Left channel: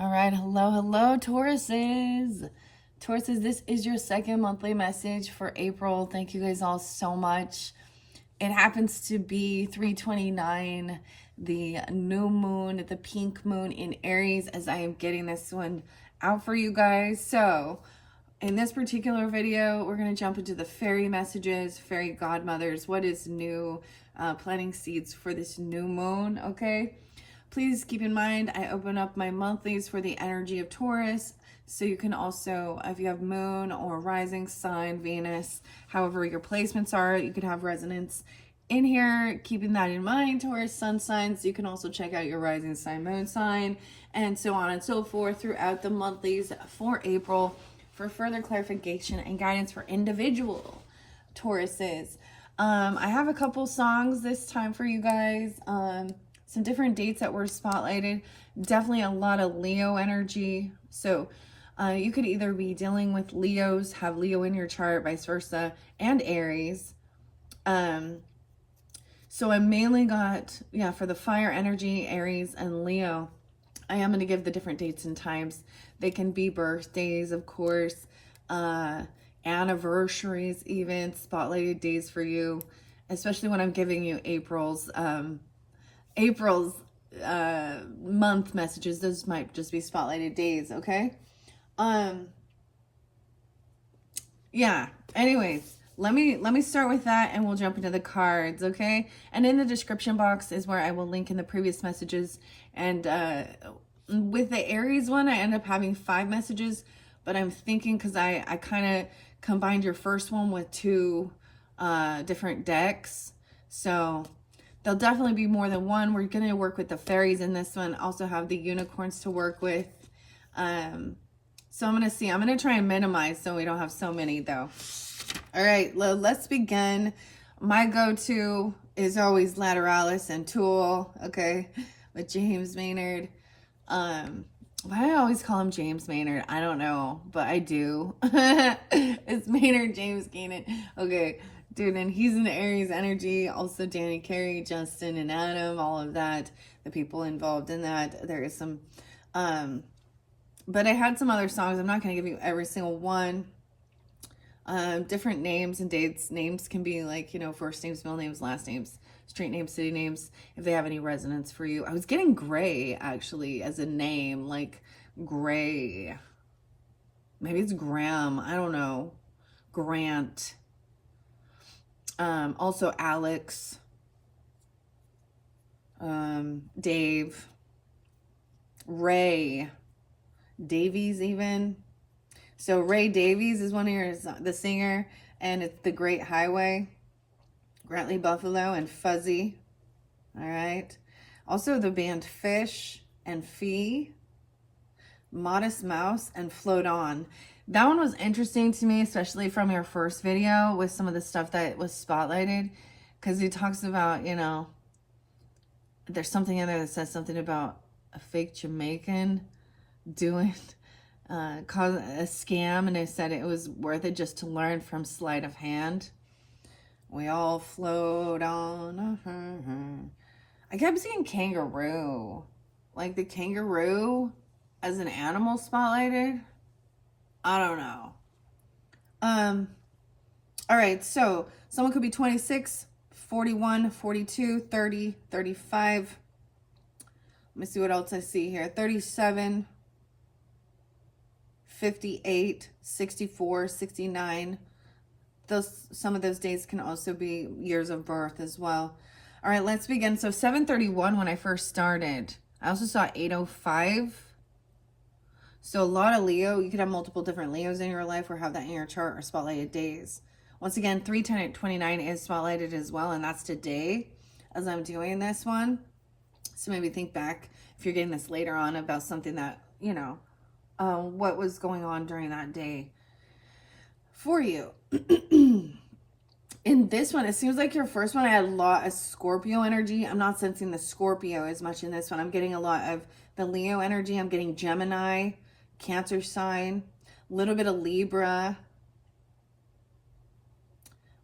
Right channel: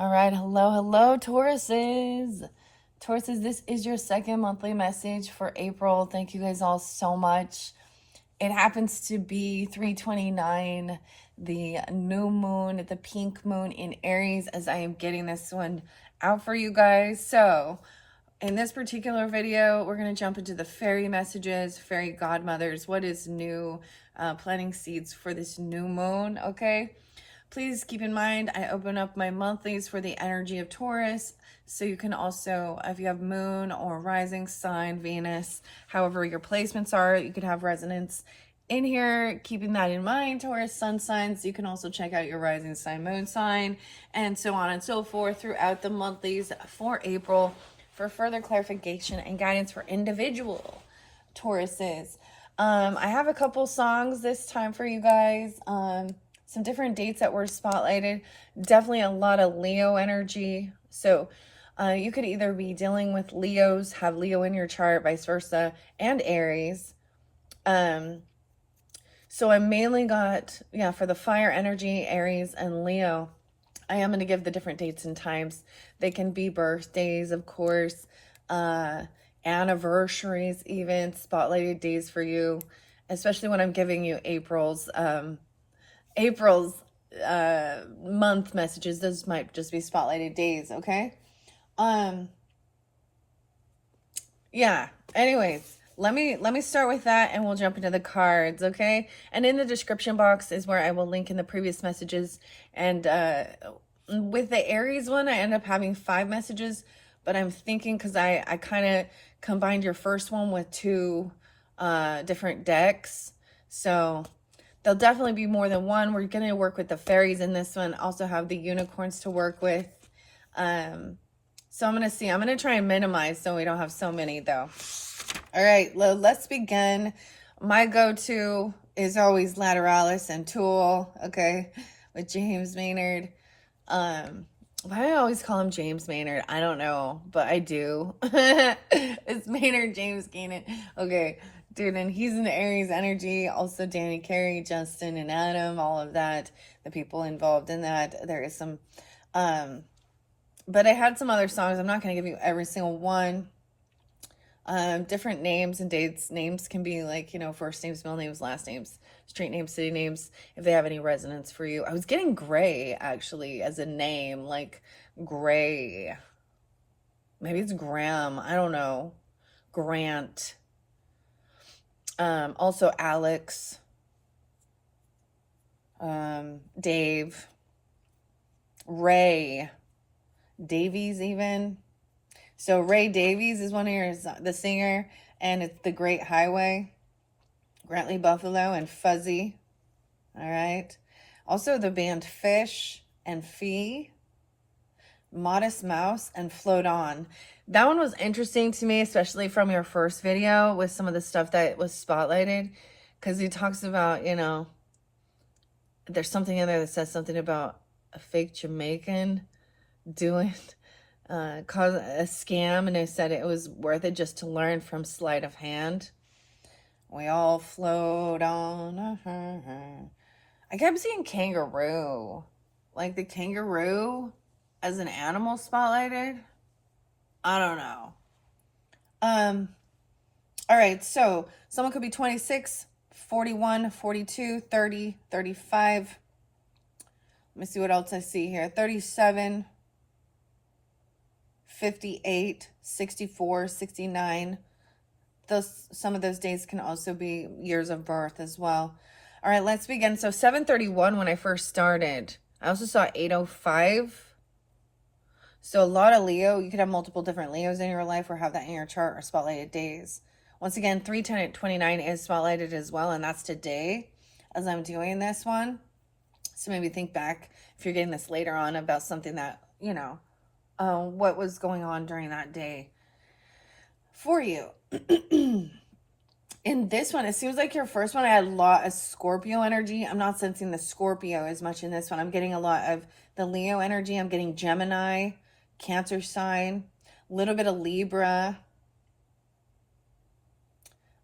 All right, hello, Tauruses. Tauruses, this is your second monthly message for April. Thank you guys all so much. It happens to be 3/29, the new moon, the pink moon in Aries, as I am getting this one out for you guys. So, in this particular video, we're going to jump into the fairy messages, fairy godmothers, what is new, planting seeds for this new moon, okay? Please keep in mind, I open up my monthlies for the energy of Taurus. So you can also, if you have moon or rising sign, Venus, however your placements are, you could have resonance in here. Keeping that in mind, Taurus sun signs, you can also check out your rising sign, moon sign, and so on and so forth throughout the monthlies for April for further clarification and guidance for individual Tauruses. I have a couple songs this time for you guys. Some different dates that were spotlighted. Definitely a lot of Leo energy. So you could either be dealing with Leos, have Leo in your chart, vice versa, and Aries. So I mainly got, for the fire energy, Aries and Leo. I am going to give the different dates and times. They can be birthdays, of course, anniversaries, even spotlighted days for you, especially when I'm giving you April's month messages. Those might just be spotlighted days, okay? Anyways, let me start with that and we'll jump into the cards, okay? And in the description box is where I will link in the previous messages. And with the Aries one, I end up having 5 messages, but I'm thinking, because I kind of combined your first one with 2 different decks, so there'll definitely be more than one. We're going to work with the fairies in this one. Also have the unicorns to work with. So I'm going to see. I'm going to try and minimize so we don't have so many, though. All right, let's begin. My go-to is always Lateralis and Tool, okay, with James Maynard. Why do I always call him James Maynard? I don't know, but I do. It's Maynard James Gaynor. Okay. Dude, and he's in Aries energy. Also Danny Carey, Justin and Adam, all of that. The people involved in that. There is some, but I had some other songs. I'm not going to give you every single one. Different names and dates. Names can be like, first names, middle names, last names, street names, city names, if they have any resonance for you. I was getting Gray, actually, as a name, like Gray. Maybe it's Graham. I don't know. Grant. Also Alex, Dave, Ray Davies even. So Ray Davies is one of the singer, and it's The Great Highway, Grantley Buffalo, and Fuzzy. All right. Also the band Fish and Fee, Modest Mouse, and Float On. That one was interesting to me, especially from your first video with some of the stuff that was spotlighted, because he talks about, there's something in there that says something about a fake Jamaican doing cause a scam, and they said it was worth it just to learn from sleight of hand. We all float on. I kept seeing kangaroo, like the kangaroo as an animal spotlighted. I don't know. All right, so someone could be 26, 41, 42, 30, 35. Let me see what else I see here. 37, 58, 64, 69. Some of those dates can also be years of birth as well. All right, let's begin. So 731 when I first started. I also saw 805. So a lot of Leo. You could have multiple different Leos in your life or have that in your chart or spotlighted days. Once again, 3/10/29 is spotlighted as well, and that's today as I'm doing this one. So maybe think back if you're getting this later on about something that, what was going on during that day for you. In this one, it seems like your first one, I had a lot of Scorpio energy. I'm not sensing the Scorpio as much in this one. I'm getting a lot of the Leo energy. I'm getting Gemini, Cancer sign, a little bit of Libra,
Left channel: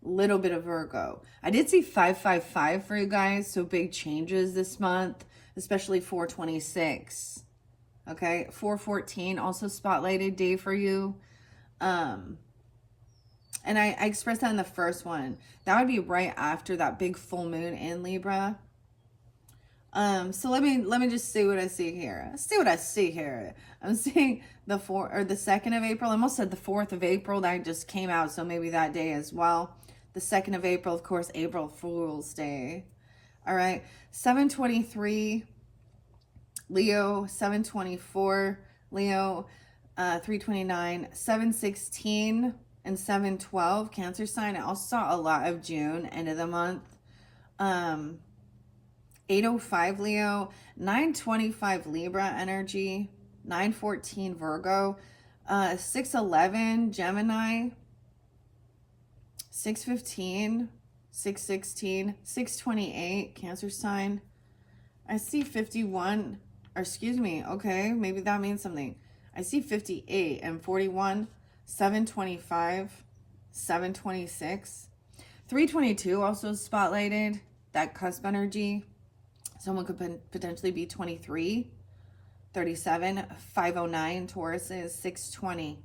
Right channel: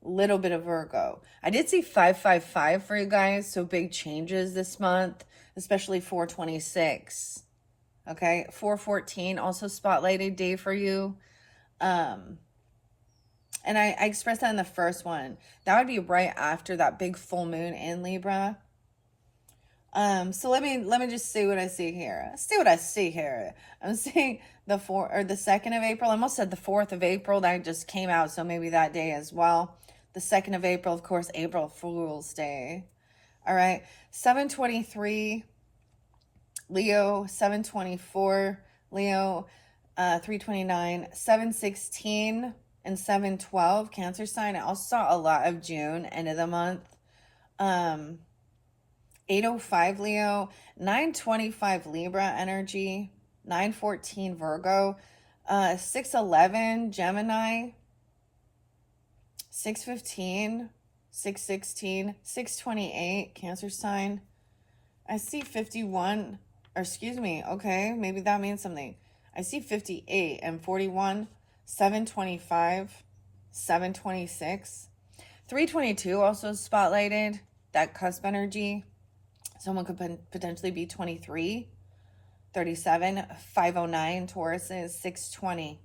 a little bit of Virgo. I did see 555 for you guys, so big changes this month, especially 426. Okay, 414, also spotlighted day for you. And I expressed that in the first one. That would be right after that big full moon in Libra. So let me just see what I see here. See what I see here. I'm seeing the 2nd of April. I almost said the 4th of April. That just came out, so maybe that day as well. The 2nd of April, of course, April Fool's Day. All right, 723 Leo, 724 Leo, 329, 716, and 712 Cancer sign. I also saw a lot of June, end of the month. 805 Leo, 925 Libra energy, 914 Virgo, 611 Gemini, 615, 616, 628 Cancer sign. I see 51, or excuse me, okay, maybe that means something. I see 58 and 41, 725, 726, 322 also spotlighted, that cusp energy. Someone could potentially be 23, 37, 509 Tauruses, 620.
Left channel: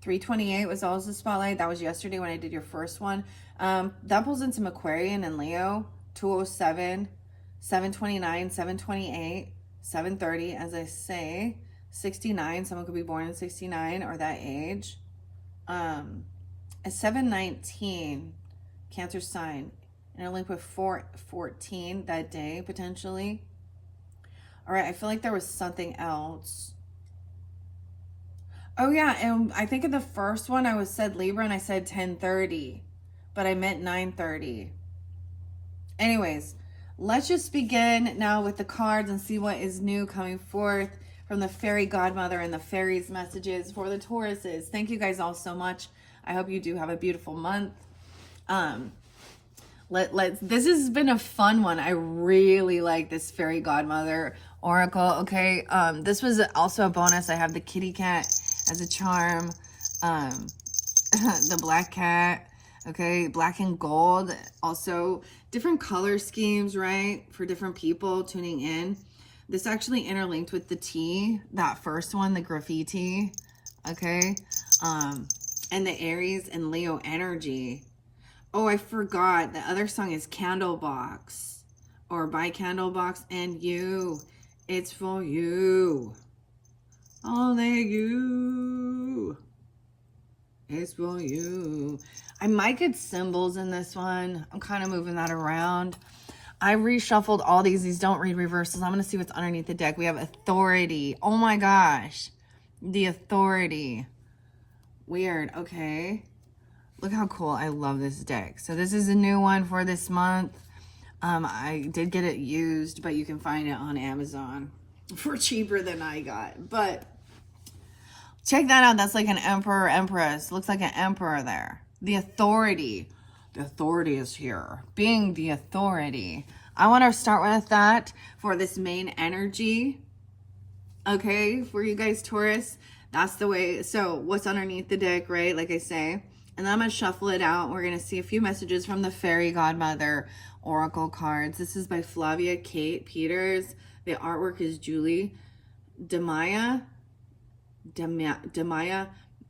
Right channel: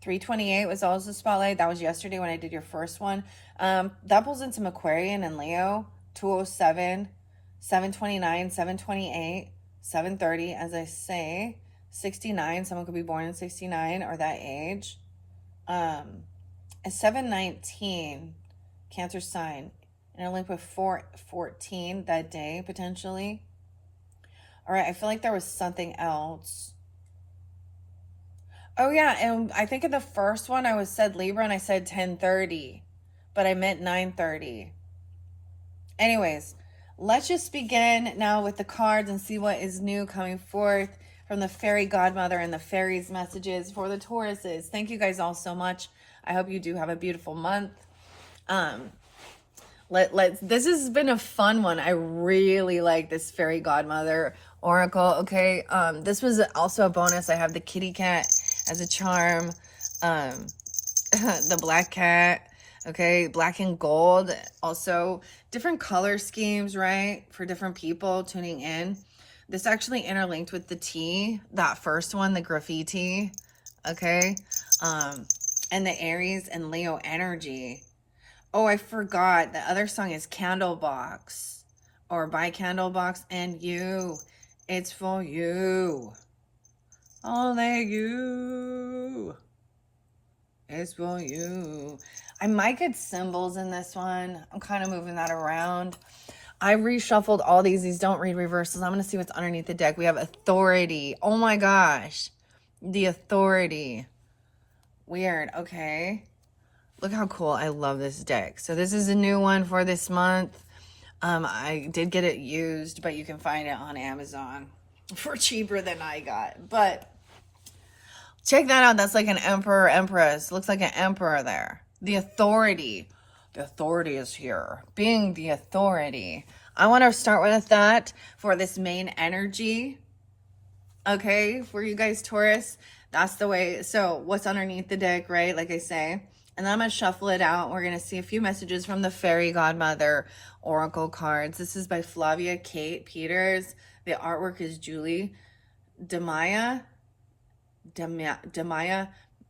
328 was also spotlighted. That was yesterday when I did your first one. That pulls in some Aquarian and Leo, 207, 729, 728, 730, as I say, 69. Someone could be born in 69 or that age. A 719, Cancer sign. And a link with 414 that day, potentially. All right, I feel like there was something else. Oh, yeah, and I think in the first one I said Libra and I said 10:30, but I meant 9:30. Anyways, let's just begin now with the cards and see what is new coming forth from the Fairy Godmother and the Fairies messages for the Tauruses. Thank you guys all so much. I hope you do have a beautiful month. This has been a fun one. I really like this Fairy Godmother Oracle. Okay, this was also a bonus. I have the kitty cat as a charm, the black cat. Okay, black and gold. Also, different color schemes, right, for different people tuning in. This actually interlinked with the T, that first one, the graffiti. Okay, and the Aries and Leo energy. Oh, I forgot. The other song is Candlebox or By Candlebox and You. It's for you. Only you. It's for you. I might get symbols in this one. I'm kind of moving that around. I reshuffled all these. These don't read reversals. I'm going to see what's underneath the deck. We have Authority. Oh my gosh. The Authority. Weird. Okay. Look how cool. I love this deck. So this is a new one for this month. I did get it used, but you can find it on Amazon for cheaper than I got. But check that out. That's like an emperor, empress. Looks like an emperor there. The Authority. The Authority is here. Being the Authority. I want to start with that for this main energy. Okay, for you guys, Taurus. That's the way. So what's underneath the deck, right? Like I say. And then I'm going to shuffle it out. We're going to see a few messages from the Fairy Godmother Oracle cards. This is by Flavia Kate Peters. The artwork is Julie Demaya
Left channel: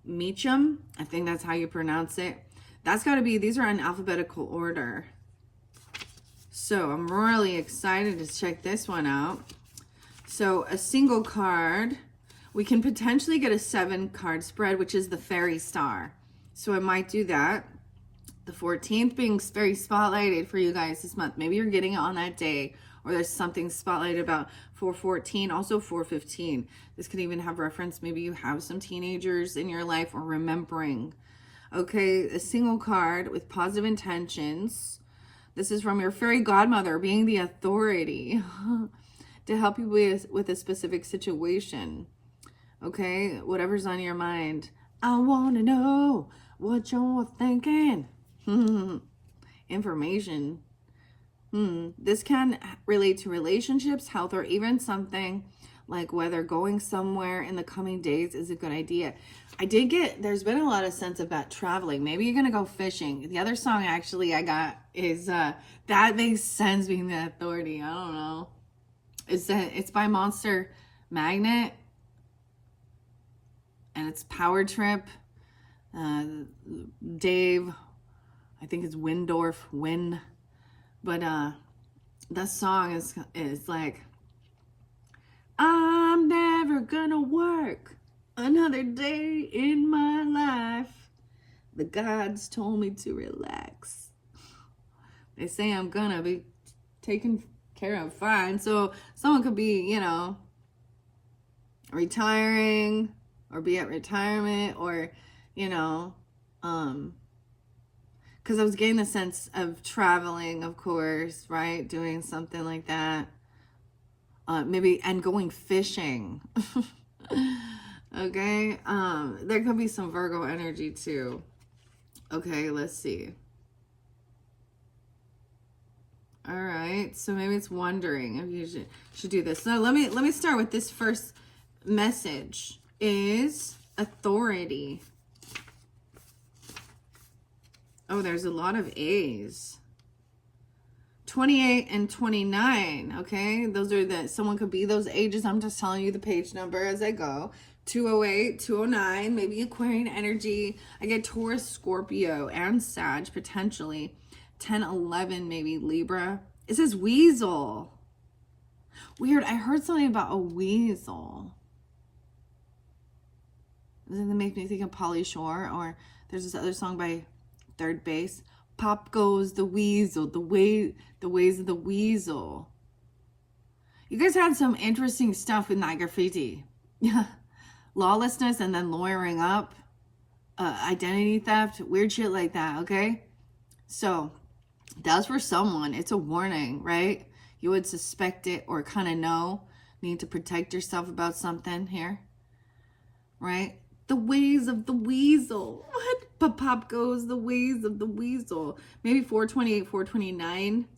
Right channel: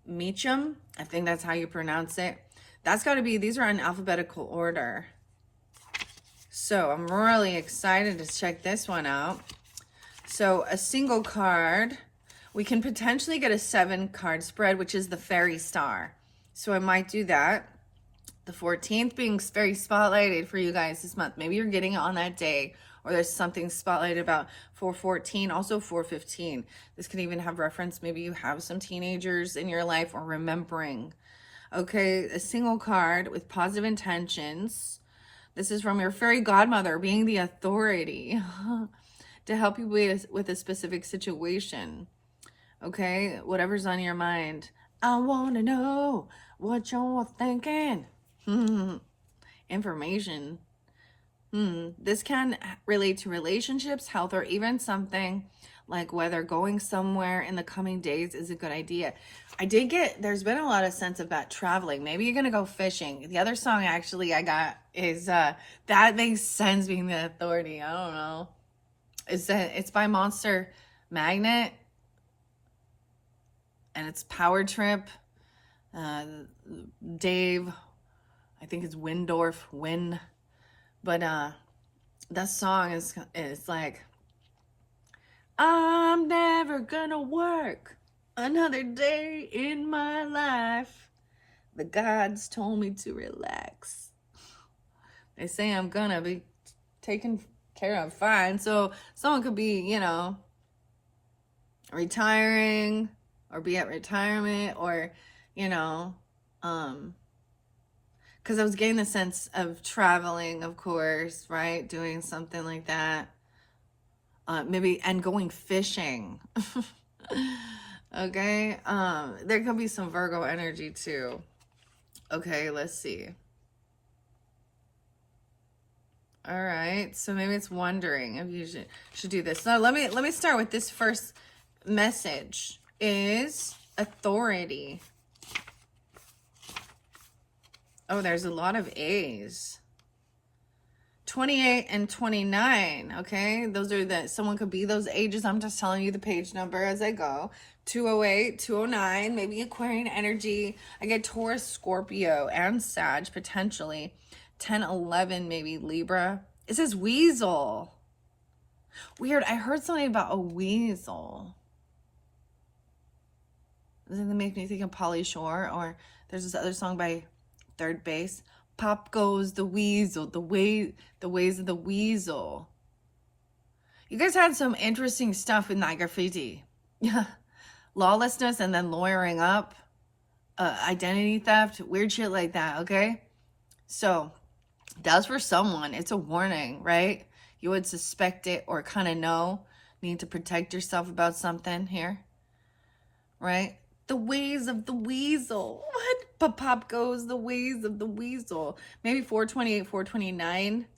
Meacham. I think that's how you pronounce it. That's got to be, these are in alphabetical order. So I'm really excited to check this one out. So a single card, we can potentially get a 7-card spread, which is the Fairy Star. So I might do that. The 14th being very spotlighted for you guys this month. Maybe you're getting it on that day, or there's something spotlighted about 414, also 415. This could even have reference. Maybe you have some teenagers in your life or remembering. Okay, a single card with positive intentions. This is from your Fairy Godmother, being the Authority to help you with a specific situation. Okay, whatever's on your mind. I want to know what you're thinking. Information. This can relate to relationships, health, or even something like whether going somewhere in the coming days is a good idea. I did get, there's been a lot of sense about traveling. Maybe you're going to go fishing. The other song actually I got is That Makes Sense, being the Authority. I don't know. It's by Monster magnet, and it's Power Trip. Dave, I think it's Win, but that song is like, I'm never gonna work another day in my life. The gods told me to relax. They say I'm gonna be taken care of fine. So someone could be, you know, retiring or be at retirement, or, you know, because I was getting the sense of traveling, of course, right? Doing something like that. Maybe, and going fishing. Okay. There could be some Virgo energy too. Okay, let's see. All right, so maybe it's wondering if you should do this. So let me start with this first message. Is authority. Oh, there's a lot of A's. 28 and 29, okay? Those are someone could be those ages. I'm just telling you the page number as I go. 208, 209, maybe Aquarian energy. I get Taurus, Scorpio, and Sag, potentially. 10, 11, maybe Libra. It says weasel. Weird, I heard something about a weasel. Doesn't that make me think of Pauly Shore? Or there's this other song by Third Base. Pop goes the weasel, the ways of the weasel. You guys had some interesting stuff with night graffiti. Yeah. Lawlessness and then lawyering up. Identity theft. Weird shit like that, okay? So, that's for someone. It's a warning, right? You would suspect it or kind of know. Need to protect yourself about something here. Right? The ways of the weasel. What? Pop goes the ways of the weasel. Maybe 428, 429.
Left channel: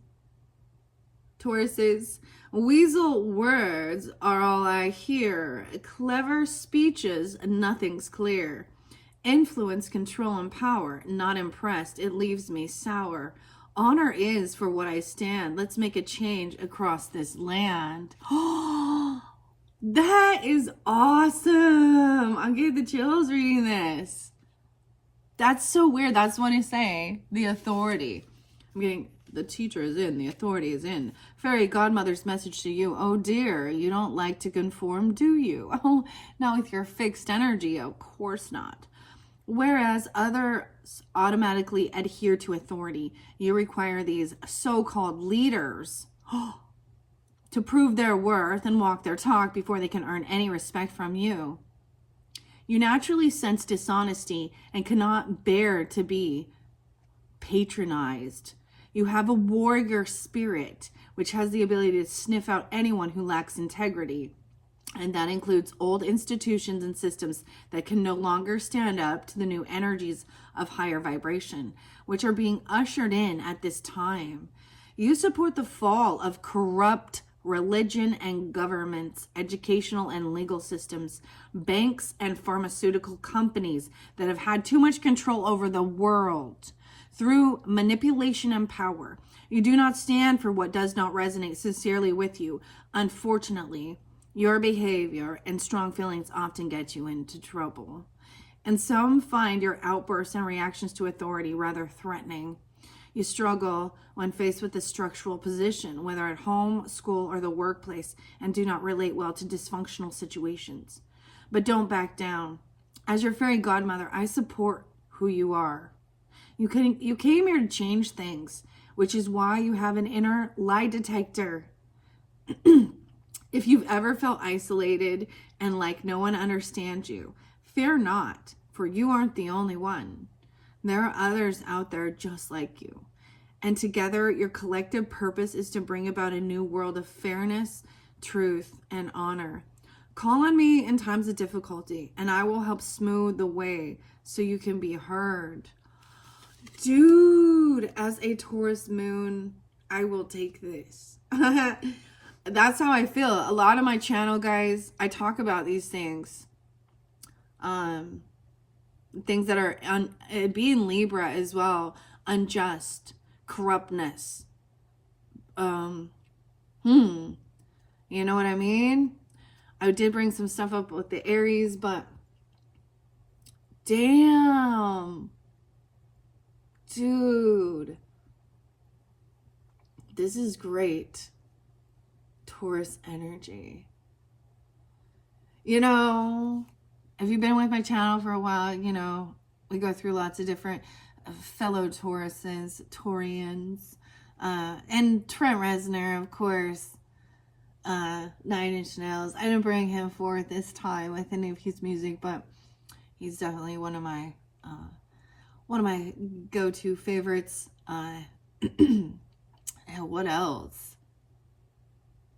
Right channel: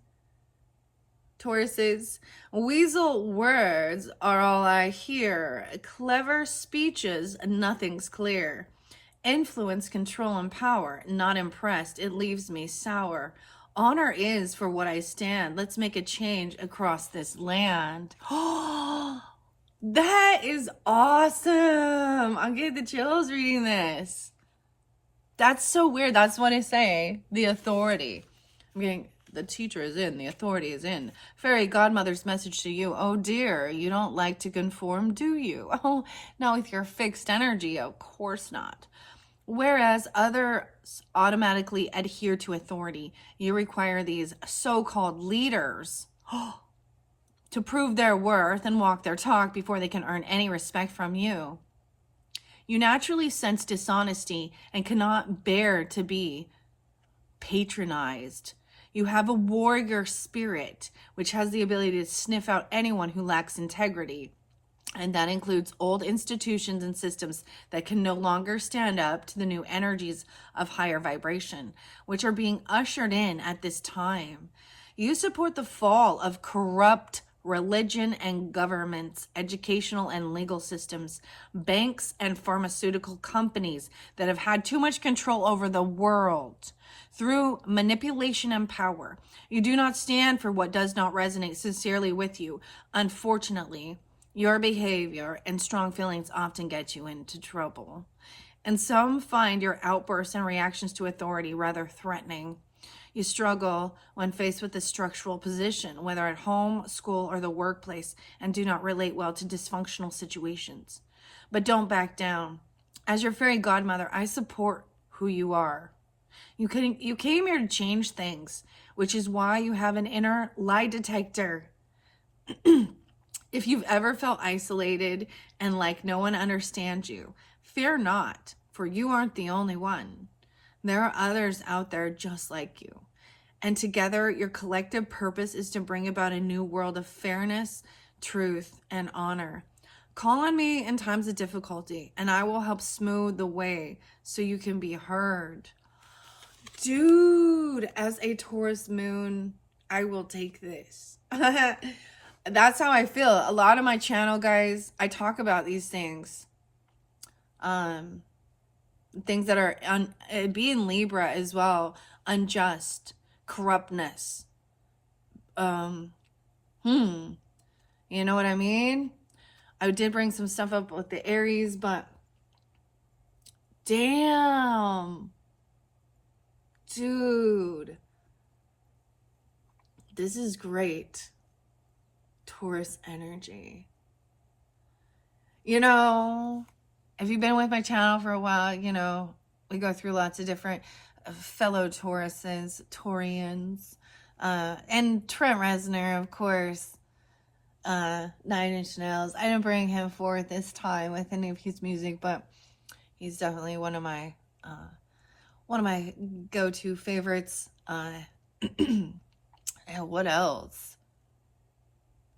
Tauruses. Weasel words are all I hear. Clever speeches, nothing's clear. Influence, control, and power. Not impressed, it leaves me sour. Honor is for what I stand. Let's make a change across this land. Oh, that is awesome. I'm getting the chills reading this. That's so weird. That's what I say. The authority. I'm getting, the teacher is in. The authority is in. Fairy Godmother's message to you. Oh dear, you don't like to conform, do you? Oh, not with your fixed energy. Of course not. Whereas others automatically adhere to authority, you require these so-called leaders to prove their worth and walk their talk before they can earn any respect from you. You naturally sense dishonesty and cannot bear to be patronized. You have a warrior spirit, which has the ability to sniff out anyone who lacks integrity. And that includes old institutions and systems that can no longer stand up to the new energies of higher vibration, which are being ushered in at this time. You support the fall of corrupt religion and governments, educational and legal systems, banks and pharmaceutical companies that have had too much control over the world through manipulation and power. You do not stand for what does not resonate sincerely with you. Unfortunately, your behavior and strong feelings often get you into trouble. And some find your outbursts and reactions to authority rather threatening. You struggle when faced with a structural position, whether at home, school, or the workplace, and do not relate well to dysfunctional situations. But don't back down. As your fairy godmother, I support who you are. You came here to change things, which is why you have an inner lie detector. If you've ever felt isolated and like no one understands you, fear not, for you aren't the only one. There are others out there just like you. And together, your collective purpose is to bring about a new world of fairness, truth, and honor. Call on me in times of difficulty, and I will help smooth the way so you can be heard. Dude, as a Taurus moon, I will take this. That's how I feel. A lot of my channel, guys, I talk about these things. Things that are, being Libra as well, unjust, corruptness. You know what I mean? I did bring some stuff up with the Aries, but damn, dude, this is great. Taurus energy. You know, if you've been with my channel for a while, you know, we go through lots of different fellow Tauruses, Taurians, and Trent Reznor, of course, 9 Inch Nails. I didn't bring him forth this time with any of his music, but he's definitely one of my go-to favorites. And what else?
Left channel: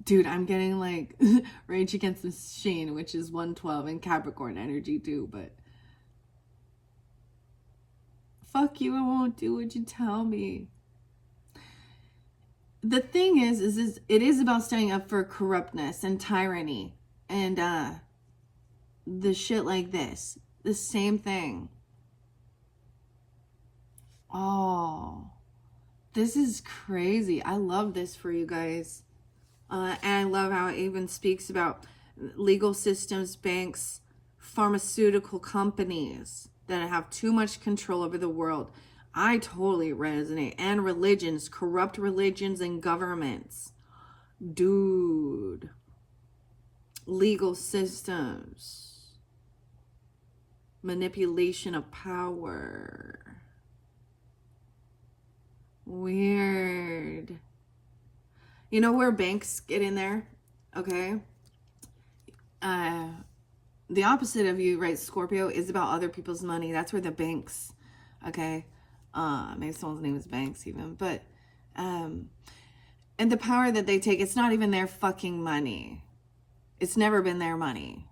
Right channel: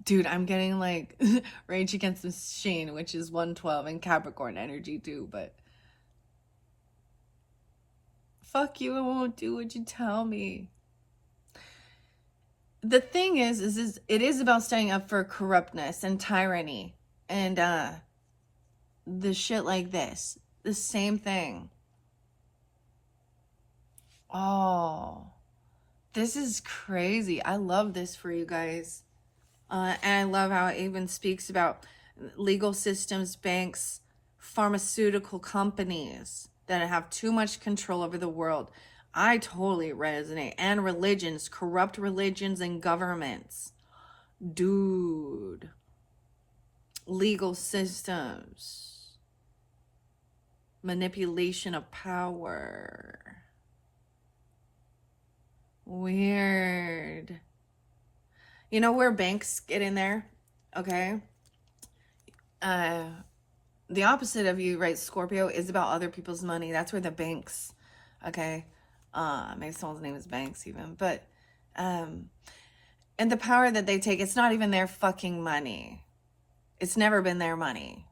Dude, I'm getting like Rage Against the Machine, which is 112 and Capricorn energy too, but fuck you, I won't do what you tell me. The thing is it is about standing up for corruptness and tyranny and the shit like this. The same thing. Oh, this is crazy. I love this for you guys. And I love how it even speaks about legal systems, banks, pharmaceutical companies that have too much control over the world. I totally resonate. And religions, corrupt religions and governments. Dude. Legal systems. Manipulation of power. Weird. You know where banks get in there? Okay. The opposite of you, right, Scorpio, is about other people's money. That's where the banks, okay? Maybe someone's name is Banks even. But, and the power that they take, it's not even their fucking money. It's never been their money.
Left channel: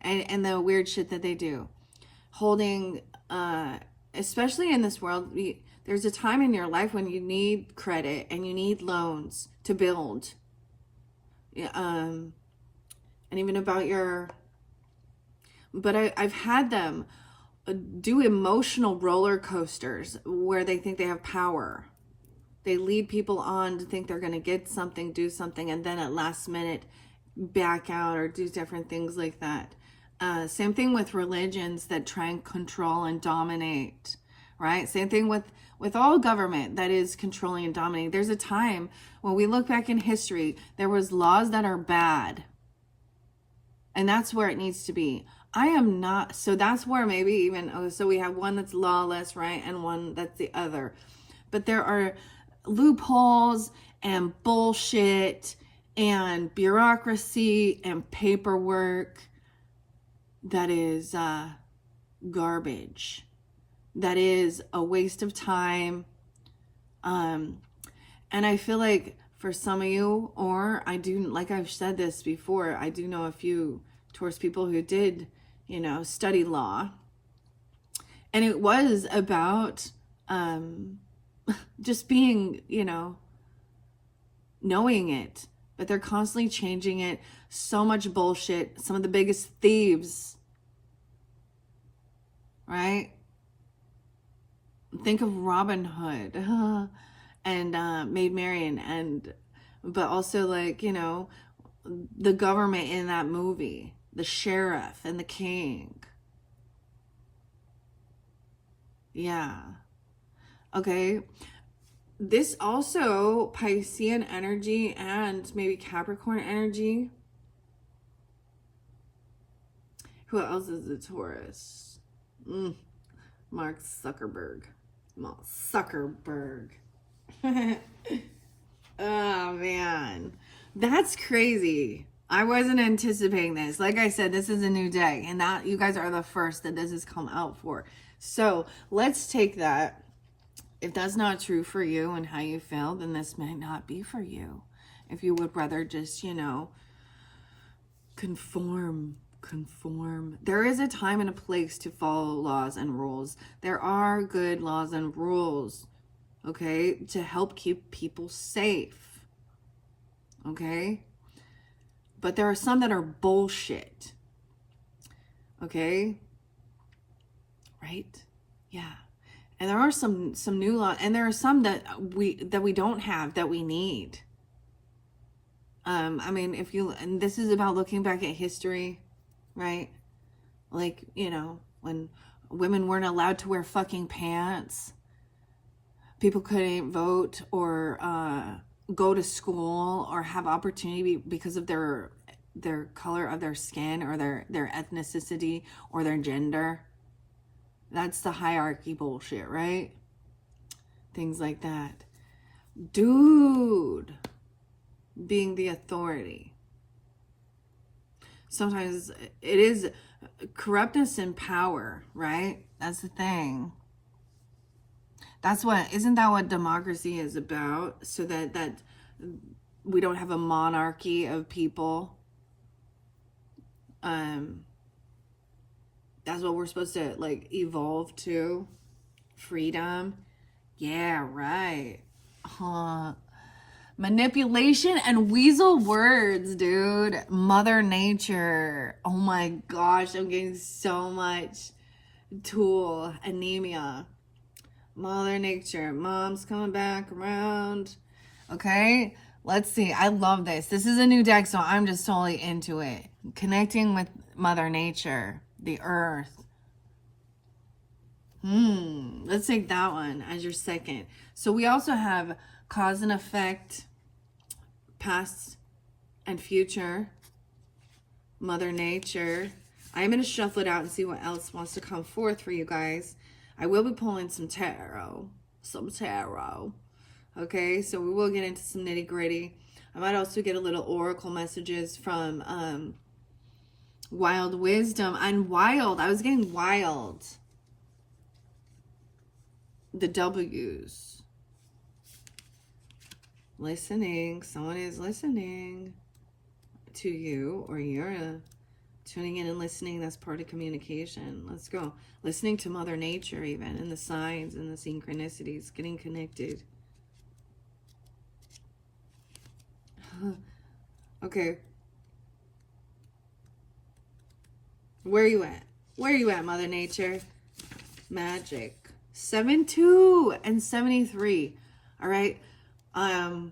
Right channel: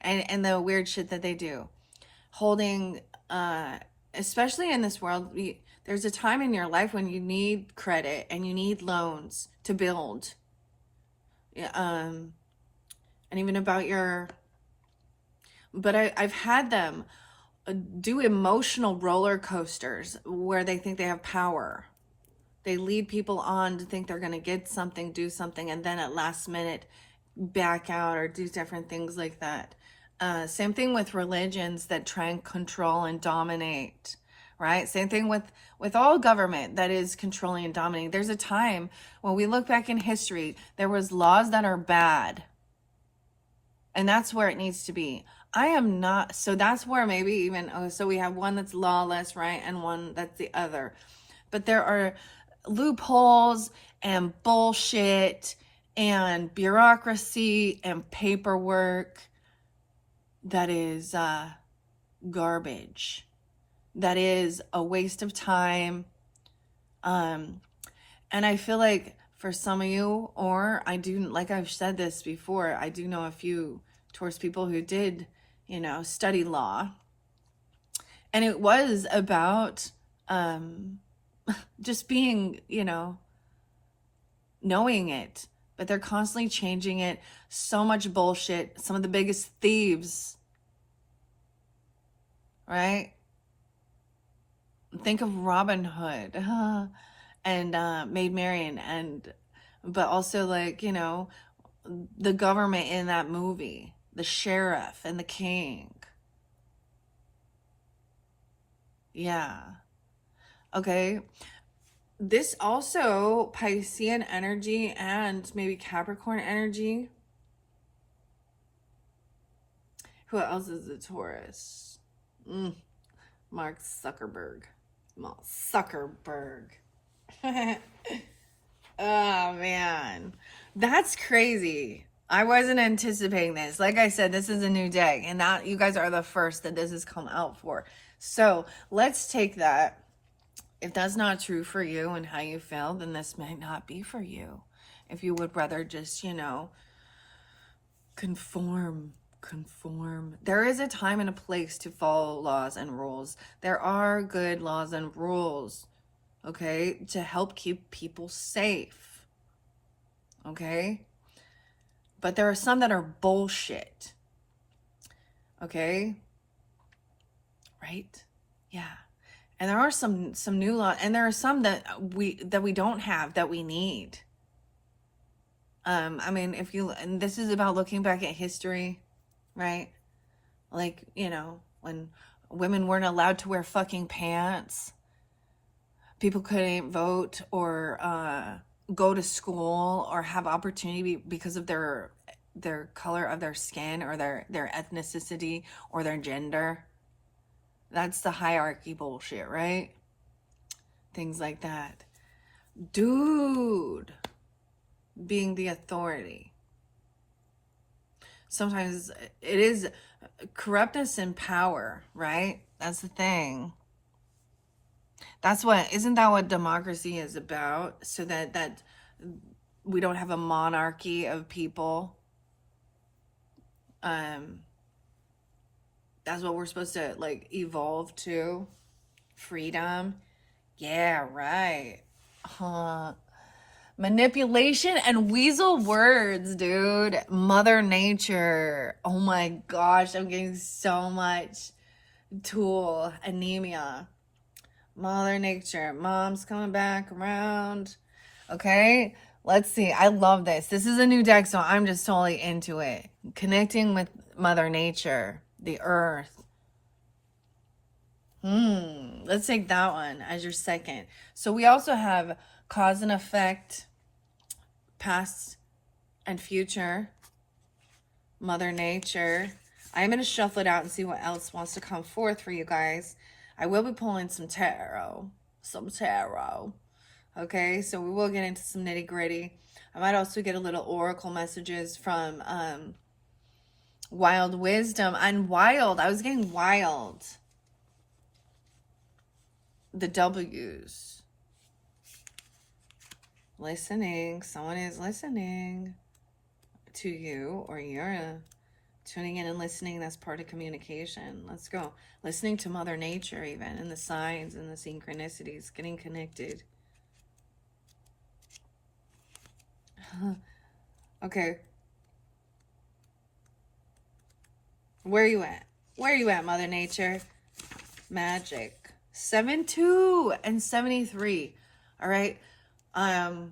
And the weird shit that they do. Holding, especially in this world, there's a time in your life when you need credit and you need loans to build. And even about your... But I've had them do emotional roller coasters where they think they have power. They lead people on to think they're going to get something, do something, and then at last minute back out or do different things like that. Same thing with religions that try and control and dominate, right? Same thing with all government that is controlling and dominating. There's a time when we look back in history, there was laws that are bad. And that's where it needs to be. I am not, so that's where maybe even, so we have one that's lawless, right? And one that's the other. But there are loopholes and bullshit and bureaucracy and paperwork that is garbage. That is a waste of time. And I feel like for some of you, or I do, like I've said this before, I do know a few Taurus people who did, you know, study law. And it was about just being, you know, knowing it. But they're constantly changing it. So much bullshit. Some of the biggest thieves. Right? Think of Robin Hood and Maid Marian, but also like, you know, the government in that movie, the sheriff and the king. Yeah. Okay. This also Piscean energy and maybe Capricorn energy. Who else is a Taurus? Mark Zuckerberg. Zuckerberg. Oh, man. That's crazy. I wasn't anticipating this. Like I said, this is a new day. And that you guys are the first that this has come out for. So let's take that. If that's not true for you and how you feel, then this may not be for you. If you would rather just, you know, conform. There is a time and a place to follow laws and rules. There are good laws and rules, okay, to help keep people safe, okay? But there are some that are bullshit, okay? Right? Yeah. And there are some new laws, and there are some that we don't have that we need. I mean, and this is about looking back at history, right? Like, when women weren't allowed to wear fucking pants, people couldn't vote or go to school or have opportunity because of their color of their skin or their ethnicity or their gender. That's the hierarchy bullshit, right? Things like that. Dude, being the authority. Sometimes it is corruptness and power, right? That's the thing. Isn't that what democracy is about? So that we don't have a monarchy of people. That's what we're supposed to like evolve to. Freedom. Yeah, right. Huh. Manipulation and weasel words, dude. Mother Nature. Oh my gosh, I'm getting so much tool anemia. Mother Nature. Mom's coming back around. Okay, let's see. I love this. This is a new deck, so I'm just totally into it. Connecting with Mother Nature, the earth. Let's take that one as your second. So we also have cause and effect, past and future, Mother Nature. I'm going to shuffle it out and see what else wants to come forth for you guys. I will be pulling some tarot. Okay, so we will get into some nitty gritty. I might also get a little oracle messages from Wild Wisdom. And Wild, I was getting Wild. The W's. Listening. Someone is listening to you, or you're tuning in and listening. That's part of communication. Let's go. Listening to Mother Nature even, and the signs and the synchronicities. Getting connected. Okay. Where are you at? Where are you at, Mother Nature? Magic. 72 and 73. All right. I'm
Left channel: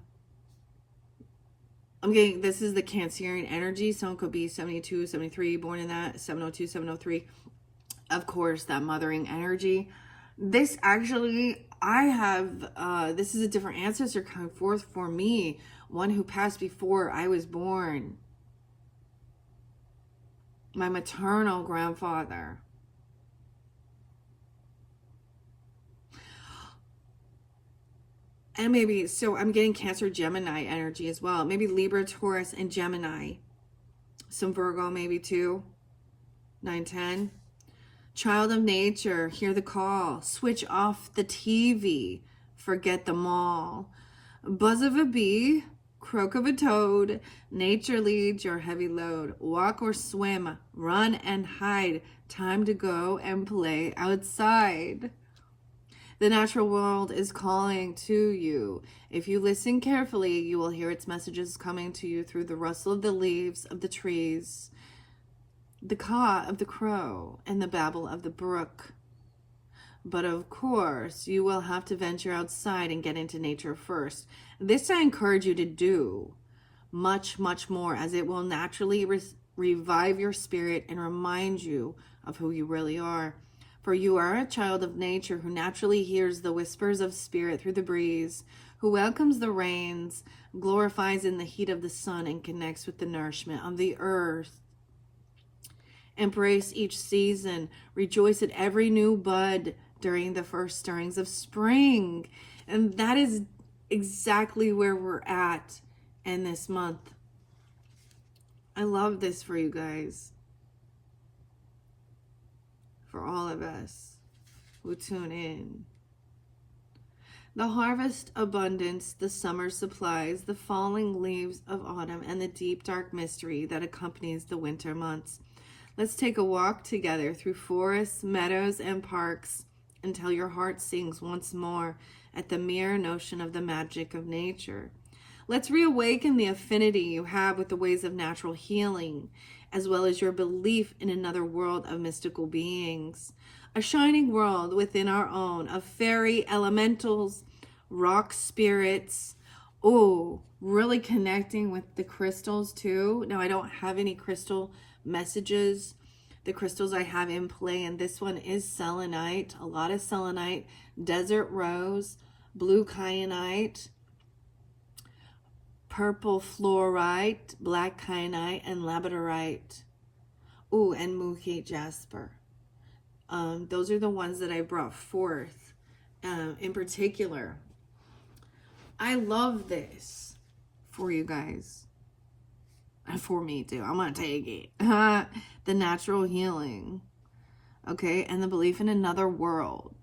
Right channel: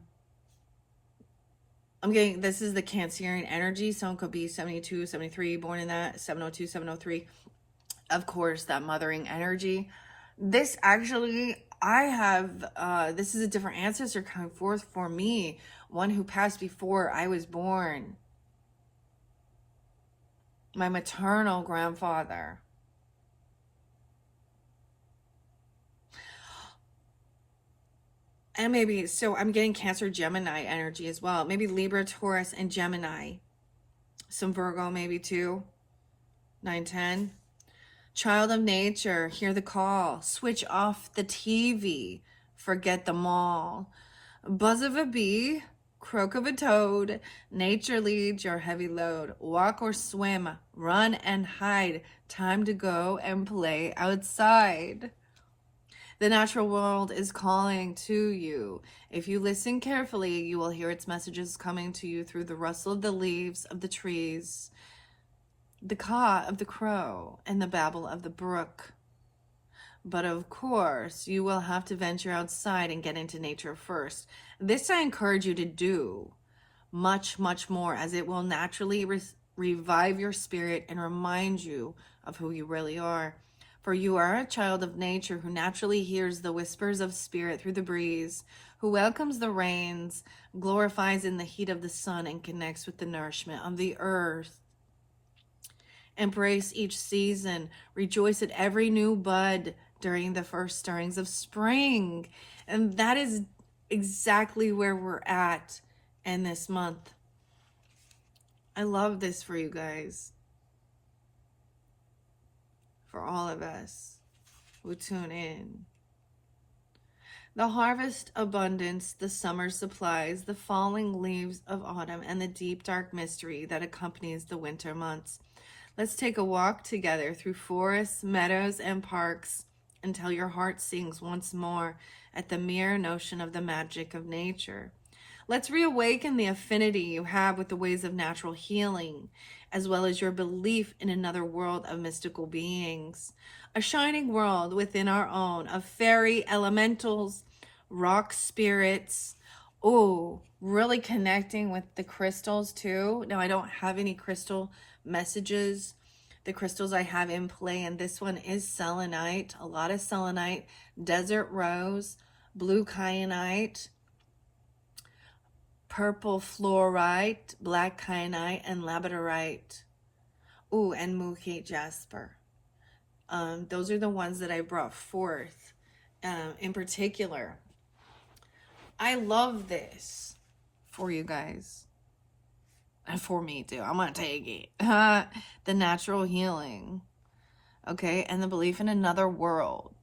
getting, this is the Cancerian energy. Someone could be 72, 73, born in that, 702, 703. Of course, that mothering energy. This actually, I have, this is a different ancestor coming forth for me. One who passed before I was born. My maternal grandfather. And maybe, so I'm getting Cancer, Gemini energy as well. Maybe Libra, Taurus, and Gemini. Some Virgo maybe too. 9, 10. Child of nature, hear the call. Switch off the TV. Forget them all. Buzz of a bee, croak of a toad. Nature leads your heavy load. Walk or swim, run and hide. Time to go and play outside. The natural world is calling to you. If you listen carefully, you will hear its messages coming to you through the rustle of the leaves of the trees, the caw of the crow, and the babble of the brook. But of course, you will have to venture outside and get into nature first. This I encourage you to do much, much more, as it will naturally revive your spirit and remind you of who you really are. For you are a child of nature who naturally hears the whispers of spirit through the breeze, who welcomes the rains, glorifies in the heat of the sun, and connects with the nourishment of the earth. Embrace each season. Rejoice at every new bud during the first stirrings of spring. And that is exactly where we're at in this month. I love this for you guys. For all of us who tune in. The harvest abundance, the summer supplies, the falling leaves of autumn, and the deep dark mystery that accompanies the winter months. Let's take a walk together through forests, meadows, and parks until your heart sings once more at the mere notion of the magic of nature. Let's reawaken the affinity you have with the ways of natural healing, as well as your belief in another world of mystical beings. A shining world within our own of fairy elementals, rock spirits, Oh, really connecting with the crystals too. Now, I don't have any crystal messages. The crystals I have in play, and this one is selenite, a lot of selenite, desert rose, blue kyanite, purple fluorite, black kyanite, and labradorite. Ooh, and Mookie jasper. Those are the ones that I brought forth in particular. I love this for you guys. And for me too. I'm going to take it. The natural healing. Okay. And the belief in another world.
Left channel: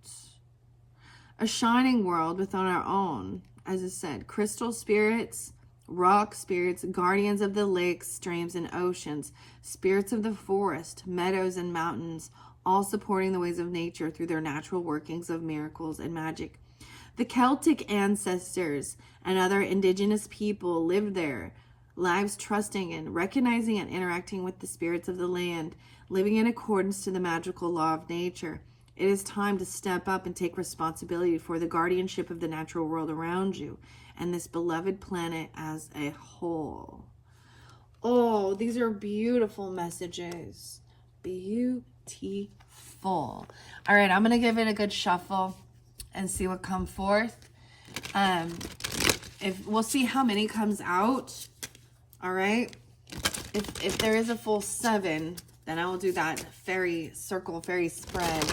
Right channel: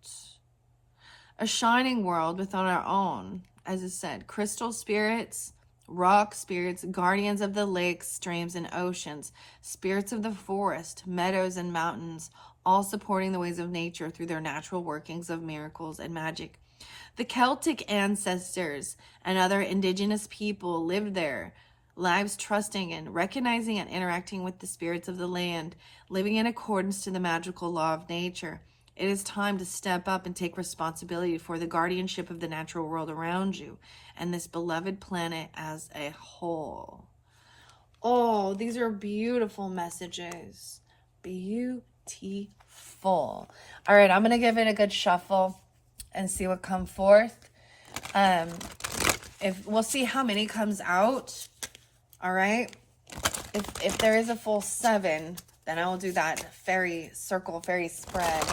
A shining world within our own. As I said, crystal spirits, rock spirits, guardians of the lakes, streams, and oceans, spirits of the forest, meadows, and mountains, all supporting the ways of nature through their natural workings of miracles and magic. The Celtic ancestors and other indigenous people lived there, lives trusting and recognizing and interacting with the spirits of the land, living in accordance to the magical law of nature. It is time to step up and take responsibility for the guardianship of the natural world around you and this beloved planet as a whole. Oh, these are beautiful messages. Beautiful. All right, I'm going to give it a good shuffle and see what comes forth. If we'll see how many comes out. All right. If there is a full 7, then I will do that fairy circle, fairy spread.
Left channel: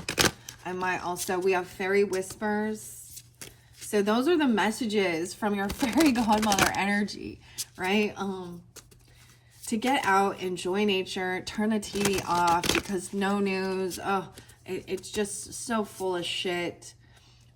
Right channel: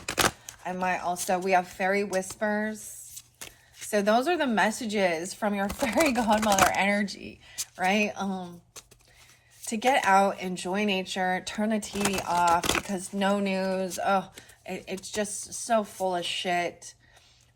I might also, we have fairy whispers. So those are the messages from your fairy godmother energy, right? To get out, enjoy nature, turn the TV off because no news. Oh, it's just so full of shit.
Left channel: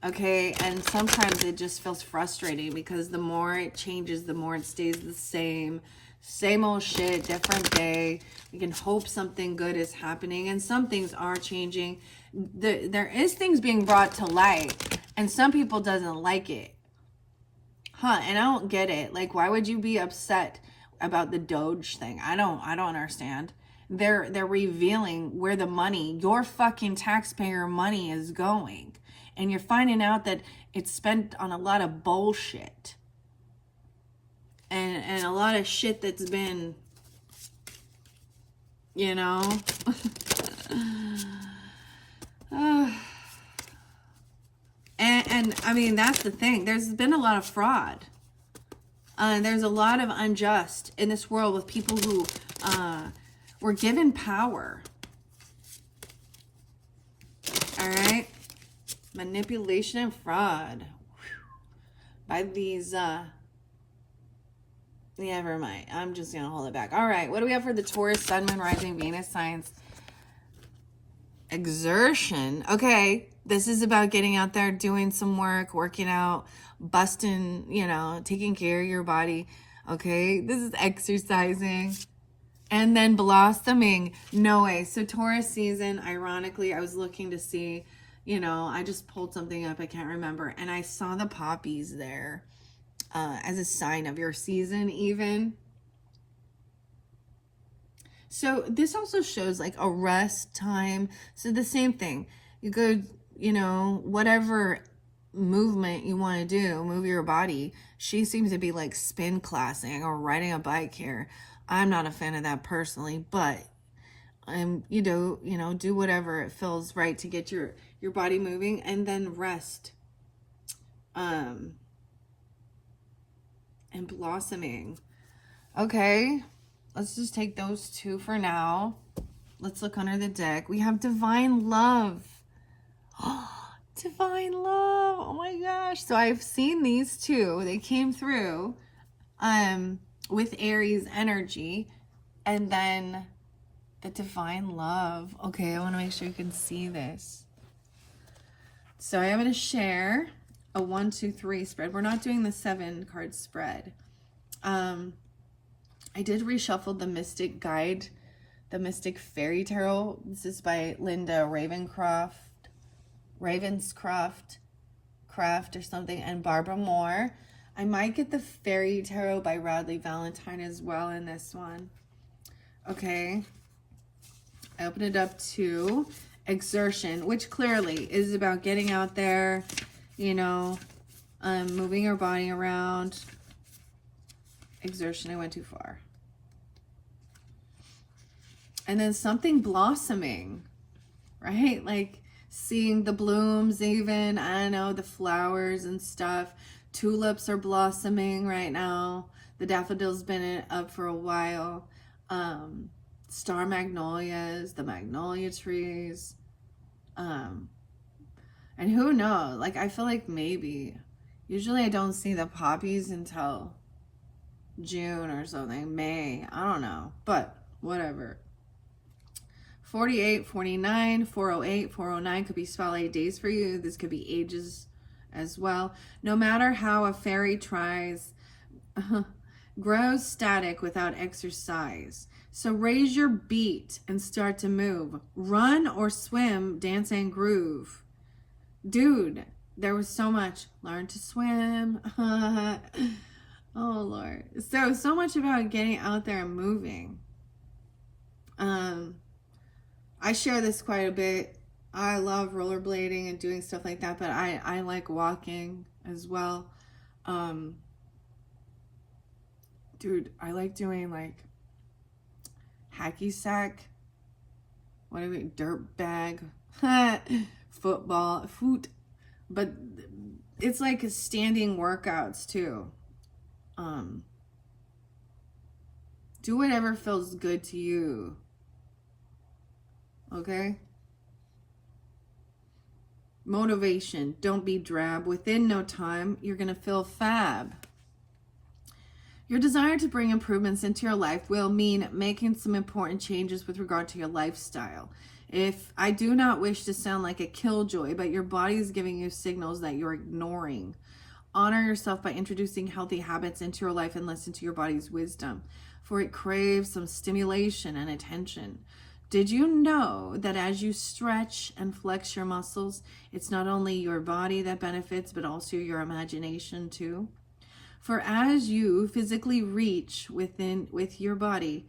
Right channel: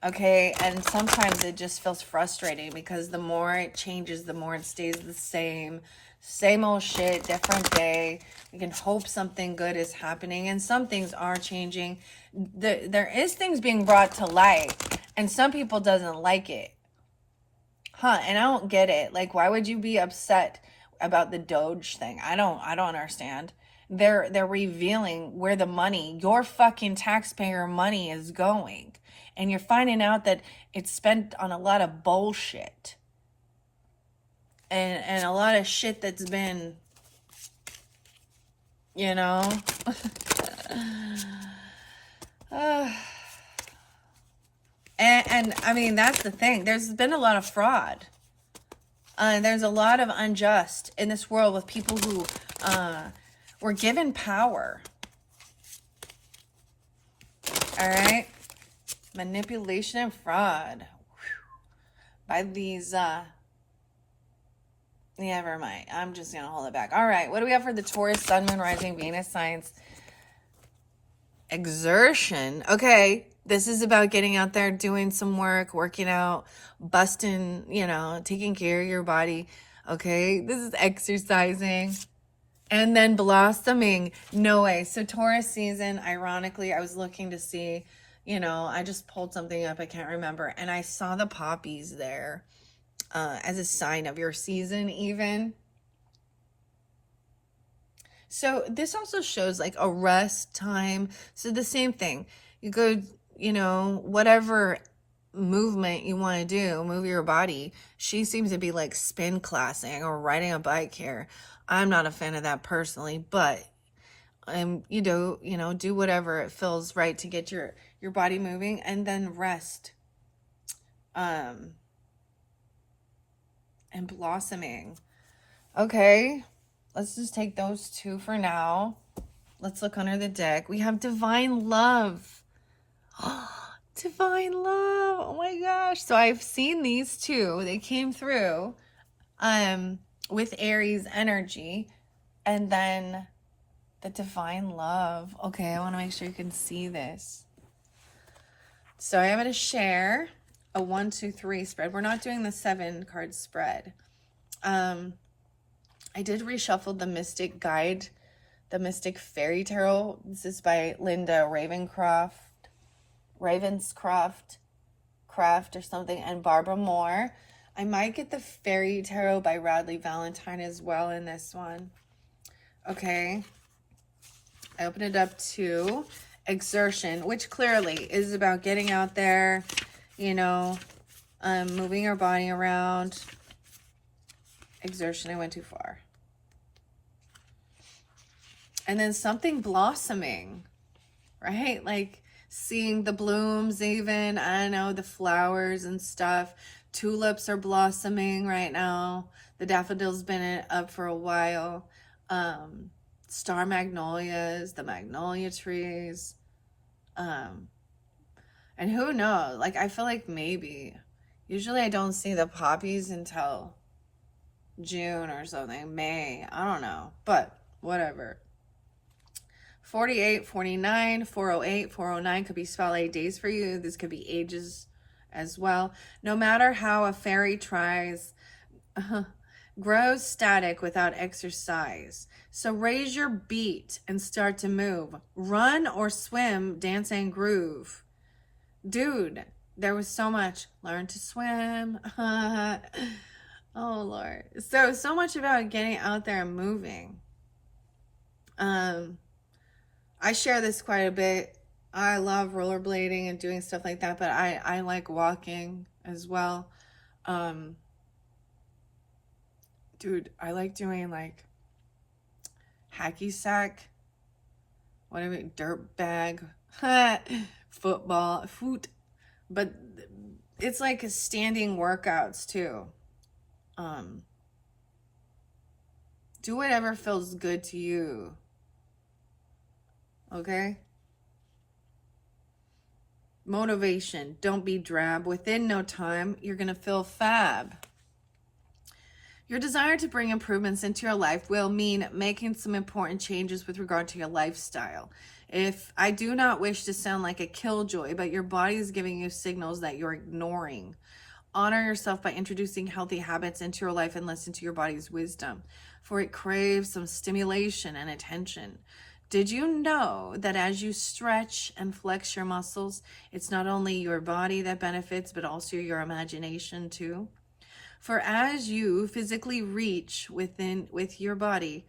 Okay, and sometimes it just feels frustrating because the more it changes, the more it stays the same. Same old shit, different day. We can hope something good is happening, and some things are changing. There is things being brought to light, and some people doesn't like it. And I don't get it. Like, why would you be upset about the Doge thing? I don't understand. They're revealing where the money, your fucking taxpayer money, is going. And you're finding out that it's spent on a lot of bullshit. And a lot of shit that's been, you know. And I mean, that's the thing. There's been a lot of fraud. There's a lot of unjust in this world with people who were given power. All right. Manipulation and fraud by these never mind. I'm just gonna hold it back. All right, what do we have for the Taurus, Sun, Moon, Rising, Venus signs? Exertion. Okay, this is about getting out there, doing some work, working out, busting, taking care of your body. Okay, this is exercising. And then blossoming. No way. So Taurus season, ironically, I was looking to see, I just pulled something up, I can't remember, and I saw the poppies there as a sign of your season even. So this also shows like a rest time. So the same thing. You go, whatever movement you want to do, move your body. She seems to be like spin classing or riding a bike here. I'm not a fan of that personally, but do whatever it feels right to get your body moving, and then rest. And blossoming. Okay, let's just take those 2 for now. Let's look under the deck. We have divine love. Divine love. Oh my gosh. So I've seen these 2. They came through with Aries energy, and then the divine love. Okay, I want to make sure you can see this. So I'm going to share a 1, 2, 3 spread. We're not doing the 7 card spread. I did reshuffle the Mystic Guide, the Mystic Fairy Tarot. This is by Linda Ravenscroft or something, and Barbara Moore. I might get the Fairy Tarot by Radley Valentine as well in this one. Okay. I opened it up to exertion, which clearly is about getting out there, moving our body around, exertion. I went too far. And then something blossoming, right? Like seeing the blooms even, I don't know, the flowers and stuff. Tulips are blossoming right now. The daffodils been up for a while. Star magnolias, the magnolia trees. And who knows? Like, I feel like maybe. Usually I don't see the poppies until June or something. May. I don't know. But whatever. 48, 49, 408, 409 could be spotlight days for you. This could be ages as well. No matter how a fairy tries, grows static without exercise. So raise your beat and start to move. Run or swim, dance and groove. Dude, there was so much. Learn to swim. Oh, Lord. So much about getting out there and moving. I share this quite a bit. I love rollerblading and doing stuff like that, but I like walking as well. Dude, I like doing like hacky sack, whatever, dirt bag, foot, but it's like standing workouts too. Do whatever feels good to you. Okay? Motivation. Don't be drab. Within no time, you're going to feel fab. Your desire to bring improvements into your life will mean making some important changes with regard to your lifestyle. If I do not wish to sound like a killjoy, but your body is giving you signals that you're ignoring. Honor yourself by introducing healthy habits into your life and listen to your body's wisdom, for it craves some stimulation and attention. Did you know that as you stretch and flex your muscles, it's not only your body that benefits, but also your imagination too? For as you physically reach with your body,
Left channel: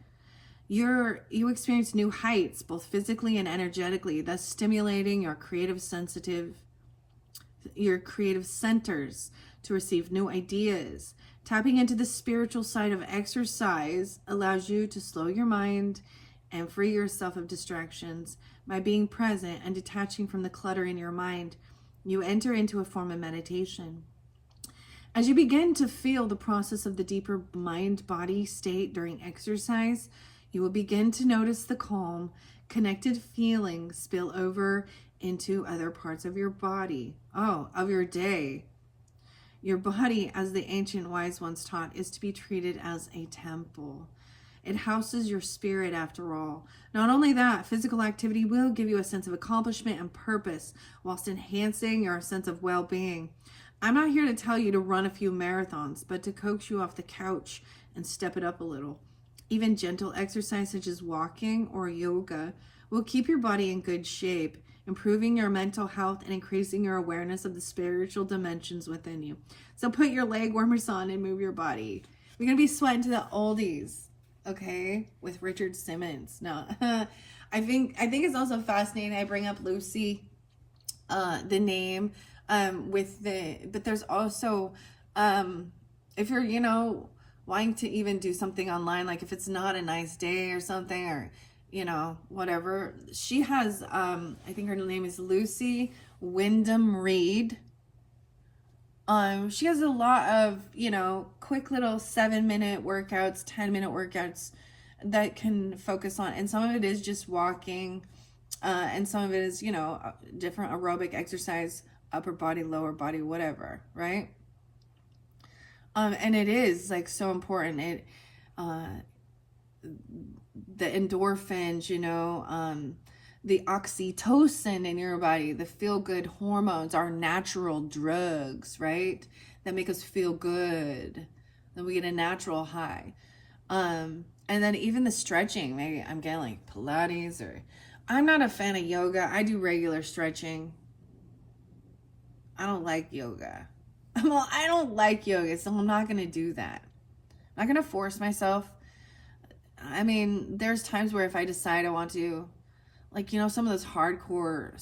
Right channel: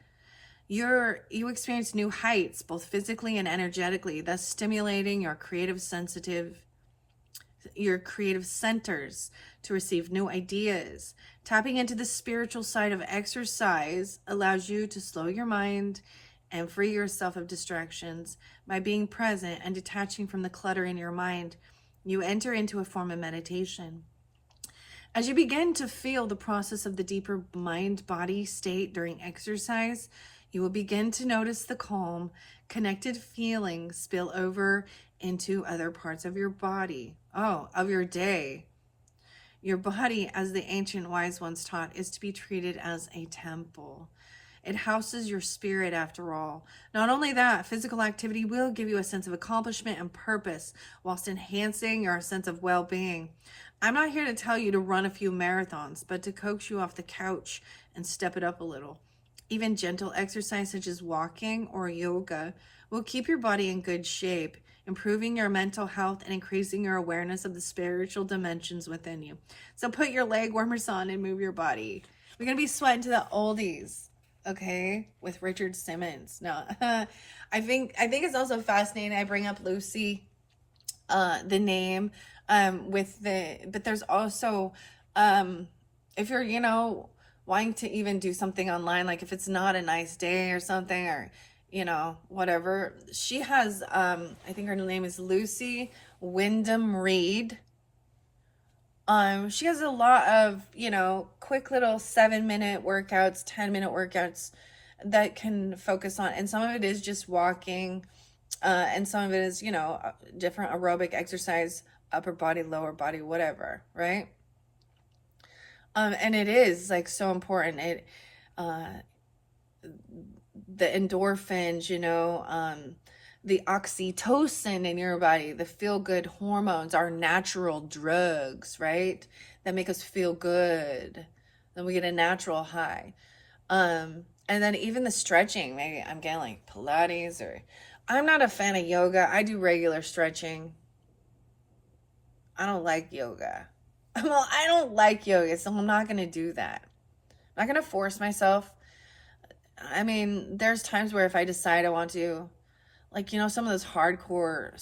you experience new heights, both physically and energetically, thus stimulating your creative centers to receive new ideas. Tapping into the spiritual side of exercise allows you to slow your mind and free yourself of distractions. By being present and detaching from the clutter in your mind, you enter into a form of meditation. As you begin to feel the process of the deeper mind-body state during exercise, you will begin to notice the calm, connected feelings spill over into other parts of your body, of your day. Your body, as the ancient wise ones taught, is to be treated as a temple. It houses your spirit after all. Not only that, physical activity will give you a sense of accomplishment and purpose whilst enhancing your sense of well-being. I'm not here to tell you to run a few marathons, but to coax you off the couch and step it up a little. Even gentle exercise such as walking or yoga will keep your body in good shape, improving your mental health and increasing your awareness of the spiritual dimensions within you. So put your leg warmers on and move your body. We're going to be sweating to the oldies, okay, with Richard Simmons. No, I think it's also fascinating. I bring up Lucy, the name, but there's also, if you're, wanting to even do something online, like if it's not a nice day or something, or, whatever, she has, I think her name is Lucy Wyndham Reed. She has a lot of, quick little 7-minute workouts, 10-minute workouts that can focus on, and some of it is just walking, and some of it is, different aerobic exercise, upper body, lower body, whatever, right? And it is like so important. The endorphins, the oxytocin in your body, the feel-good hormones are natural drugs, right? That make us feel good. Then we get a natural high. And then even the stretching, maybe I'm getting like Pilates, or I'm not a fan of yoga. I do regular stretching. I don't like yoga. I don't like yoga, so I'm not going to do that. I'm not going to force myself. I mean, there's times where if I decide I want to, like, some of those hardcore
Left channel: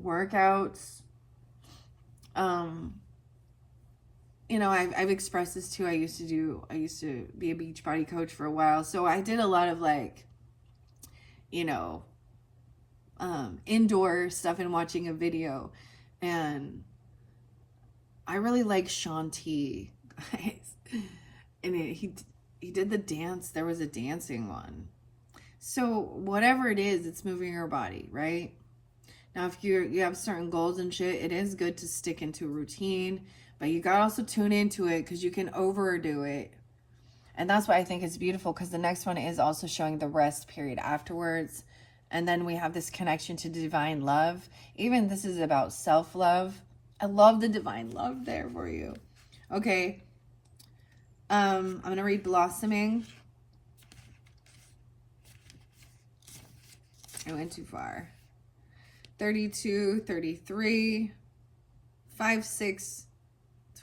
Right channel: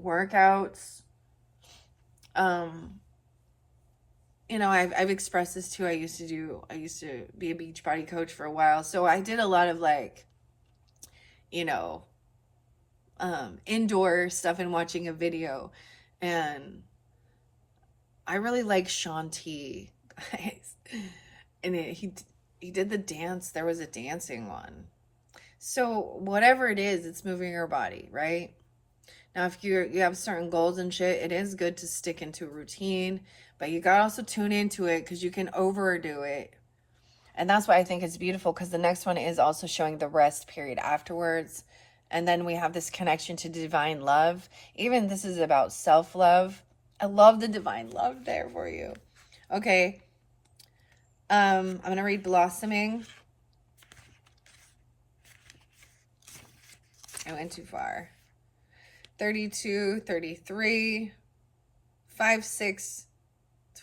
workouts, you know, I've expressed this too. I used to be a beach body coach for a while. So I did a lot of like, you know, indoor stuff and watching a video. And I really like Shanti, guys. And he did the dance. There was a dancing one. So whatever it is, it's moving your body, right? Now, if you have certain goals and shit, it is good to stick into a routine, but you gotta also tune into it because you can overdo it. And that's why I think it's beautiful, because the next one is also showing the rest period afterwards. And then we have this connection to divine love. Even this is about self-love. I love the divine love there for you. Okay. I'm going to read Blossoming. I went too far. 32, 33, 5, 6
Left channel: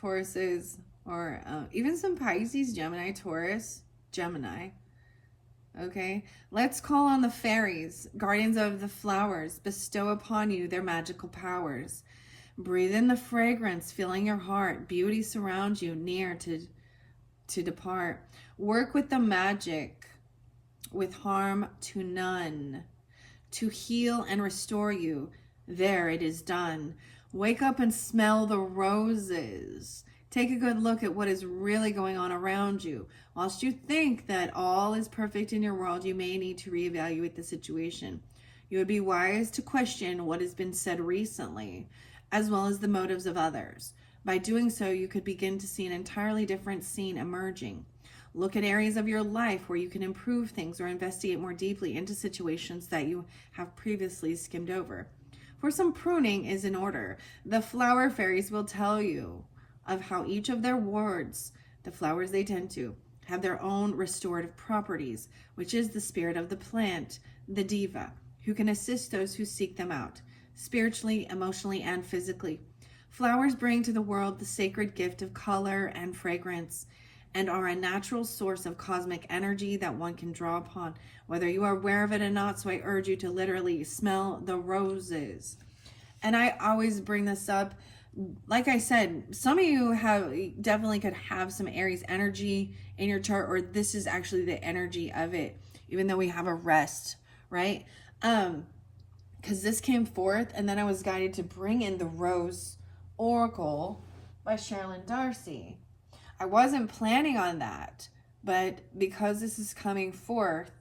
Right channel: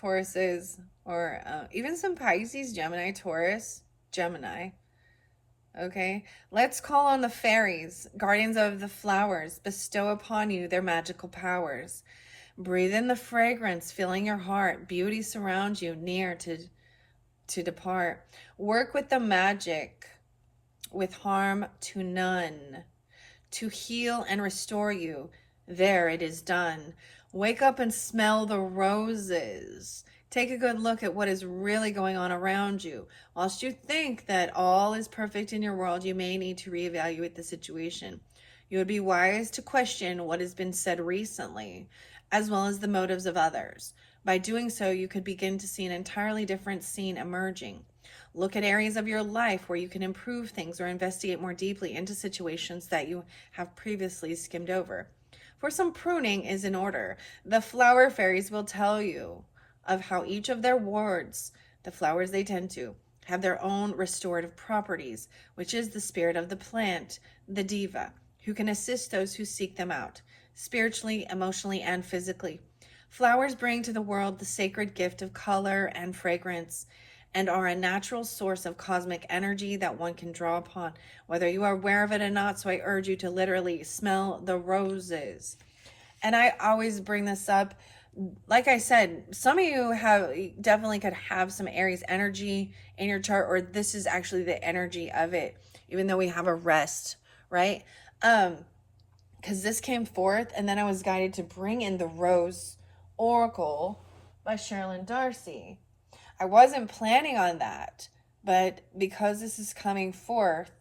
Tauruses, or even some Pisces, Gemini, Taurus, Gemini. Okay, let's call on the fairies, guardians of the flowers, bestow upon you their magical powers. Breathe in the fragrance, filling your heart. Beauty surrounds you, near to depart. Work with the magic, with harm to none, to heal and restore you. There it is done. Wake up and smell the roses. Take a good look at what is really going on around you. Whilst you think that all is perfect in your world, you may need to reevaluate the situation. You would be wise to question what has been said recently, as well as the motives of others. By doing so, you could begin to see an entirely different scene emerging. Look at areas of your life where you can improve things, or investigate more deeply into situations that you have previously skimmed over. For some pruning is in order. The flower fairies will tell you of how each of their wards, the flowers they tend to, have their own restorative properties, which is the spirit of the plant, the diva, who can assist those who seek them out, spiritually, emotionally, and physically. Flowers bring to the world the sacred gift of color and fragrance, and are a natural source of cosmic energy that one can draw upon, whether you are aware of it or not. So I urge you to literally smell the roses. And I always bring this up. Like I said, some of you definitely could have some Aries energy in your chart, or this is actually the energy of it, even though we have a rest, right? Because this came forth, and then I was guided to bring in the Rose Oracle by Sherilyn Darcy. I wasn't planning on that, but because this is coming forth,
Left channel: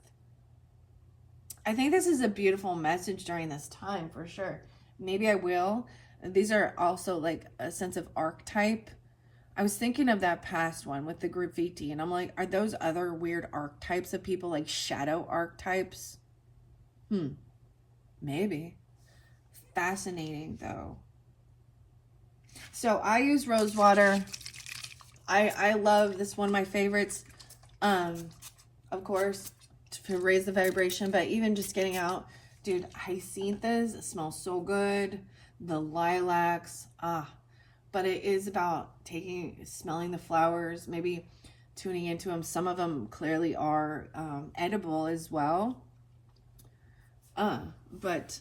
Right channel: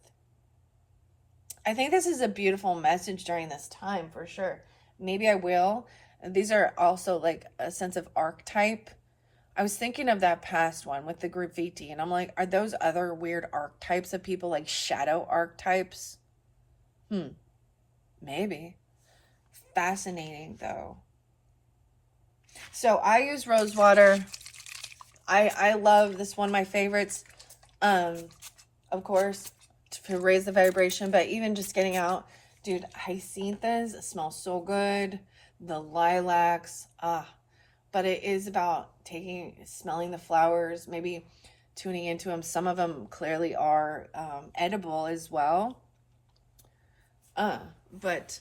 I think this is a beautiful message during this time for sure. Maybe I will. These are also like a sense of archetype. I was thinking of that past one with the group VT, and I'm like, are those other weird archetypes of people, like shadow archetypes? Maybe. Fascinating though. So I use rose water. I love this, one of my favorites, of course, to raise the vibration, but even just getting out, dude, hyacinthus, it smells so good. The lilacs, but it is about smelling the flowers, maybe tuning into them. Some of them clearly are edible as well, but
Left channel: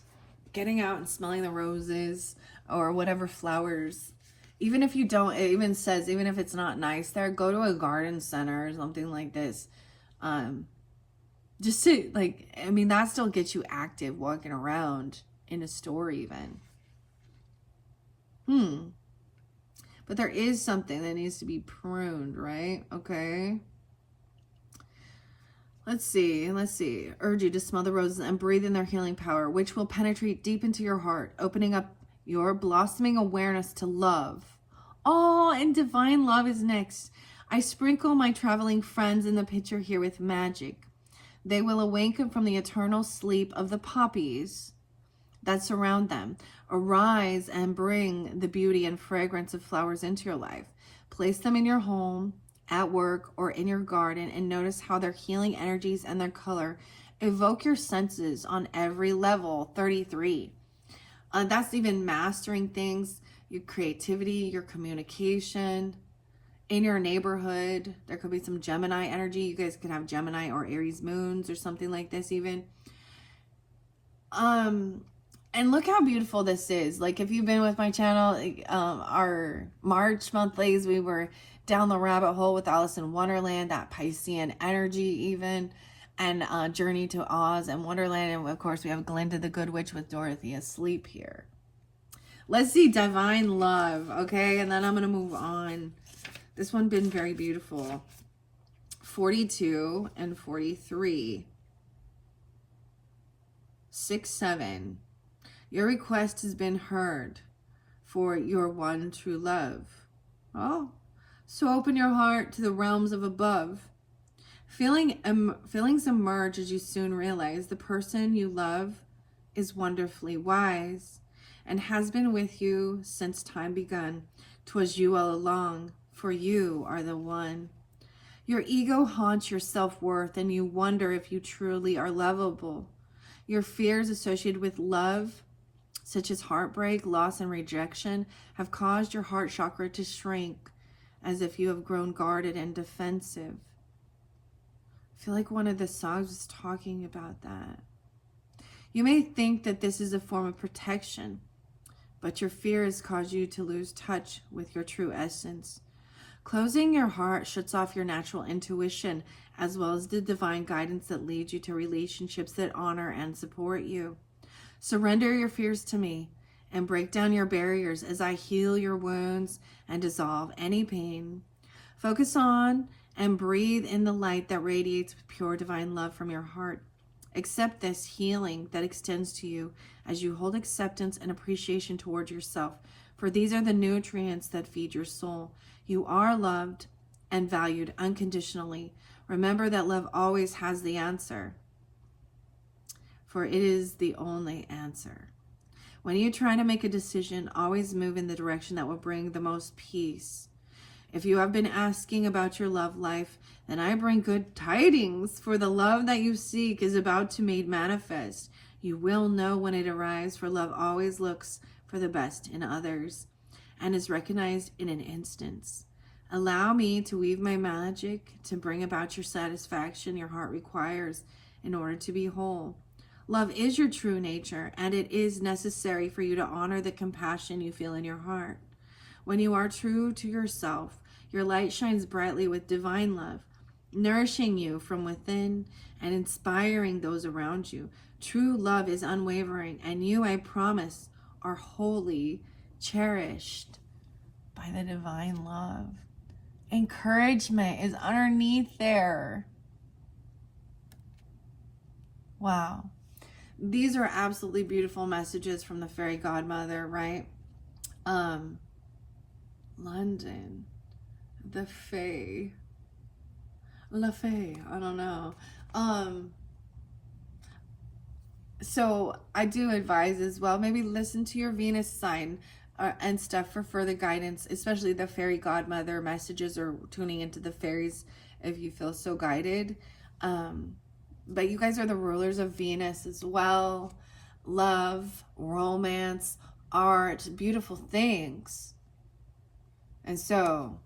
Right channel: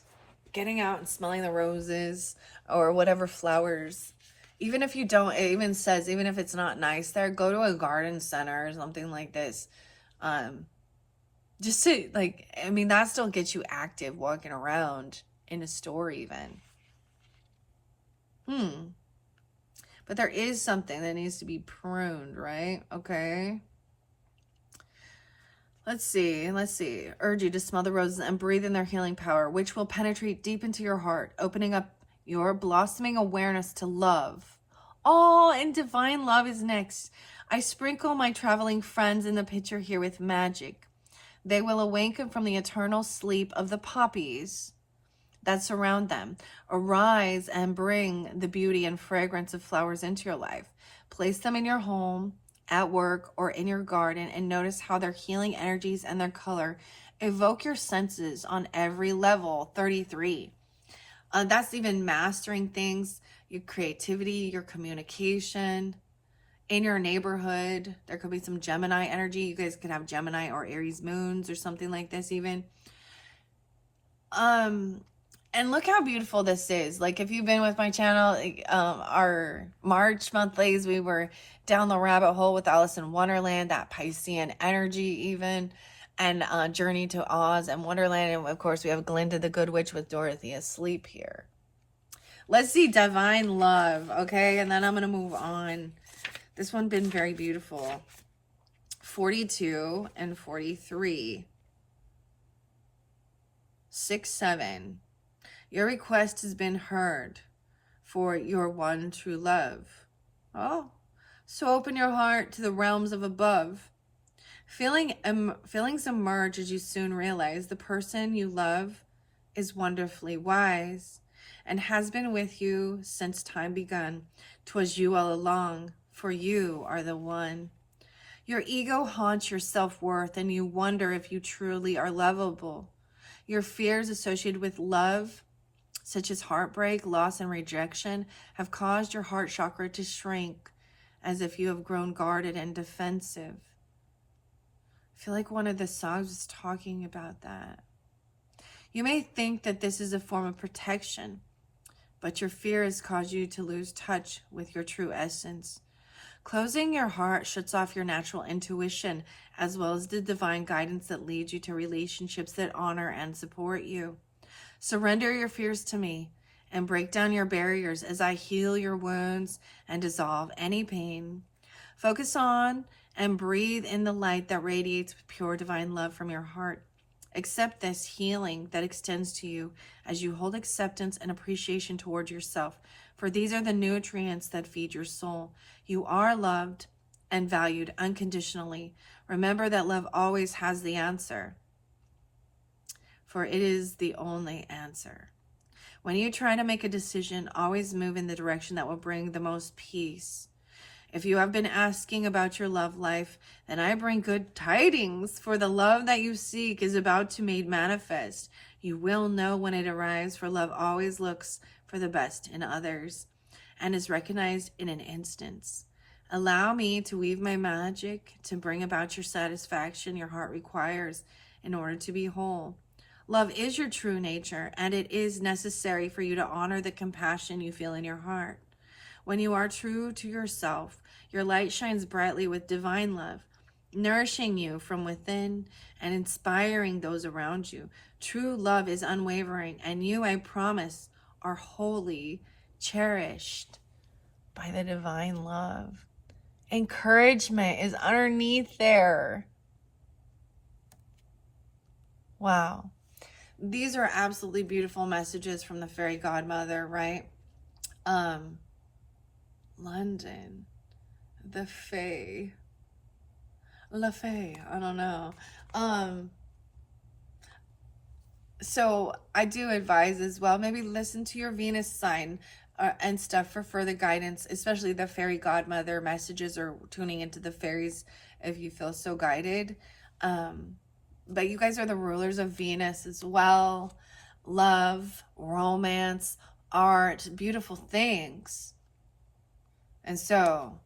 getting out and smelling the roses or whatever flowers. Even if you don't, it even says, even if it's not nice there, go to a garden center or something like this. Just to, like, I mean, that still gets you active walking around in a store even. But there is something that needs to be pruned, right? Okay. Let's see. Urge you to smell the roses and breathe in their healing power, which will penetrate deep into your heart, opening up your blossoming awareness to love. Oh, and divine love is next. I sprinkle my traveling friends in the picture here with magic. They will awaken from the eternal sleep of the poppies that surround them. Arise and bring the beauty and fragrance of flowers into your life. Place them in your home, at work, or in your garden, and notice how their healing energies and their color evoke your senses on every level. 33. That's even mastering things, your creativity, your communication, in your neighborhood. There could be some Gemini energy. You guys could have Gemini or Aries moons or something like this even. And look how beautiful this is. Like, if you've been with my channel, like, our March monthlies, we were down the rabbit hole with Alice in Wonderland, that Piscean energy even, and Journey to Oz and Wonderland. And of course, we have Glinda the Good Witch with Dorothy asleep here. Let's see Divine Love, okay? And then I'm going to move on. This one's been very beautiful. 42 and 43. 6, 7. Your request has been heard for your one true love. Oh, so open your heart to the realms of above. Feelings emerge as you soon realize the person you love is wonderfully wise and has been with you since time begun. 'Twas you all along, for you are the one. Your ego haunts your self-worth and you wonder if you truly are lovable. Your fears associated with love, such as heartbreak, loss, and rejection, have caused your heart chakra to shrink as if you have grown guarded and defensive. I feel like one of the songs was talking about that. You may think that this is a form of protection, but your fear has caused you to lose touch with your true essence. Closing your heart shuts off your natural intuition, as well as the divine guidance that leads you to relationships that honor and support you. Surrender your fears to me and break down your barriers as I heal your wounds and dissolve any pain. Focus on and breathe in the light that radiates with pure divine love from your heart. Accept this healing that extends to you as you hold acceptance and appreciation towards yourself, for these are the nutrients that feed your soul. You are loved and valued unconditionally. Remember that love always has the answer, for it is the only answer. When you try to make a decision, always move in the direction that will bring the most peace. If you have been asking about your love life, then I bring good tidings, for the love that you seek is about to be made manifest. You will know when it arrives, for love always looks for the best in others and is recognized in an instant. Allow me to weave my magic to bring about your satisfaction your heart requires in order to be whole. Love is your true nature, and it is necessary for you to honor the compassion you feel in your heart. When you are true to yourself, your light shines brightly with divine love, nourishing you from within and inspiring those around you. True love is unwavering, and you, I promise, are wholly cherished by the divine love. Encouragement is underneath there. Wow. These are absolutely beautiful messages from the fairy godmother, right? London, the Fae, La Fae, I don't know. So I do advise as well, maybe listen to your Venus sign and stuff for further guidance, especially the fairy godmother messages or tuning into the fairies if you feel so guided. But you guys are the rulers of Venus as well. Love, romance, art, beautiful things. And so,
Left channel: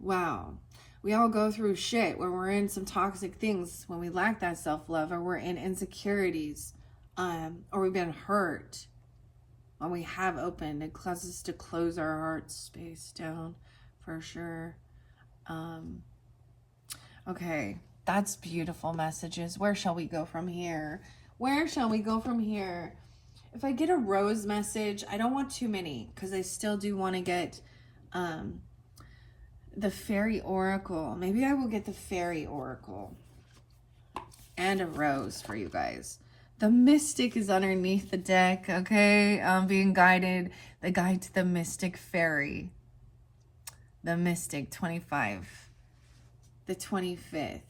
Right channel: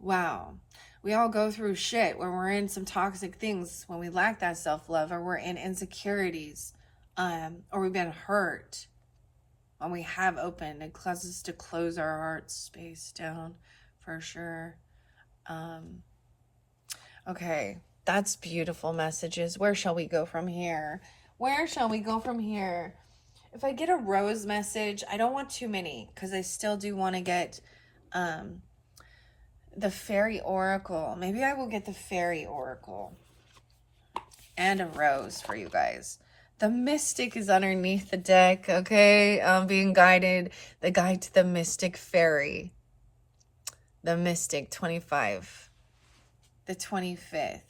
wow, we all go through shit when we're in some toxic things, when we lack that self-love, or we're in insecurities, or we've been hurt. When we have opened, it causes us to close our heart space down for sure. Okay, that's beautiful messages. Where shall we go from here? Where shall we go from here? If I get a rose message, I don't want too many because I still do want to get the fairy oracle. Maybe I will get the fairy oracle and a rose for you guys. The mystic is underneath the deck, okay? Being guided, the guide to the mystic fairy. The mystic 25, the 25th,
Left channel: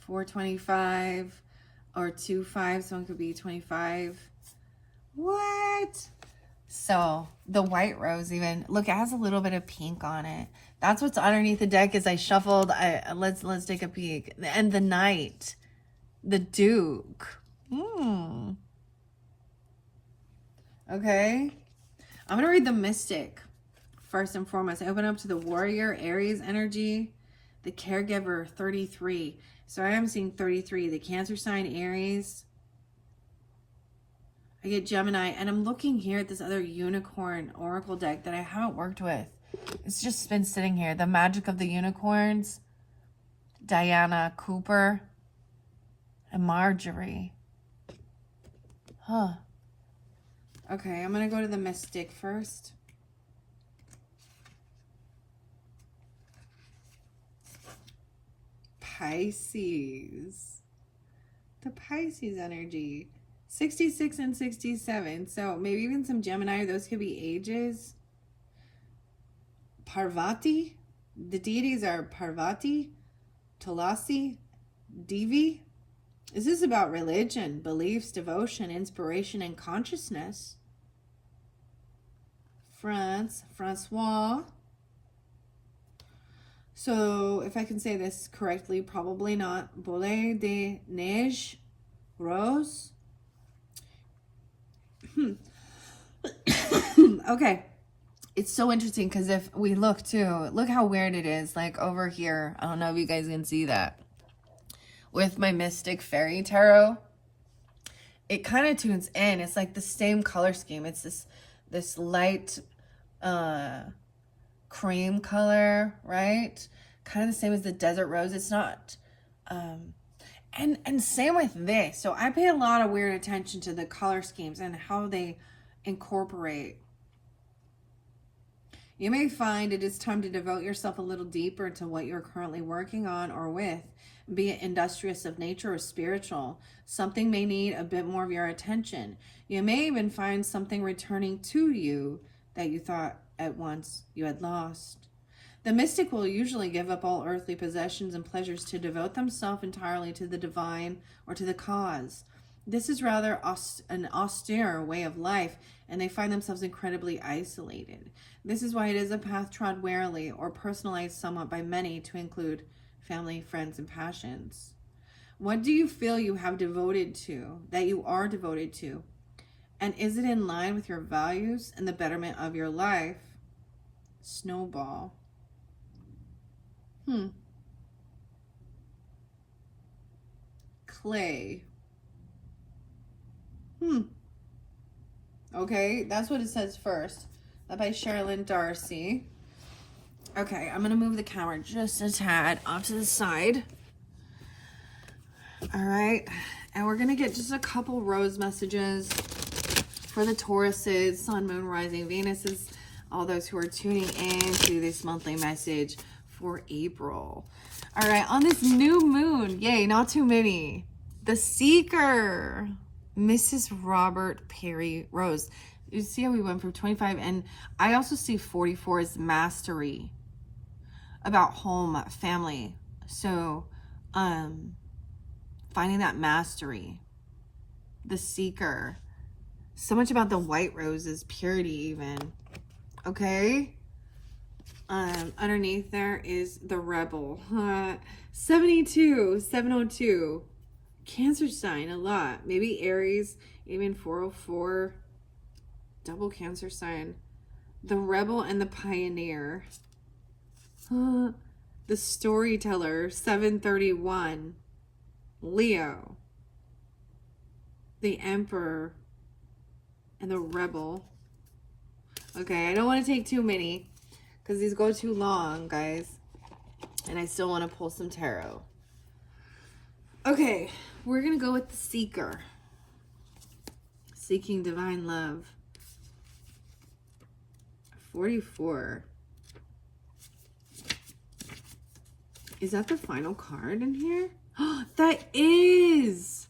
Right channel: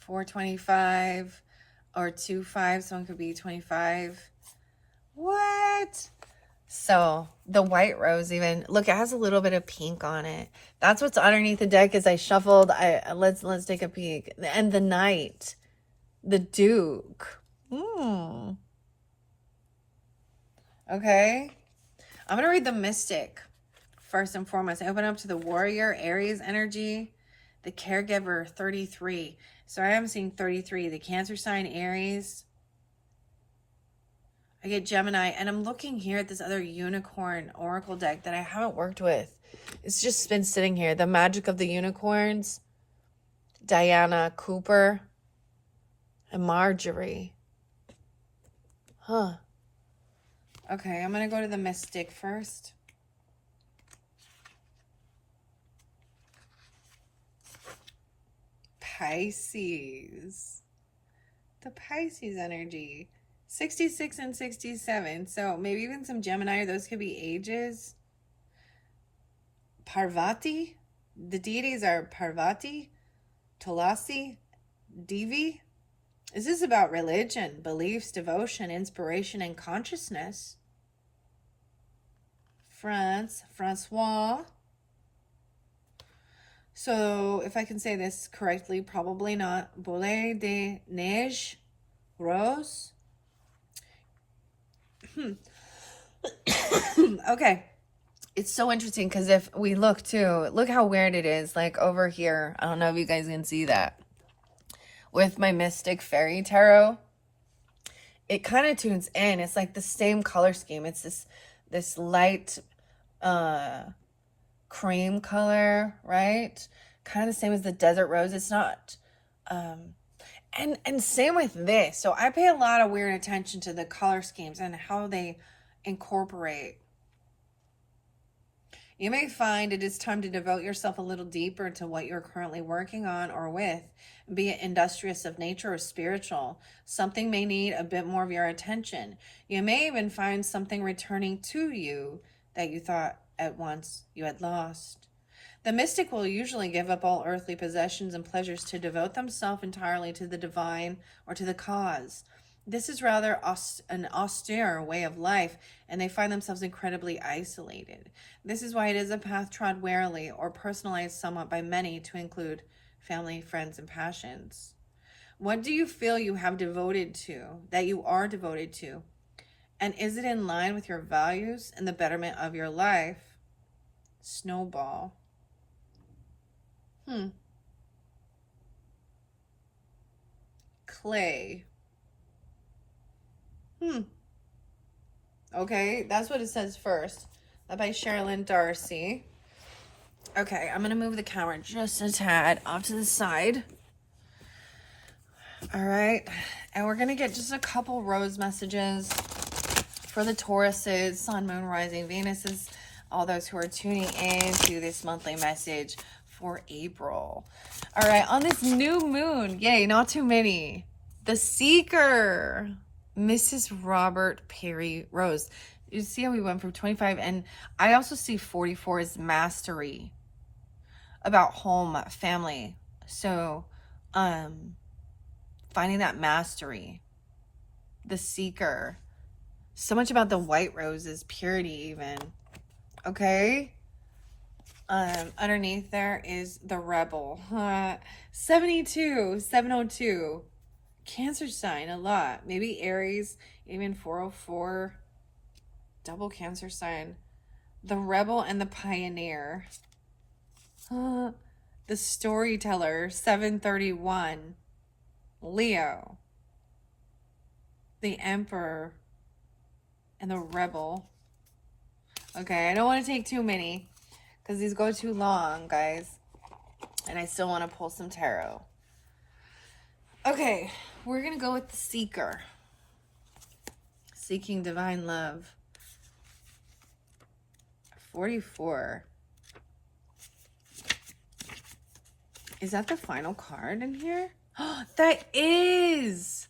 425 or 25. Someone could be 25. What? So the white rose, even look, it has a little bit of pink on it. That's what's underneath the deck. As I shuffled, let's take a peek. And the knight, the duke. Okay, I'm gonna read the mystic first and foremost. I open up to the warrior, Aries energy, the caregiver, 33. So I am seeing 33, the Cancer sign, Aries. I get Gemini, and I'm looking here at this other unicorn oracle deck that I haven't worked with. It's just been sitting here. The Magic of the Unicorns, Diana Cooper, and Marjorie. Huh. Okay, I'm going to go to the Mystic first. Pisces. The Pisces energy. 66 and 67. So maybe even some Gemini. Those could be ages. Parvati. The deities are Parvati, Tulasi, Devi. Is this about religion, beliefs, devotion, inspiration, and consciousness? Francois. So, if I can say this correctly, probably not. Boule de neige, rose. Okay. It's so interesting because if we look too, look how weird it is. Like over here, I don't know if you guys can see that. With my Mystic Fairy Tarot, it kind of tunes in. It's like the same color scheme. It's this light cream color, right? Kind of the same as the Desert Rose. It's not and same with this. So I pay a lot of weird attention to the color schemes and how they incorporate. You may find it is time to devote yourself a little deeper to what you're currently working on or with, be it industrious of nature or spiritual. Something may need a bit more of your attention. You may even find something returning to you that you thought at once you had lost. The mystic will usually give up all earthly possessions and pleasures to devote themselves entirely to the divine or to the cause. This is rather an austere way of life, and they find themselves incredibly isolated. This is why it is a path trod warily or personalized somewhat by many to include family, friends, and passions. What do you feel you have devoted to, that you are devoted to? And is it in line with your values and the betterment of your life? Snowball. Clay. Okay, that's what it says first. That by Sherilyn Darcy. Okay, I'm going to move the camera just a tad off to the side. All right, and we're going to get just a couple rose messages for the Tauruses, Sun, Moon, Rising, Venuses, all those who are tuning in to this monthly message for April. All right, on this new moon, yay, not too many. The Seeker, Mrs. Robert Perry Rose. You see how we went from 25, and I also see 44 as mastery, about home, family. So, finding that mastery. The Seeker. So much about the white roses, purity even. Okay? Underneath there is the Rebel. 72, 702. Cancer sign, a lot. Maybe Aries, even 404. Double Cancer sign. The Rebel and the Pioneer. The Storyteller, 731. Leo. The Emperor. And the Rebel. Okay, I don't want to take too many because these go too long, guys. And I still want to pull some tarot. Okay, we're going to go with the Seeker. Seeking divine love. 44. Is that the final card in here? Oh, that is!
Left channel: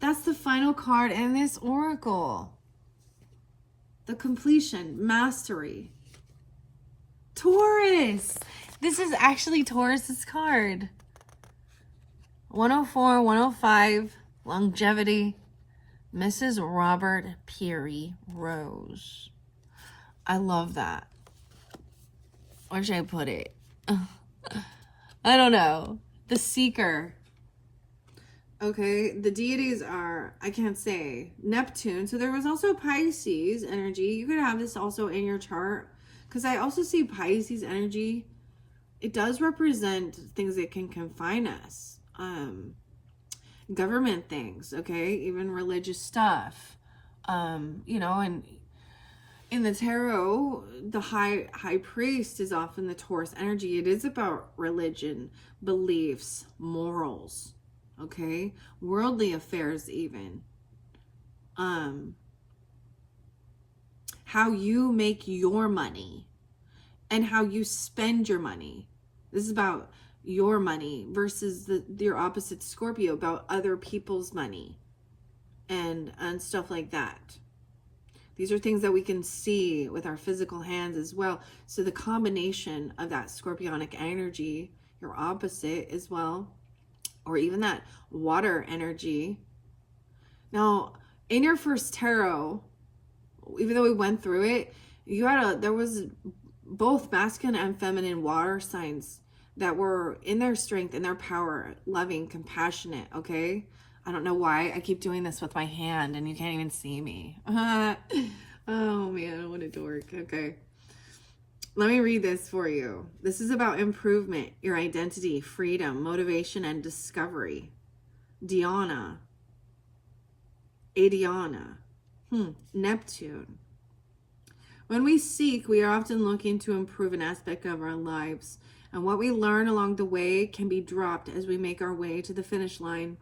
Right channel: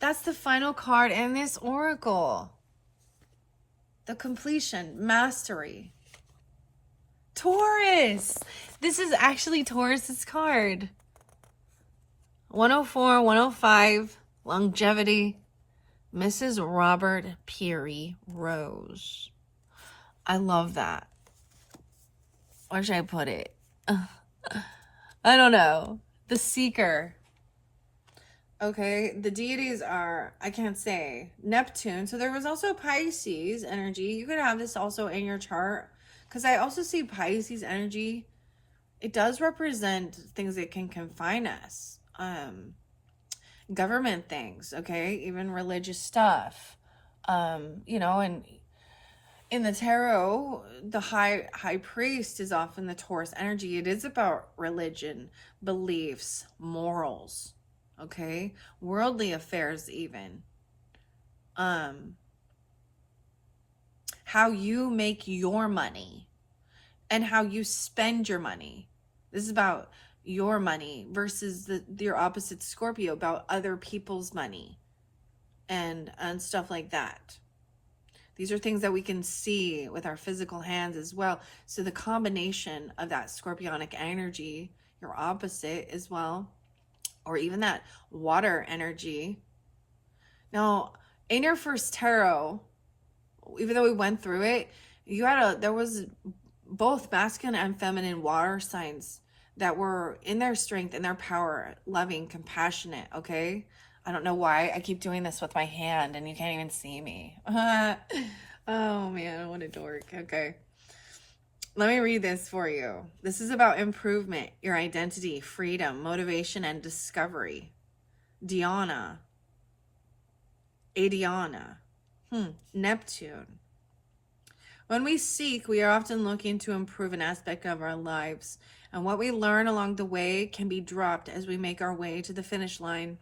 That's the final card in this oracle. The completion, mastery. Taurus! This is actually Taurus's card. 104, 105, longevity. Mrs. Robert Peary Rose. I love that. Where should I put it? I don't know. The Seeker. Okay, the deities are, I can't say, Neptune. So there was also Pisces energy. You could have this also in your chart. Because I also see Pisces energy. It does represent things that can confine us. Government things, okay? Even religious stuff. You know, and in the tarot, the high priest is often the Taurus energy. It is about religion, beliefs, morals, okay? Worldly affairs even. How you make your money and how you spend your money. This is about your money versus your opposite Scorpio, about other people's money and stuff like that. These are things that we can see with our physical hands as well. So the combination of that scorpionic energy, your opposite as well, or even that water energy. Now, in your first tarot, even though we went through it, there was both masculine and feminine water signs that were in their strength, in their power, loving, compassionate, okay? I don't know why I keep doing this with my hand and you can't even see me. Oh man, what a dork. Okay. Let me read this for you. This is about improvement, your identity, freedom, motivation, and discovery. Diana. Adiana. Neptune. When we seek, we are often looking to improve an aspect of our lives, and what we learn along the way can be dropped as we make our way to the finish line.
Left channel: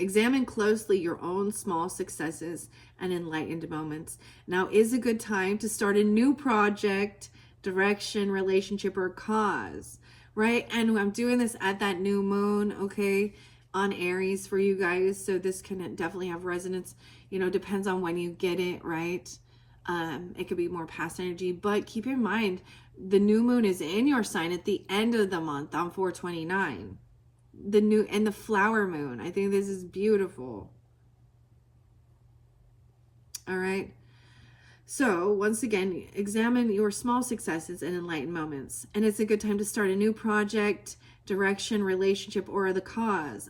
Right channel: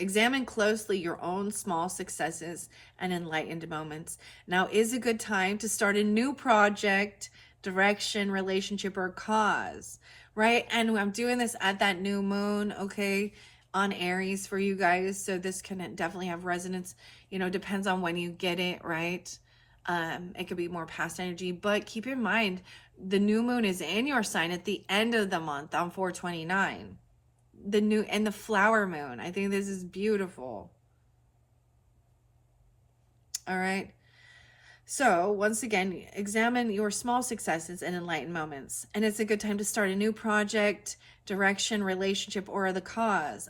Examine closely your own small successes and enlightened moments. Now is a good time to start a new project, direction, relationship, or cause, right? And I'm doing this at that new moon, okay, on Aries for you guys. So this can definitely have resonance, you know, depends on when you get it, right? It could be more past energy, but keep in mind, the new moon is in your sign at the end of the month on 4/29. The flower moon. I think this is beautiful. All right. So once again, examine your small successes and enlightened moments. And it's a good time to start a new project, direction, relationship, or a cause.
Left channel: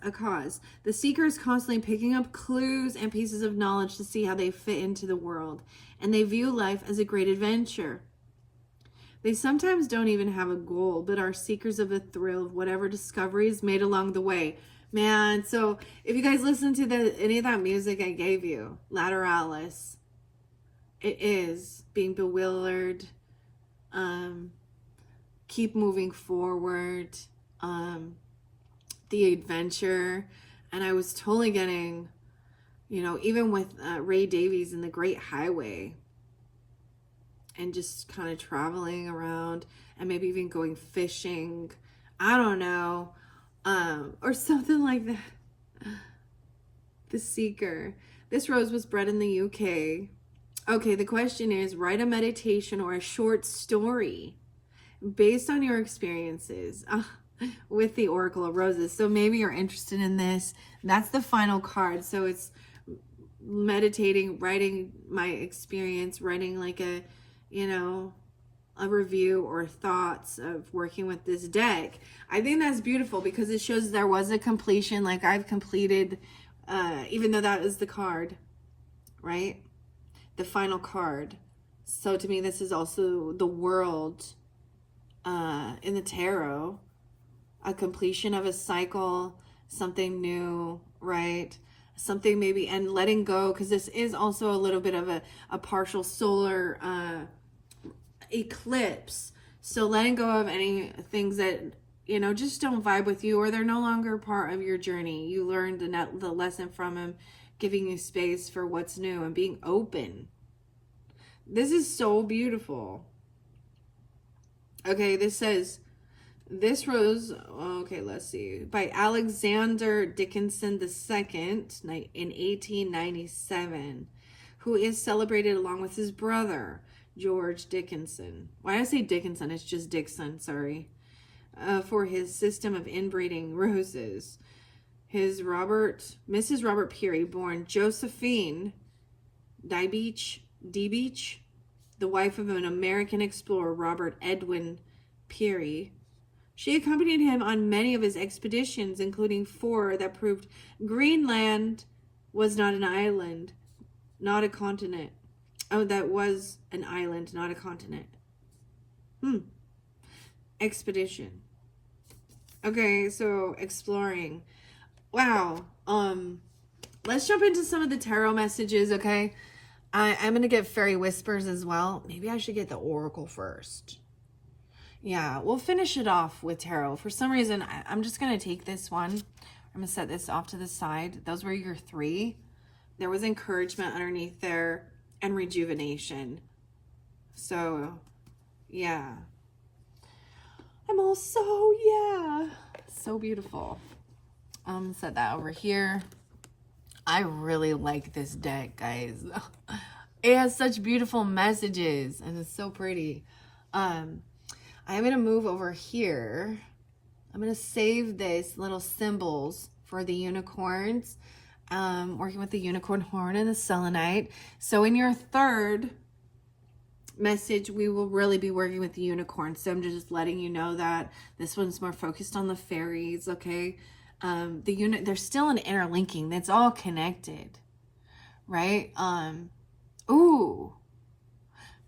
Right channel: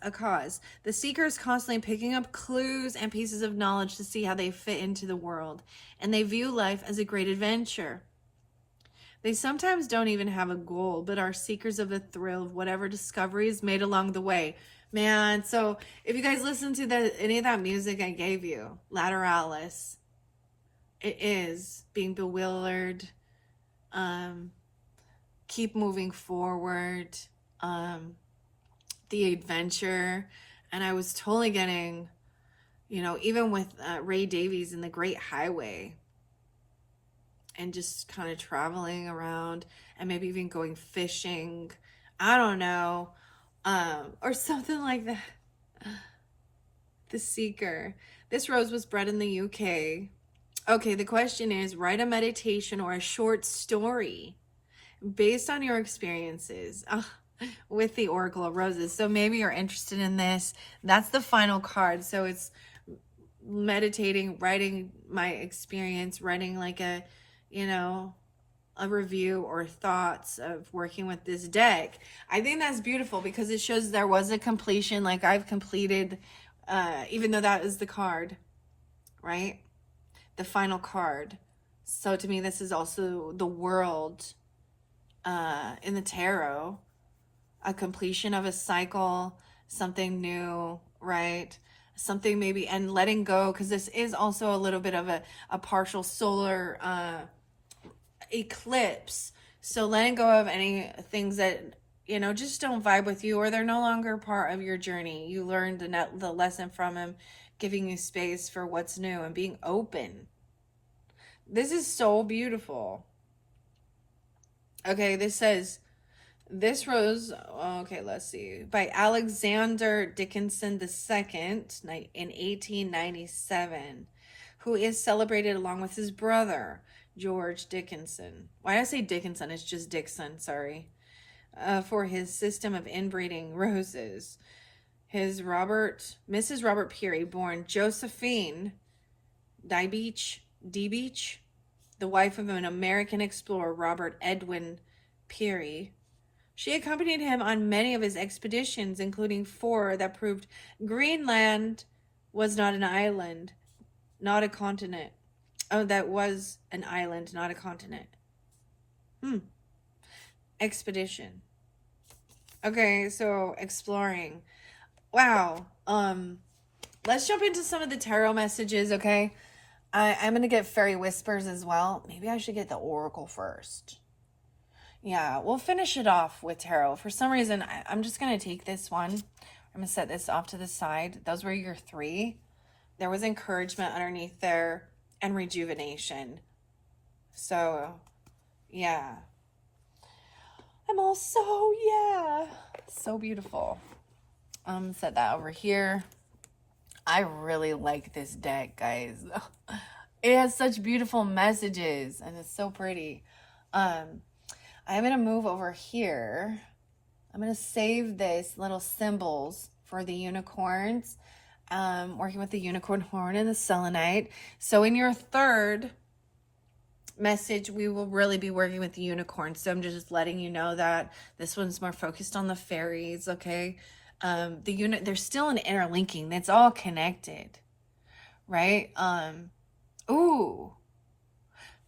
The seeker is constantly picking up clues and pieces of knowledge to see how they fit into the world. And they view life as a great adventure. They sometimes don't even have a goal, but are seekers of the thrill of whatever discoveries made along the way. Man, so if you guys listen to any of that music I gave you, Lateralis, it is being bewildered, keep moving forward, the adventure. And I was totally getting, you know, even with Ray Davies in The Great Highway, and just kind of traveling around and maybe even going fishing. I don't know. Or something like that. The Seeker. This rose was bred in the UK. Okay, the question is, write a meditation or a short story based on your experiences with the Oracle of Roses. So maybe you're interested in this. That's the final card. So it's meditating, writing my experience, writing like a, you know, a review or thoughts of working with this deck. I think that's beautiful because it shows there was a completion. Like I've completed, even though that is the card, right? The final card. So to me, this is also the world in the tarot, a completion of a cycle, something new, right? Something maybe, and letting go, because this is also a little bit of a partial solar eclipse. So letting go of any things that, you know, just don't vibe with you, or they're no longer part of your journey. You learned the lesson from them, giving you space for what's new and being open. This is so beautiful. Okay, this says, this rose, okay, let's see, by Alexander Dickinson II in 1897, who is celebrated along with his brother, George Dickinson. Why did I say Dickinson? It's just Dixon, sorry. For his system of inbreeding roses. Mrs. Robert Peary, born Josephine D. Beach, the wife of an American explorer, Robert Edwin Peary. She accompanied him on many of his expeditions, including 4 that proved Greenland was not an island, not a continent. Oh, that was an island, not a continent. Expedition. Okay, so exploring. Wow. let's jump into some of the tarot messages, okay? I'm going to get fairy whispers as well. Maybe I should get the oracle first. Yeah, we'll finish it off with tarot. For some reason, I'm just going to take this one. I'm going to set this off to the side. Those were your 3. There was encouragement underneath there and rejuvenation. So, yeah. I'm all so beautiful. Set that over here. I really like this deck, guys. It has such beautiful messages and it's so pretty. I'm going to move over here. I'm going to save this little symbols for the unicorns. Working with the unicorn horn and the selenite. So in your 3rd message, we will really be working with the unicorn. So I'm just letting you know that this one's more focused on the fairies, okay? There's still an interlinking. That's all connected, right? Ooh,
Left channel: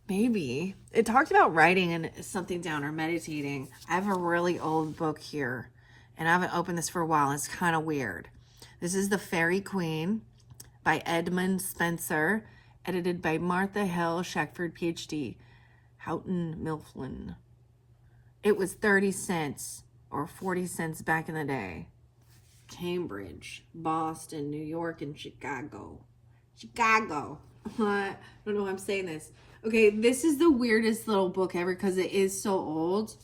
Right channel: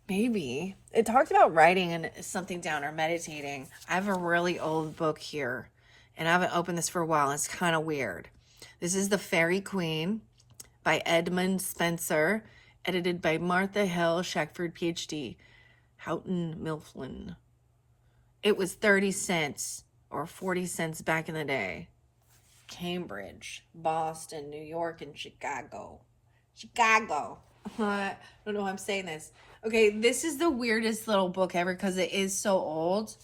maybe it talked about writing something down or meditating. I have a really old book here, and I haven't opened this for a while. It's kind of weird. This is The Faery Queen by Edmund Spencer, edited by Martha Hill Shackford, PhD, Houghton Mifflin. It was 30 cents or 40 cents back in the day. Cambridge, Boston, New York, and Chicago. I don't know how I'm saying this. Okay, this is the weirdest little book ever because it is so old.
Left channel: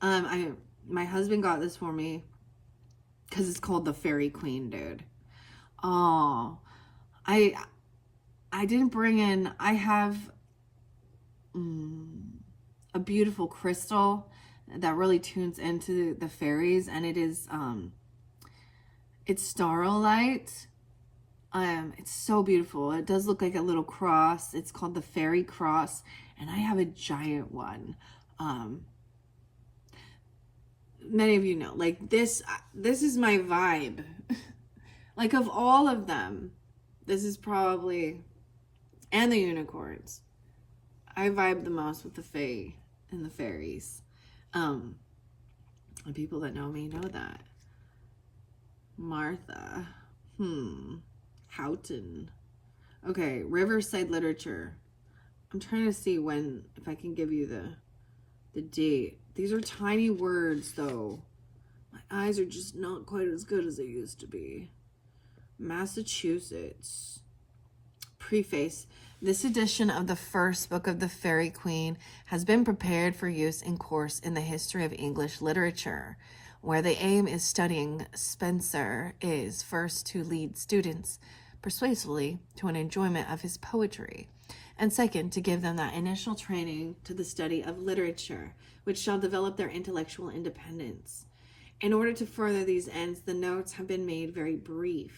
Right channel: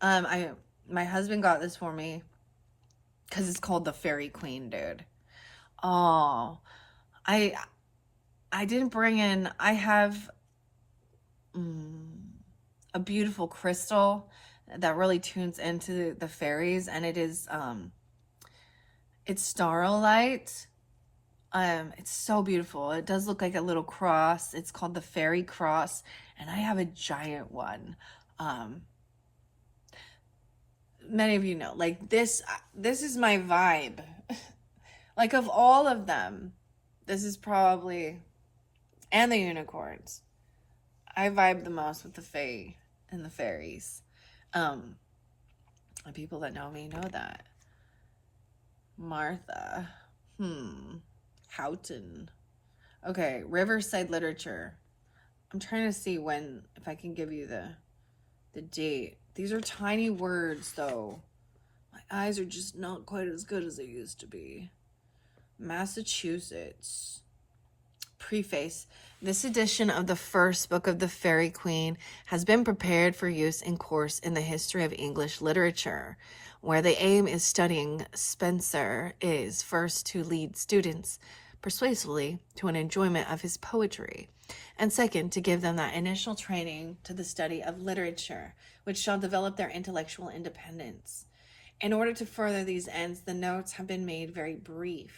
My husband got this for me because it's called The Faery Queen, dude. Oh, I didn't bring in. I have a beautiful crystal that really tunes into the fairies, and it is it's starlight. It's so beautiful. It does look like a little cross. It's called the Fairy Cross, and I have a giant one. Many of you know, like this is my vibe. Like of all of them, this is probably, and the unicorns, I vibe the most with the fae and the fairies. And people that know me know that. Martha. Houghton. Okay, Riverside Literature. I'm trying to see if I can give you the date. These are tiny words, though. My eyes are just not quite as good as they used to be. Massachusetts. Preface. This edition of the first book of the Faery Queen has been prepared for use in course in the history of English literature, where the aim is studying Spencer is first to lead students persuasively to an enjoyment of his poetry, and second, to give them that initial training to the study of literature, which shall develop their intellectual independence. In order to further these ends, the notes have been made very brief.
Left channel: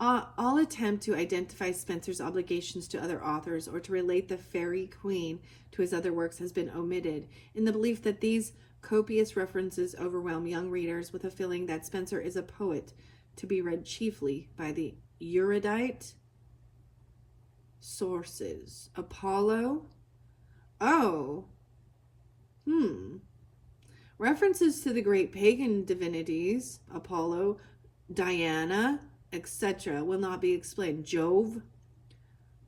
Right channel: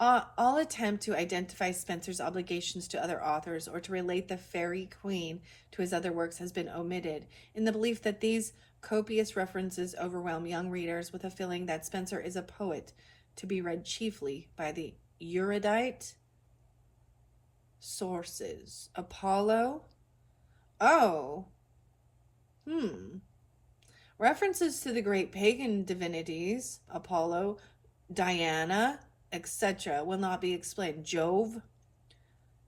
All attempt to identify Spencer's obligations to other authors or to relate the Faery Queen to his other works has been omitted, in the belief that these copious references overwhelm young readers with a feeling that Spencer is a poet to be read chiefly by the erudite sources. Apollo? Oh. References to the great pagan divinities, Apollo, Diana, etc., will not be explained. Jove,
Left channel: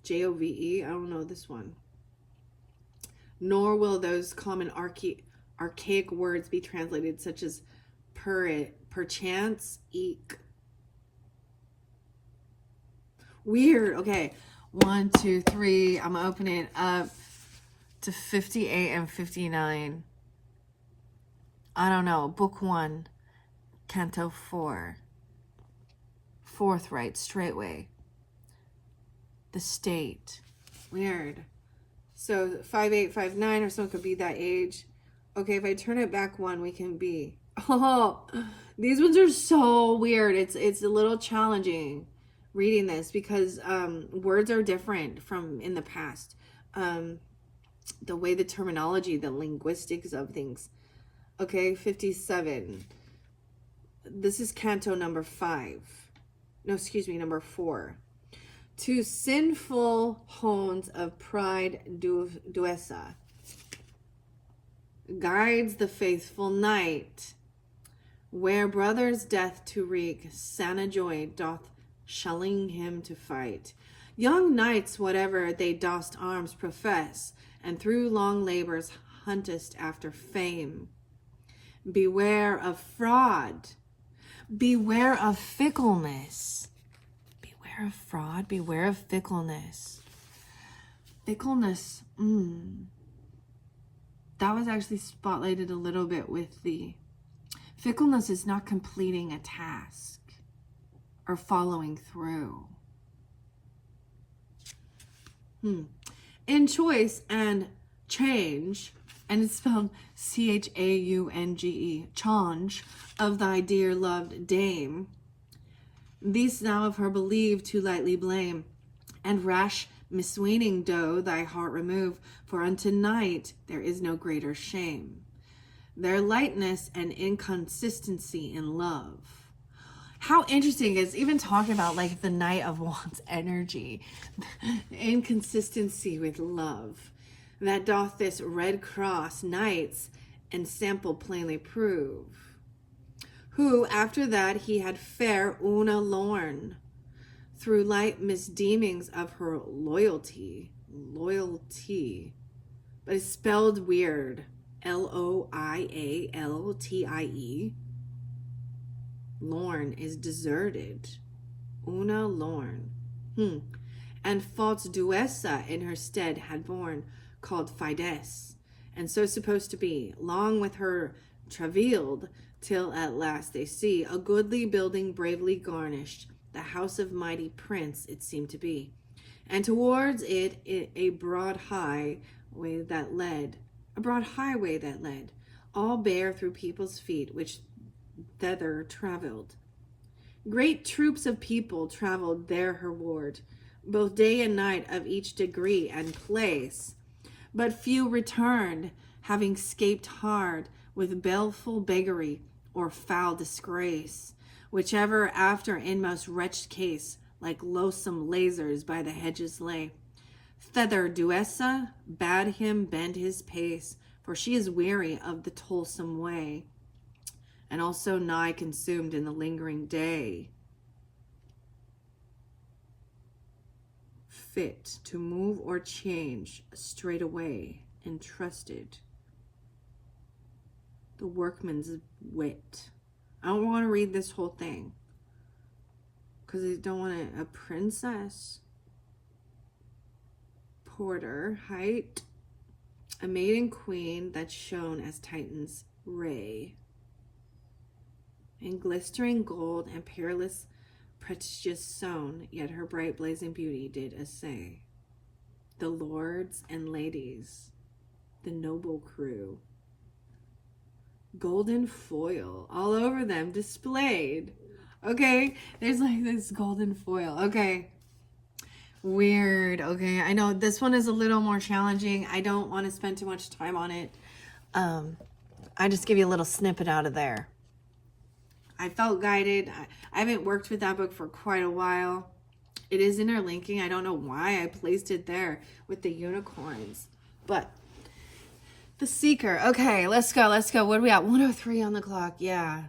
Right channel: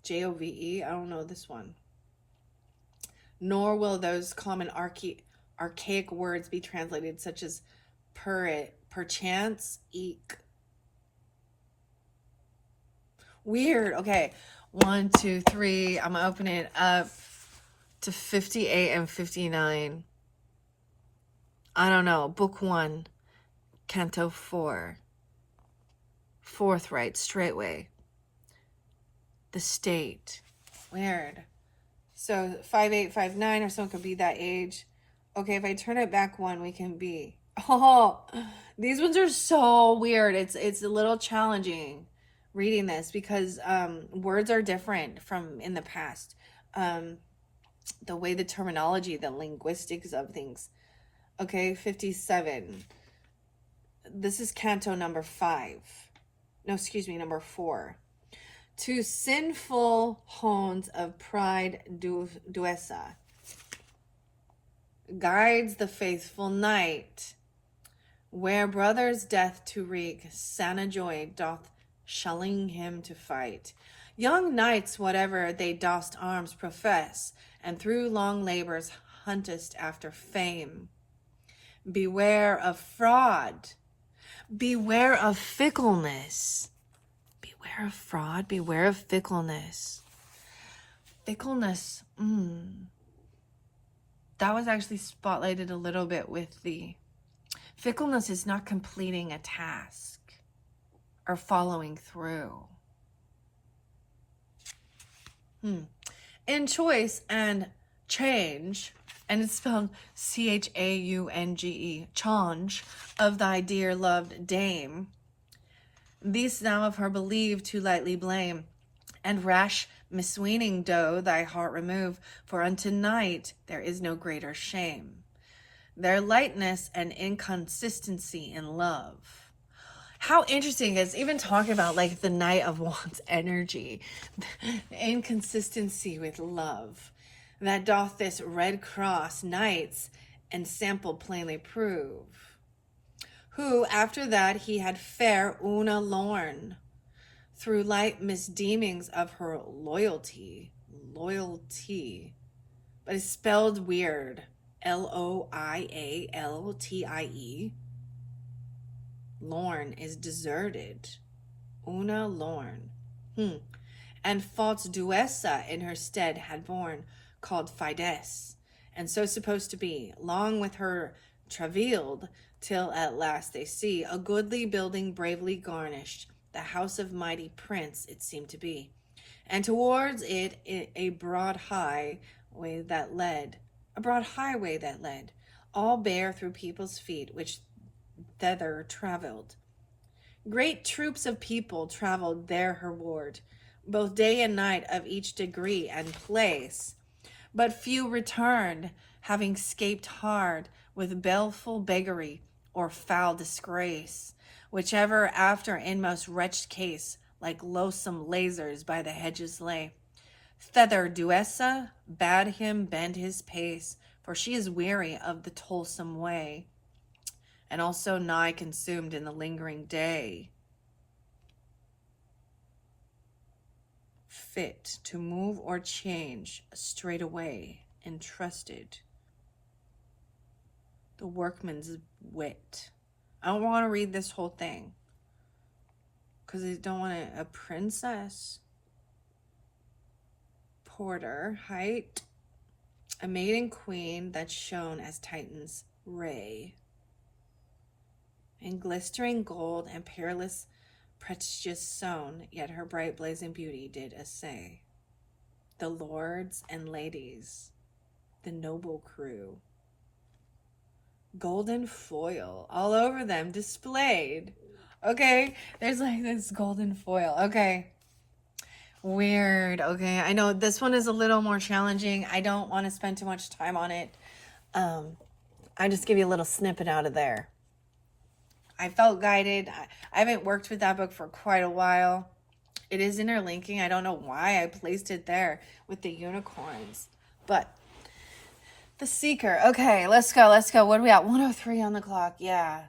Jove, I don't know this one. Nor will those common archaic words be translated, such as perchance, eek. Weird. Okay, 1, 2, 3. I'm opening it up to 58 and 59. I don't know. Book 1, Canto 4. Forthright, straightway. The state. Weird. So 5, 8, 5, 9, or someone could be that age. Okay, if I turn it back 1, we can be. Oh, these ones are so weird. It's a little challenging reading this because words are different from in the past. The way the terminology, the linguistics of things. Okay, 57. This is canto number 5. No, excuse me, number 4. To sinful hounds of pride duessa guides the faithful knight Where brothers' death to wreak, sana joy doth shelling him to fight. Young knights, whatever they dost arms profess, and through long labors huntest after fame. Beware of fraud. Beware of fickleness. Beware of fraud. Beware of fickleness. Fickleness. That was actually spotlighted a little bit with the fickleness is not completing a task or following through. In choice and change, and it's spelled Chaunge, change of thy dear loved dame. These thou of her believe too lightly blame, and rash misweening doe thy heart remove, for unto night there is no greater shame. Their lightness and inconsistency in love. How interesting is even talking about like the Knight of Wands energy, inconsistency with love, that doth this Red Cross knights and sample plainly prove. Who after that he had fair Una Lorn, through light misdeemings of her loyalty, but it's spelled weird, Loialtie. Lorn is deserted. Una Lorn. And false Duessa in her stead had born, called Fides, and so supposed to be, long with her travailed, till at last they see a goodly building bravely garnished, the house of mighty prince it seemed to be, and towards it a broad highway that led, all bare through people's feet, which thither travelled. Great troops of people travelled there her ward, both day and night of each degree and place, but few returned, having scaped hard with baleful beggary or foul disgrace, whichever after in most wretched case, like loathsome lasers by the hedges lay. Thither Duessa bade him bend his pace, for she is weary of the toilsome way, and also nigh consumed in the lingering day, fit to move or change straightway, entrusted the workman's wit. I don't want to read this whole thing because I don't want a princess. Porter, height, a maiden queen that shone as Titan's ray, in glistering gold and peerless precious sewn, yet her bright blazing beauty did essay the lords and ladies, the noble crew. Golden foil all over them displayed. Okay, there's like this golden foil. Okay, weird. Okay, I know this one is a little more challenging. I don't want to spend too much time on it. I just give you a little snippet out of there. I felt guided. I haven't worked with that book for quite a while. It is interlinking. I don't know why I placed it there with the unicorns. But the Seeker. Okay, let's go. What are we at? 103 on the clock. Yeah.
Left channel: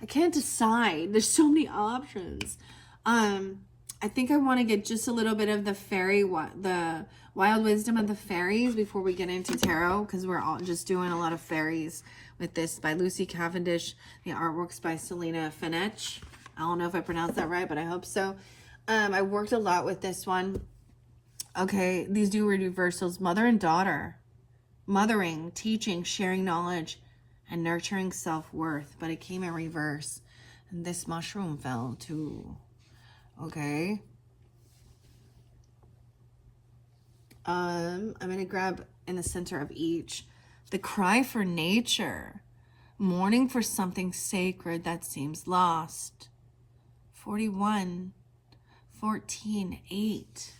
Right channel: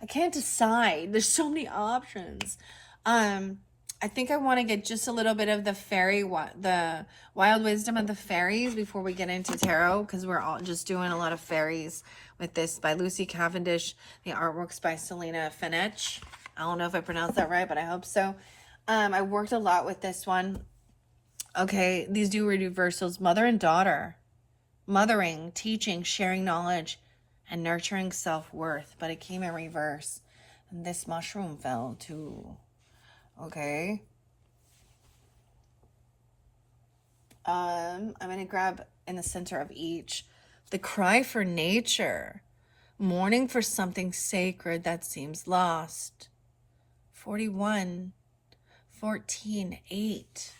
I can't decide. There's so many options. I think I want to get just a little bit of the fairy, the wild wisdom of the fairies before we get into tarot, because we're all just doing a lot of fairies with this by Lucy Cavendish. The artwork's by Selena Fenech. I don't know if I pronounced that right, but I hope so. I worked a lot with this one. Okay, these do reversals. Mother and daughter. Mothering, teaching, sharing knowledge, and nurturing self-worth. But it came in reverse. And this mushroom fell too. Okay. I'm going to grab in the center of each. The cry for nature. Mourning for something sacred that seems lost. 41. 14. 8.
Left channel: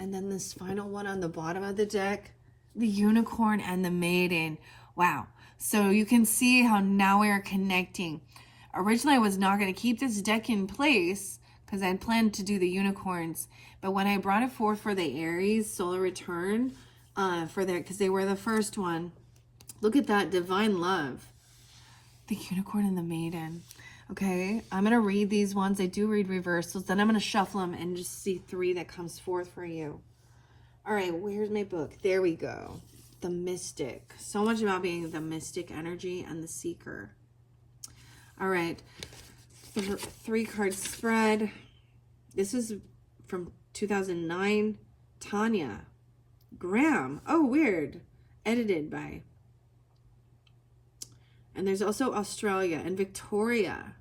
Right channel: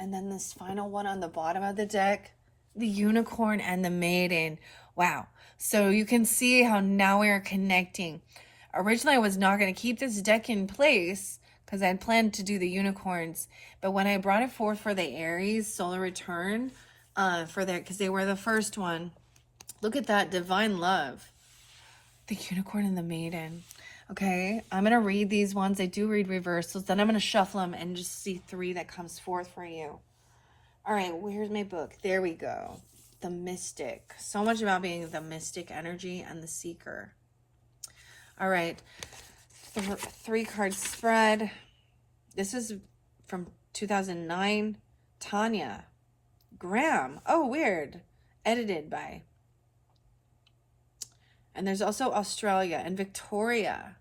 And then this final one on the bottom of the deck. The unicorn and the maiden. Wow. So you can see how now we are connecting. Originally, I was not going to keep this deck in place because I had planned to do the unicorns. But when I brought it forth for the Aries Solar Return, because they were the first one, look at that divine love. The unicorn and the maiden. Okay, I'm going to read these ones. I do read reversals. Then I'm going to shuffle them and just see 3 that comes forth for you. All right, where's my book? There we go. The mystic. So much about being the mystic energy and the seeker. All right, 3 card spread. This is from 2009. Tanya Graham. Oh, weird. Edited by. And there's also Australia and Victoria.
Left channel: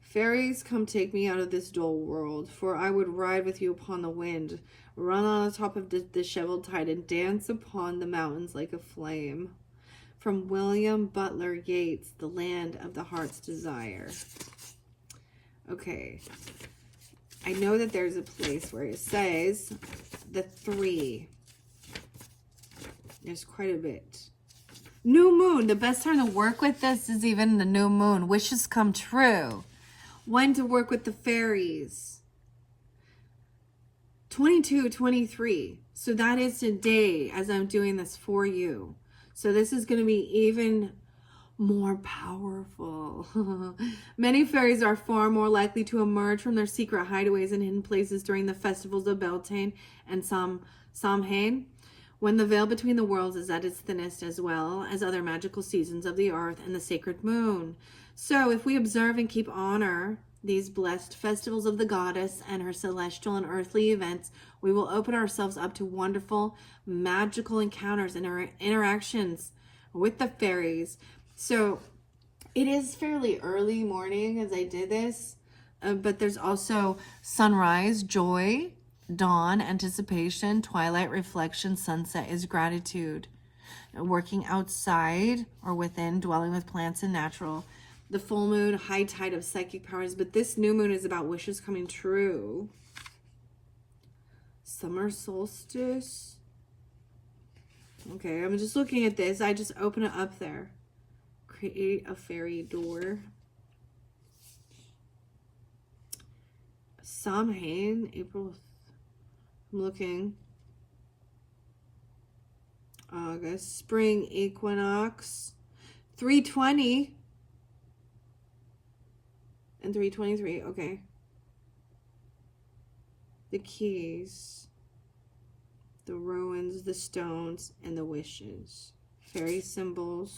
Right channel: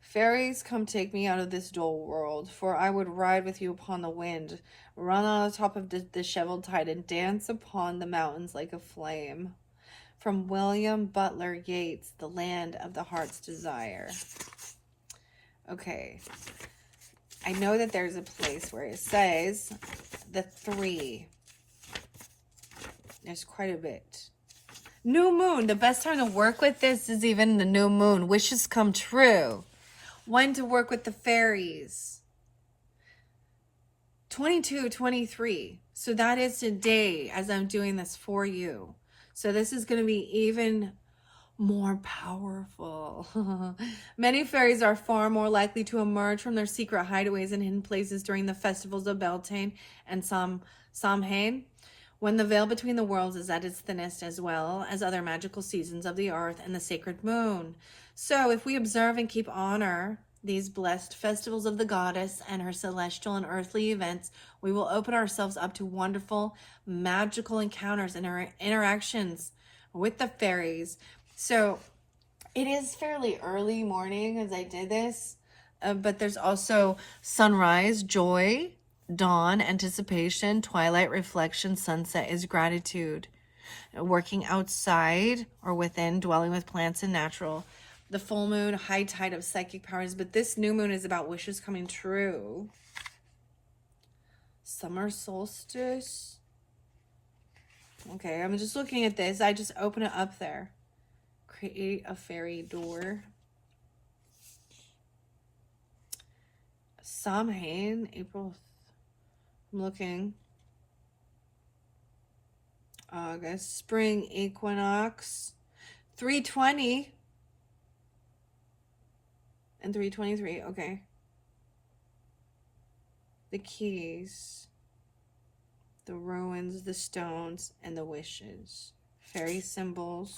Fairies, come take me out of this dull world, for I would ride with you upon the wind, run on the top of the disheveled tide, and dance upon the mountains like a flame. From William Butler Yeats, The Land of the Heart's Desire. Okay. I know that there's a place where it says the 3. There's quite a bit. New moon. The best time to work with this is even the new moon. Wishes come true. When to work with the fairies. 22-23. So that is today as I'm doing this for you. So this is going to be even more powerful. Many fairies are far more likely to emerge from their secret hideaways and hidden places during the festivals of Beltane and Samhain, when the veil between the worlds is at its thinnest, as well as other magical seasons of the earth and the sacred moon. So if we observe and keep honor these blessed festivals of the goddess and her celestial and earthly events, we will open ourselves up to wonderful magical encounters and interactions with the fairies. So it is fairly early morning as I did this, but there's also sunrise, joy, dawn, anticipation, twilight, reflection, sunset is gratitude. Working outside or within, dwelling with plants and natural. The full moon, high tide of psychic powers, but this new moon is about wishes coming true. Summer solstice. Okay, I'm just looking at this. I just open it up there. Create a fairy door. Samhain, April. I'm looking. August, spring equinox. 320 and 323. Okay. The keys, the ruins, the stones, and the wishes. Fairy symbols.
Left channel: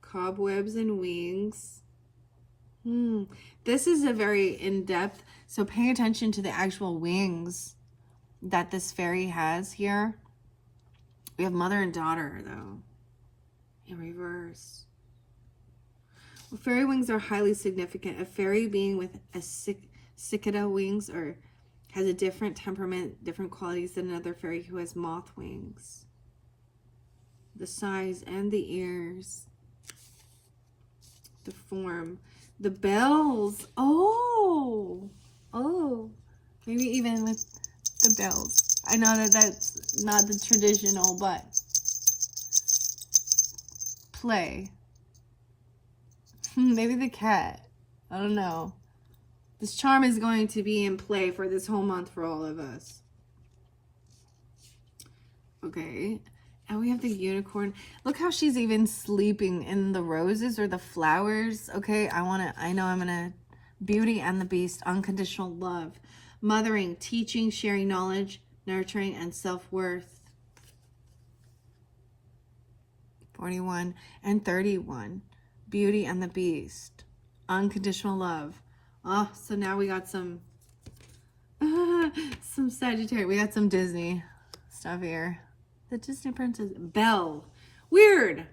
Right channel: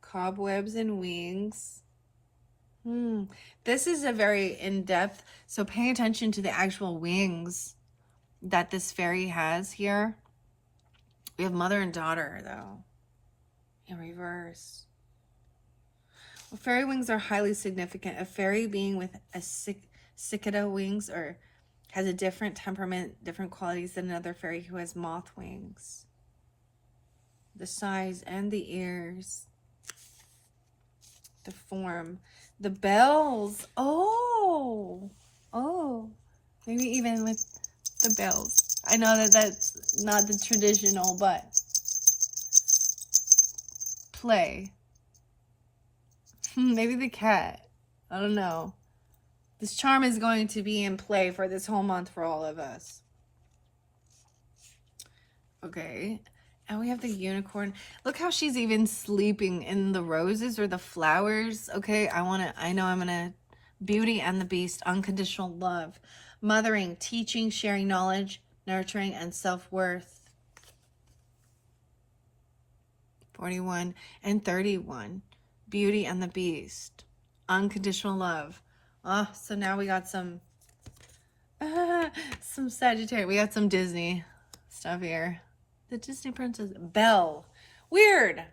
Cobwebs and wings. This is a very in-depth, so pay attention to the actual wings that this fairy has here. We have mother and daughter, though, in reverse. Well, fairy wings are highly significant. A fairy being with a cicada wings or has a different temperament, different qualities than another fairy who has moth wings. The size and the ears. The form. The bells. Oh. Maybe even with the bells. I know that that's not the traditional, but play. Maybe the cat. I don't know. This charm is going to be in play for this whole month for all of us. Okay. And we have the unicorn. Look how she's even sleeping in the roses or the flowers. Okay. I know I'm going to beauty and the beast, unconditional love, mothering, teaching, sharing knowledge, nurturing, and self-worth. 41 and 31. Beauty and the beast. Unconditional love. Oh, so now we got some Sagittarius. We got some Disney stuff here. The Disney princess. Belle. Weird.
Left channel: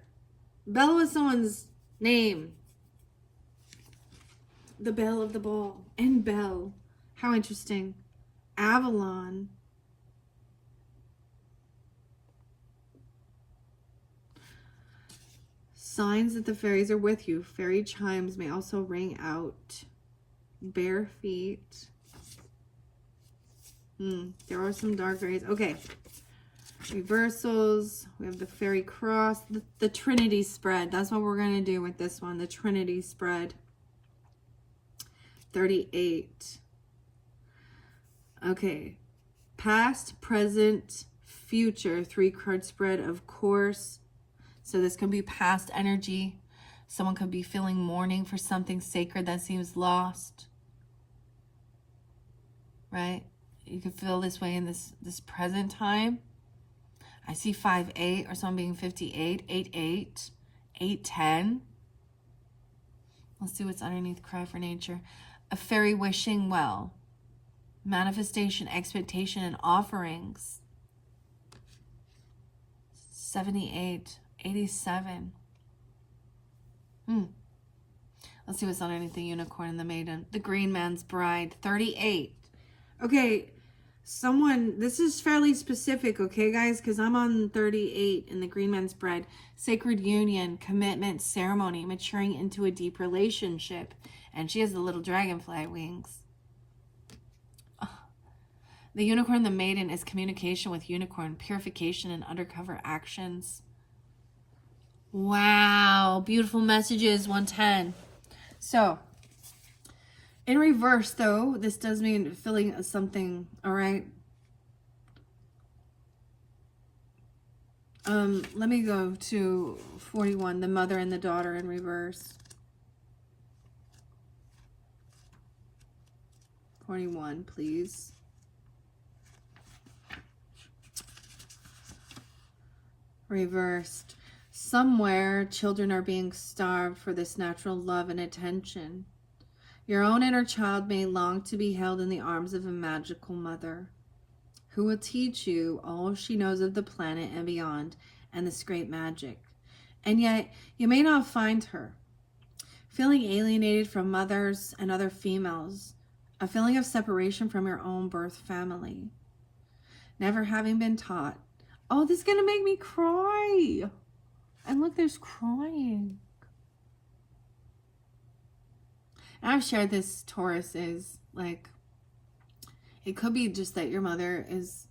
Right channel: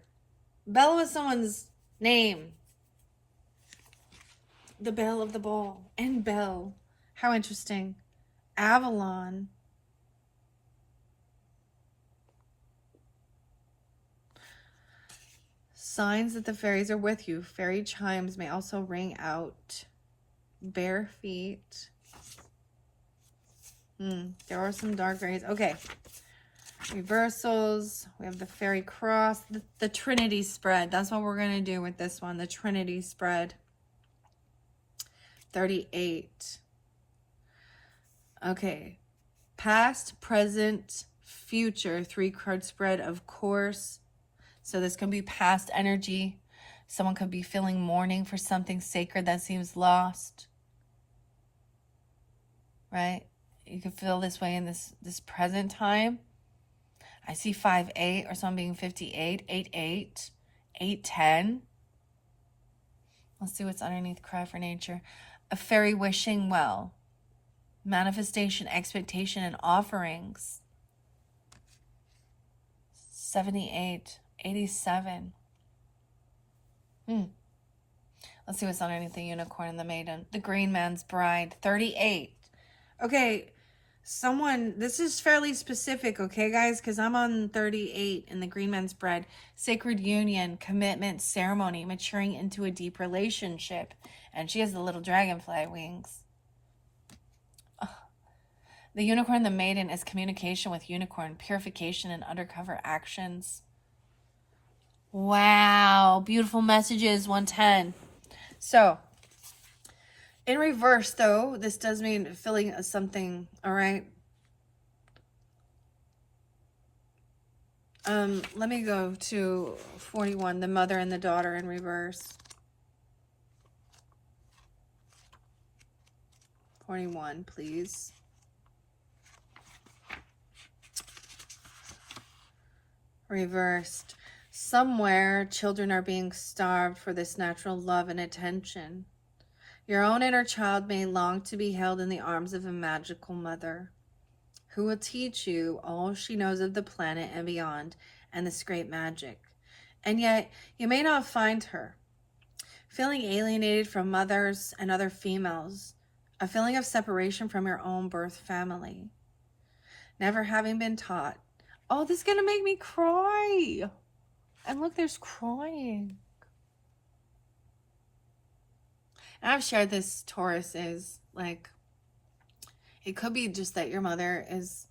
Belle was someone's name. The belle of the ball. And Belle. How interesting. Avalon. Signs that the fairies are with you. Fairy chimes may also ring out. Bare feet. There are some dark fairies. Okay. Reversals. We have the fairy cross. The Trinity spread. That's what we're going to do with this one. The Trinity spread. 38. Okay. Past, present, future 3-card spread, of course. So this could be past energy. Someone could be feeling mourning for something sacred that seems lost. Right? You could feel this way in this present time. I see 5-8 or someone being 58, 8-8, 8-10. Let's see what's underneath Cry for Nature. A fairy wishing well. Manifestation, expectation, and offerings. 78, 87. Let's see what's underneath the Unicorn and the Maiden. The Green Man's Bride, 38. Okay, someone, this is fairly specific, okay, guys? Because I'm on 38 in the Green Man's Bride. Sacred union, commitment, ceremony, maturing into a deep relationship. And she has the little dragonfly wings. The Unicorn, the Maiden, is communication with Unicorn, purification, and undercover actions. Wow, beautiful messages, 110. So, in reverse, though, this does mean feeling something, all right? Let me go to 41, the mother and the daughter in reverse. 41, please. Reversed. Somewhere, children are being starved for this natural love and attention. Your own inner child may long to be held in the arms of a magical mother who will teach you all she knows of the planet and beyond and this great magic. And yet, you may not find her. Feeling alienated from mothers and other females, a feeling of separation from your own birth family. Never having been taught. Oh, this is going to make me cry. And look, there's crying. And I've shared this, Taurus, is like, it could be just that your mother is,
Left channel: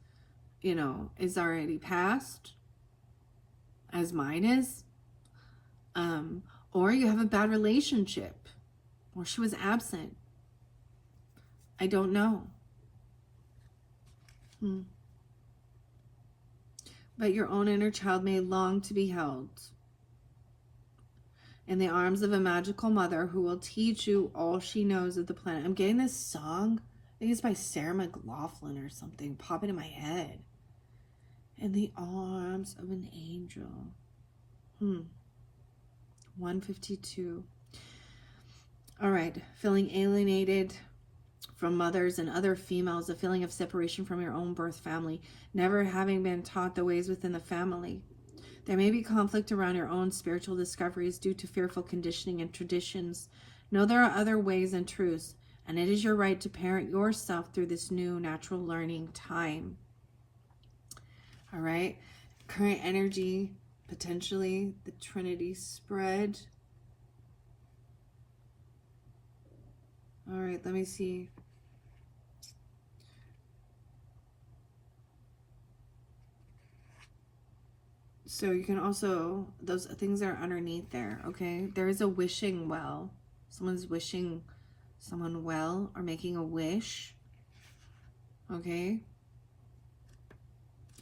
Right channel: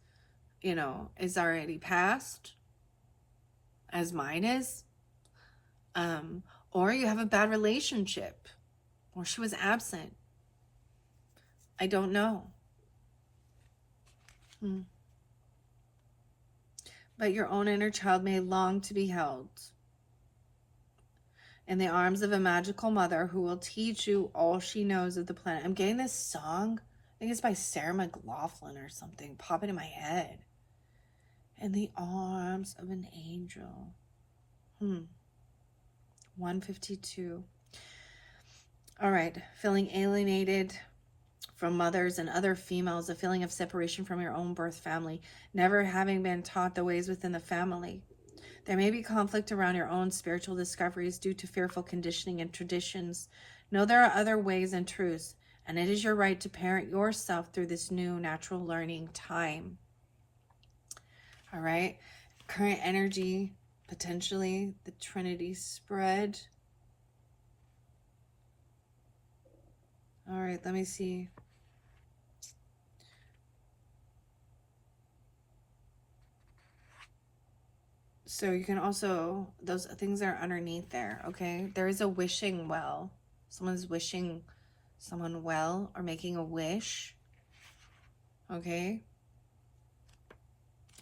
you know, is already passed, as mine is. Or you have a bad relationship, or she was absent. I don't know. But your own inner child may long to be held in the arms of a magical mother who will teach you all she knows of the planet. I'm getting this song, I think it's by Sarah McLachlan or something, popping in my head. In the arms of an angel. 152. All right, feeling alienated from mothers and other females, a feeling of separation from your own birth family, never having been taught the ways within the family. There may be conflict around your own spiritual discoveries due to fearful conditioning and traditions. Know there are other ways and truths, and it is your right to parent yourself through this new natural learning time. All right, current energy, potentially the Trinity spread. All right, let me see. So you can also, those things are underneath there, okay? There is a wishing well. Someone's wishing someone well or making a wish, okay?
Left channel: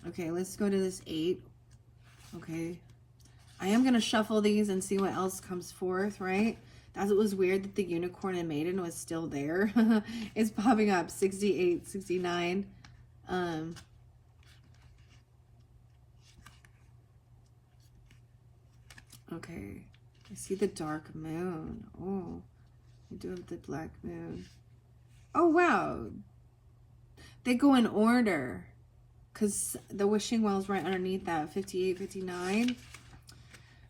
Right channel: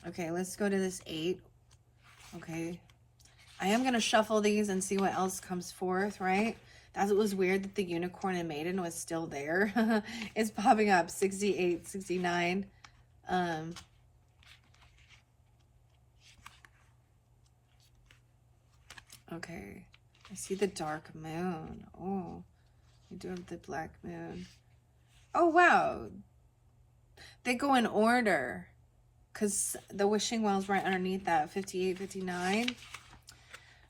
Okay, let's go to this 8, okay? I am going to shuffle these and see what else comes forth, right? That was weird that the Unicorn and Maiden was still there. It's popping up, 68, 69. Okay, I see the dark moon. Oh, you do have the black moon. Oh, wow. They go in order because the wishing well's right underneath that, 58, 59.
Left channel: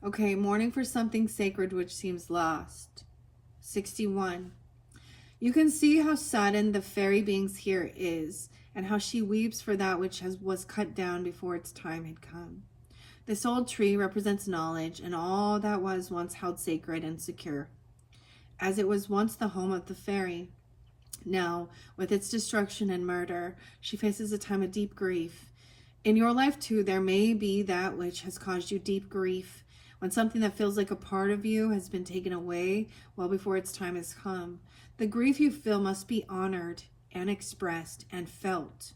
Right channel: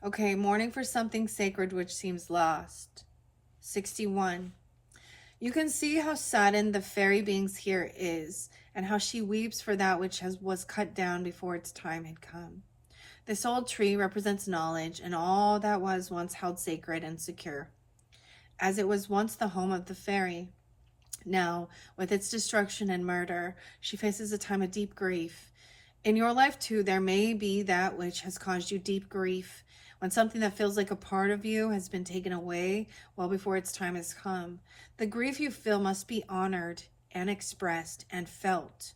Okay, mourning for something sacred which seems lost. 61. You can see how saddened the fairy beings here is and how she weeps for that which was cut down before its time had come. This old tree represents knowledge and all that was once held sacred and secure, as it was once the home of the fairy. Now, with its destruction and murder, she faces a time of deep grief. In your life, too, there may be that which has caused you deep grief, when something that feels like a part of you has been taken away well before its time has come. The grief you feel must be honored and expressed and felt.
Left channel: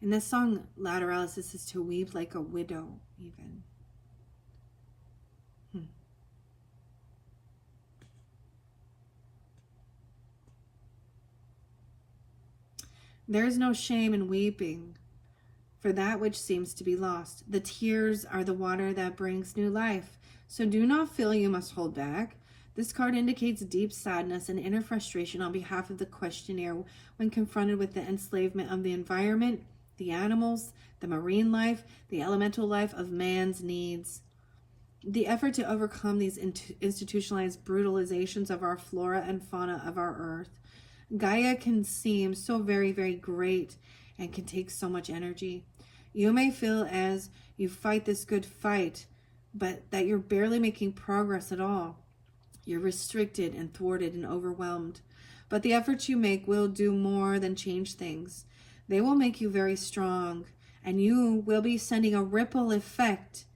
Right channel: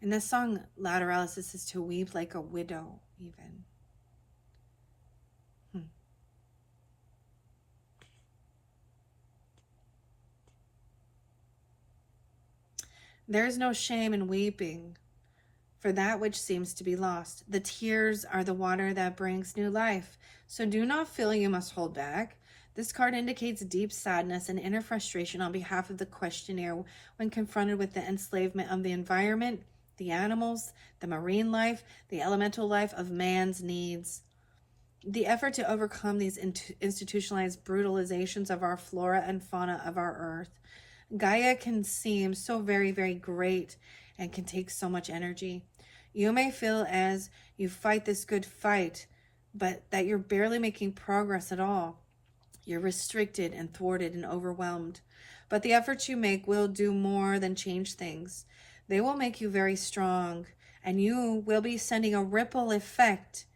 In this song, Lateralis, this is to weep like a widow, even. There is no shame in weeping for that which seems to be lost. The tears are the water that brings new life. So do not feel you must hold back. This card indicates deep sadness and inner frustration on behalf of the questioner when confronted with the enslavement of the environment, the animals, the marine life, the elemental life of man's needs. The effort to overcome these institutionalized brutalizations of our flora and fauna of our earth. Gaia can seem so very, very great and can take so much energy. You may feel as you fight this good fight, but that you're barely making progress at all. You're restricted and thwarted and overwhelmed. But the efforts you make will do more than change things. They will make you very strong, and you will be sending a ripple effect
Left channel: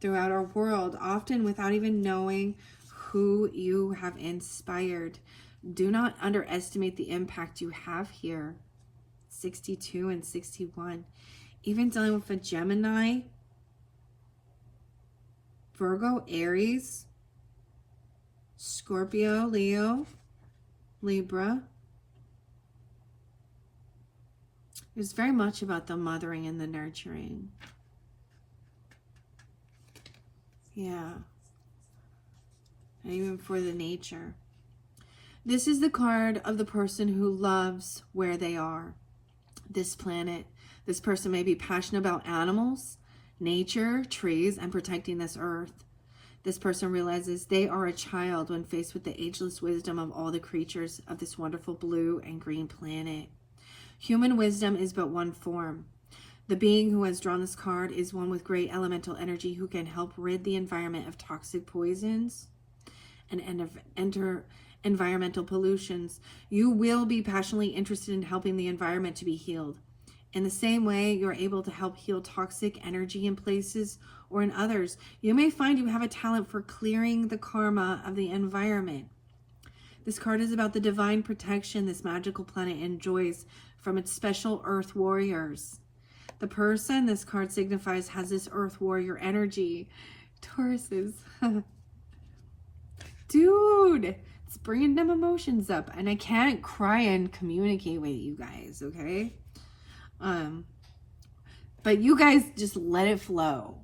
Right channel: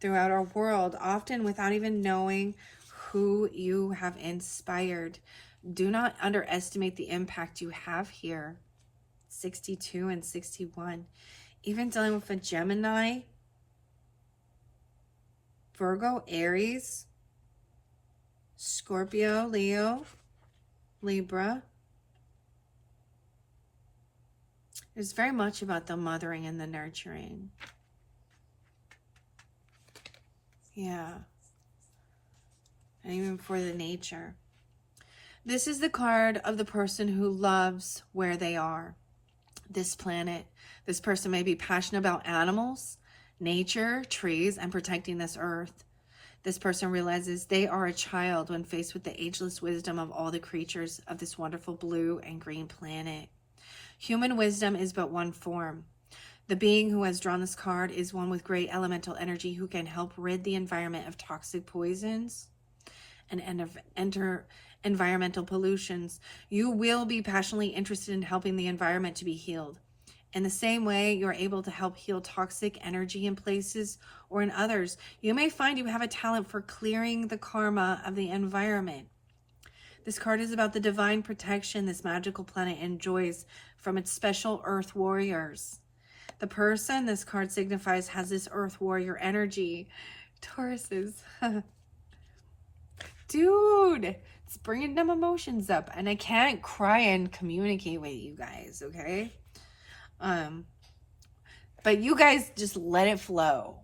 throughout our world, often without even knowing who you have inspired. Do not underestimate the impact you have here. 62 and 61. Even dealing with a Gemini, Virgo, Aries, Scorpio, Leo, Libra. It's very much about the mothering and the nurturing. Yeah. And even for the nature. This is the card of the person who loves where they are. This planet. This person may be passionate about animals, nature, trees, and protecting this earth. This person realizes they are a child when faced with the ageless wisdom of all the creatures of this wonderful blue and green planet. Human wisdom is but one form. The being who has drawn this card is one with great elemental energy who can help rid the environment of toxic poisons and enter environmental pollutions. You will be passionately interested in helping the environment to be healed. In the same way, you're able to help heal toxic energy in places or in others. You may find you have a talent for clearing the karma of the environment. This card is about the divine protection this magical planet enjoys from its special earth warriors. The person this card signifies has this earth warrior energy. Tauruses. Dude, it's bringing them emotions up. And I can't cry and communicate with you guys, okay? But you guys just let it flow.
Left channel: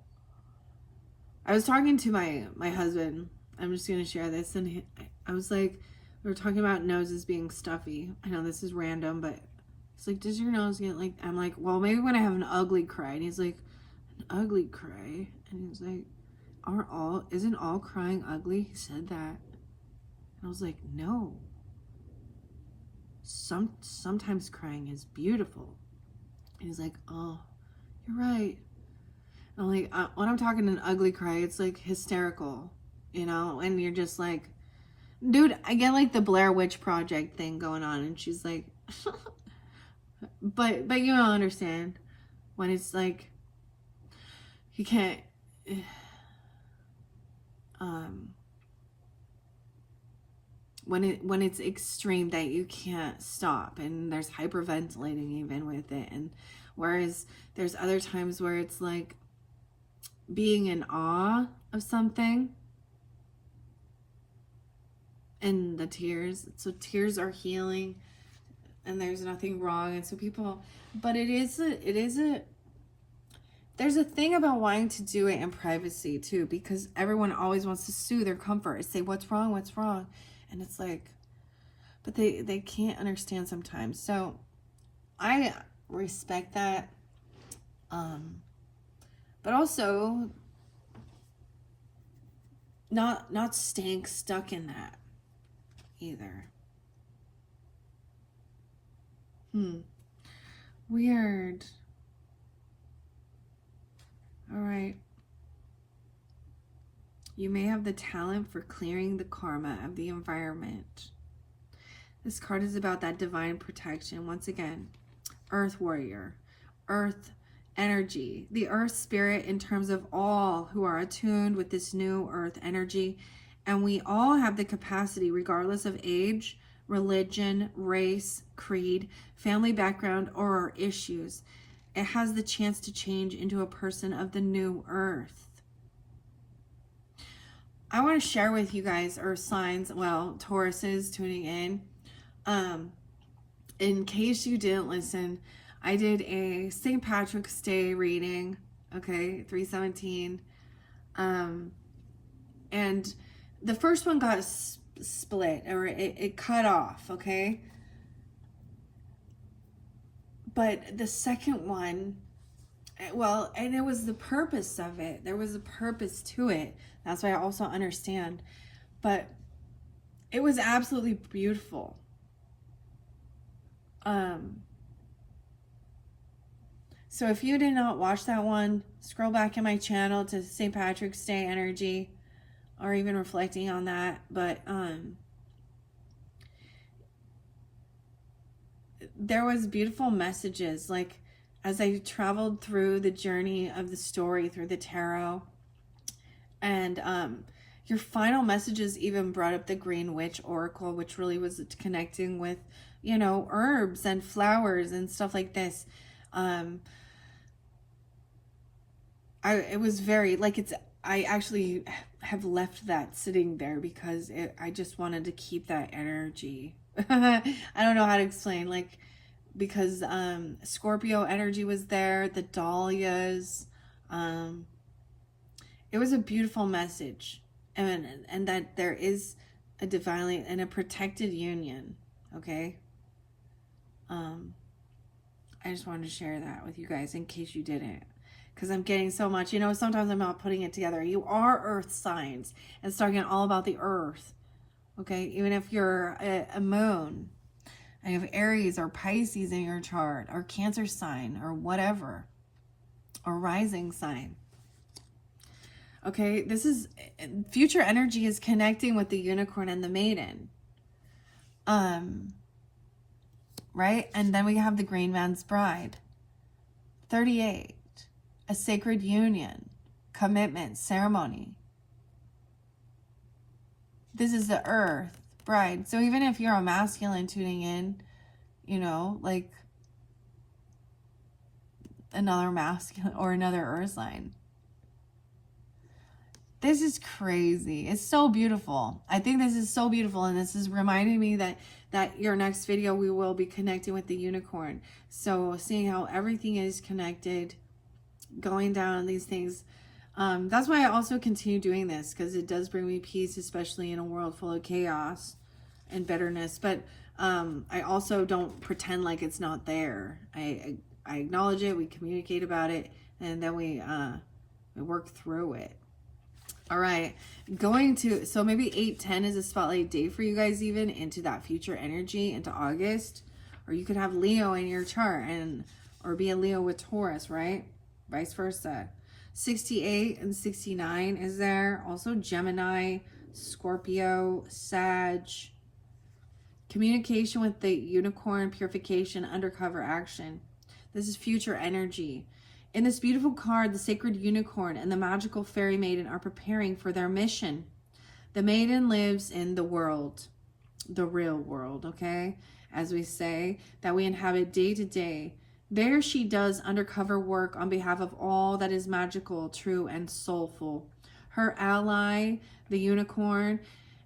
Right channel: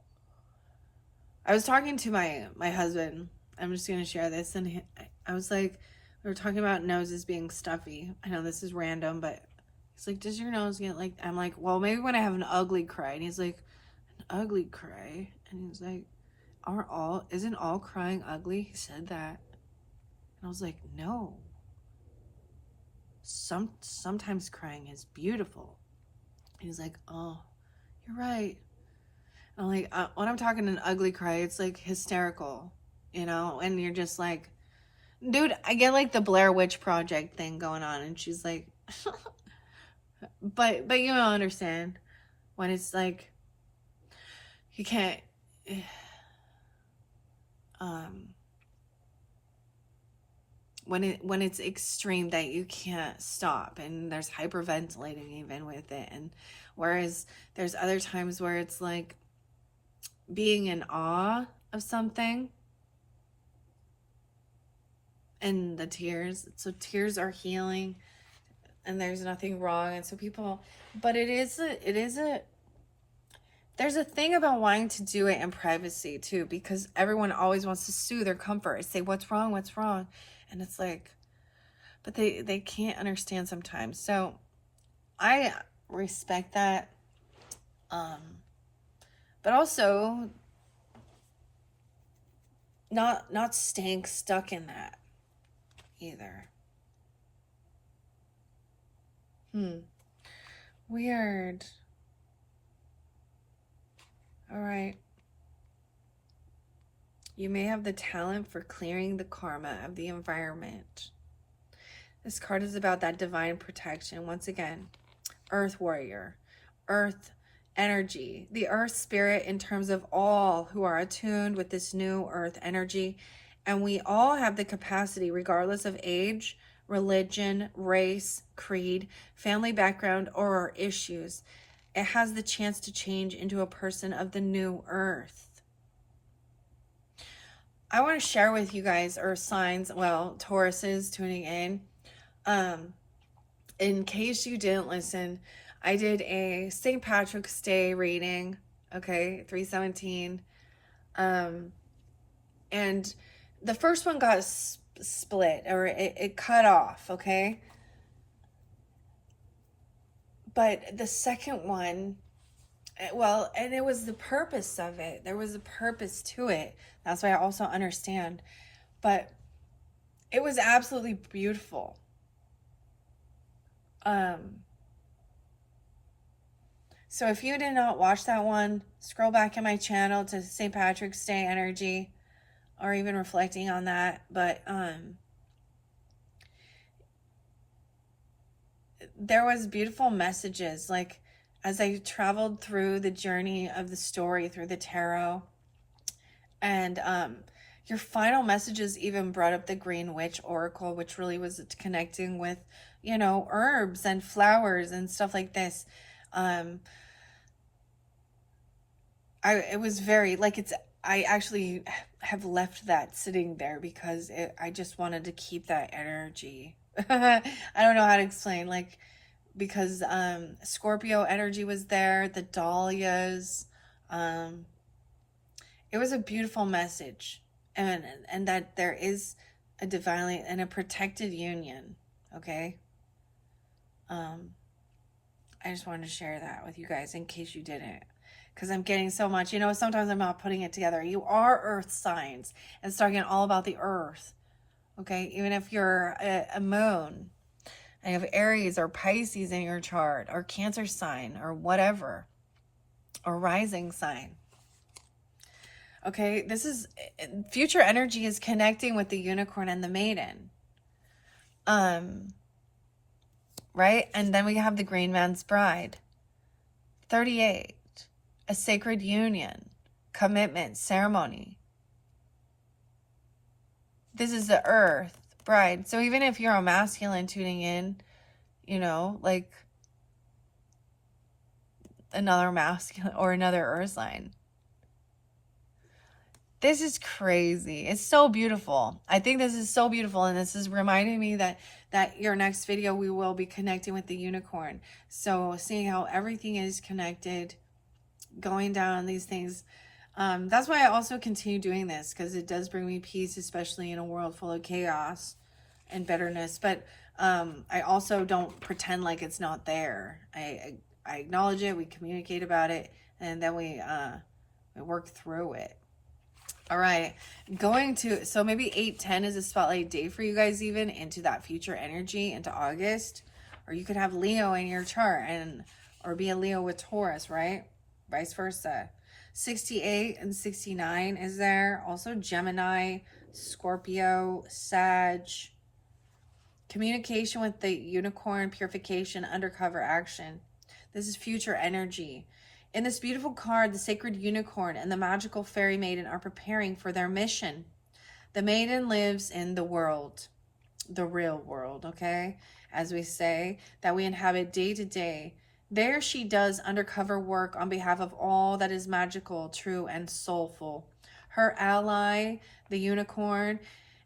I was talking to my husband. I'm just going to share this. And I was like, we were talking about noses being stuffy. I know this is random, but he's like, does your nose get like, I'm like, well, maybe when I have an ugly cry. And he's like, an ugly cry? And he's like, isn't all crying ugly? He said that. And I was like, no. Sometimes crying is beautiful. And he's like, oh, you're right. And I'm like, when I'm talking an ugly cry, it's like hysterical, you know? And you're just like, dude, I get like the Blair Witch Project thing going on. And she's like, but you don't understand when it's like, you can't, when it's extreme that you can't stop, and there's hyperventilating even with it. And whereas there's other times where it's like being in awe of something, and the tears, so tears are healing and there's nothing wrong. And so people, but there's a thing about wanting to do it in privacy too, because everyone always wants to soothe their comfort and say, what's wrong? And it's like, but they can't understand sometimes. So I respect that. But also not staying stuck in that either. Weird. All right. You may have the talent for clearing the karma of the environment. This card is about that divine protection. Once again, Earth Warrior, Earth energy, the Earth Spirit in terms of all who are attuned with this new Earth energy. And we all have the capacity, regardless of age, religion, race, creed, family background, or our issues. it has the chance to change into a person of the new earth. I want to share with you guys earth signs, well, Tauruses tuning in case you didn't listen, I did a St. Patrick's Day reading, okay, 317. And the first one got split, or it cut off, okay? But the second one, well, and it was the purpose of it. There was a purpose to it. That's why I also understand. But it was absolutely beautiful. So if you did not watch that one, scroll back in my channel to St. Patrick's Day energy, or even reflecting on that. But there was beautiful messages, like as I traveled through the journey of the story through the tarot, and your final messages even brought up the Green Witch Oracle, which really was connecting with, you know, herbs and flowers and stuff like this. It was very, like, I actually have left that sitting there because I just wanted to keep that energy. I don't know how to explain, like, because Scorpio energy was there, the dahlias. It was a beautiful message, and that there is a divinely and a protected union, okay? I just wanted to share that with you guys in case you didn't, because I'm getting so much, you know, sometimes I'm not putting it together. You are earth signs, and start getting all about the earth, okay? Even if you're a moon, and you have Aries or Pisces in your chart, or Cancer sign, or whatever, or rising sign. Okay, this is, future energy is connecting with the unicorn and the maiden. Right? And then we have the Green Man's Bride. 38, a sacred union, commitment, ceremony. This is the earth bride. So even if you're a masculine tuning in, you know, like another masculine or another earth sign. This is crazy. It's so beautiful. I think this is so beautiful, and this is reminding me that your next video we will be connecting with the unicorn. So seeing how everything is connected, going down these things. That's why I also continue doing this, because it does bring me peace, especially in a world full of chaos and bitterness. But I also don't pretend like it's not there. I acknowledge it, we communicate about it, and then we work through it. All right, so maybe 8-10 is a spotlight day for you guys, even into that future energy into August. Or you could have Leo in your chart, or be a Leo with Taurus, right? Vice versa. 68 and 69 is there. Also Gemini, Scorpio, Sag. Communication with the unicorn, purification, undercover action. This is future energy. In this beautiful card, the sacred unicorn and the magical fairy maiden are preparing for their mission. The maiden lives in the world, the real world, okay? As we say, that we inhabit day to day. There she does undercover work on behalf of all that is magical, true, and soulful. Her ally, the unicorn,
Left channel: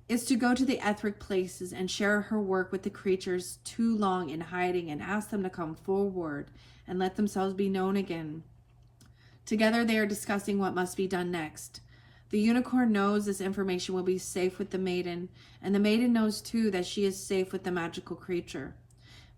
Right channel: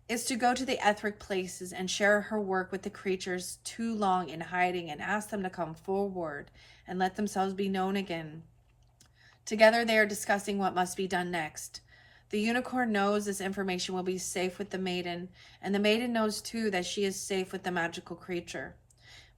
is to go to the etheric places and share her work with the creatures too long in hiding, and ask them to come forward and let themselves be known again. Together they are discussing what must be done next. The unicorn knows this information will be safe with the maiden, and the maiden knows too that she is safe with the magical creature.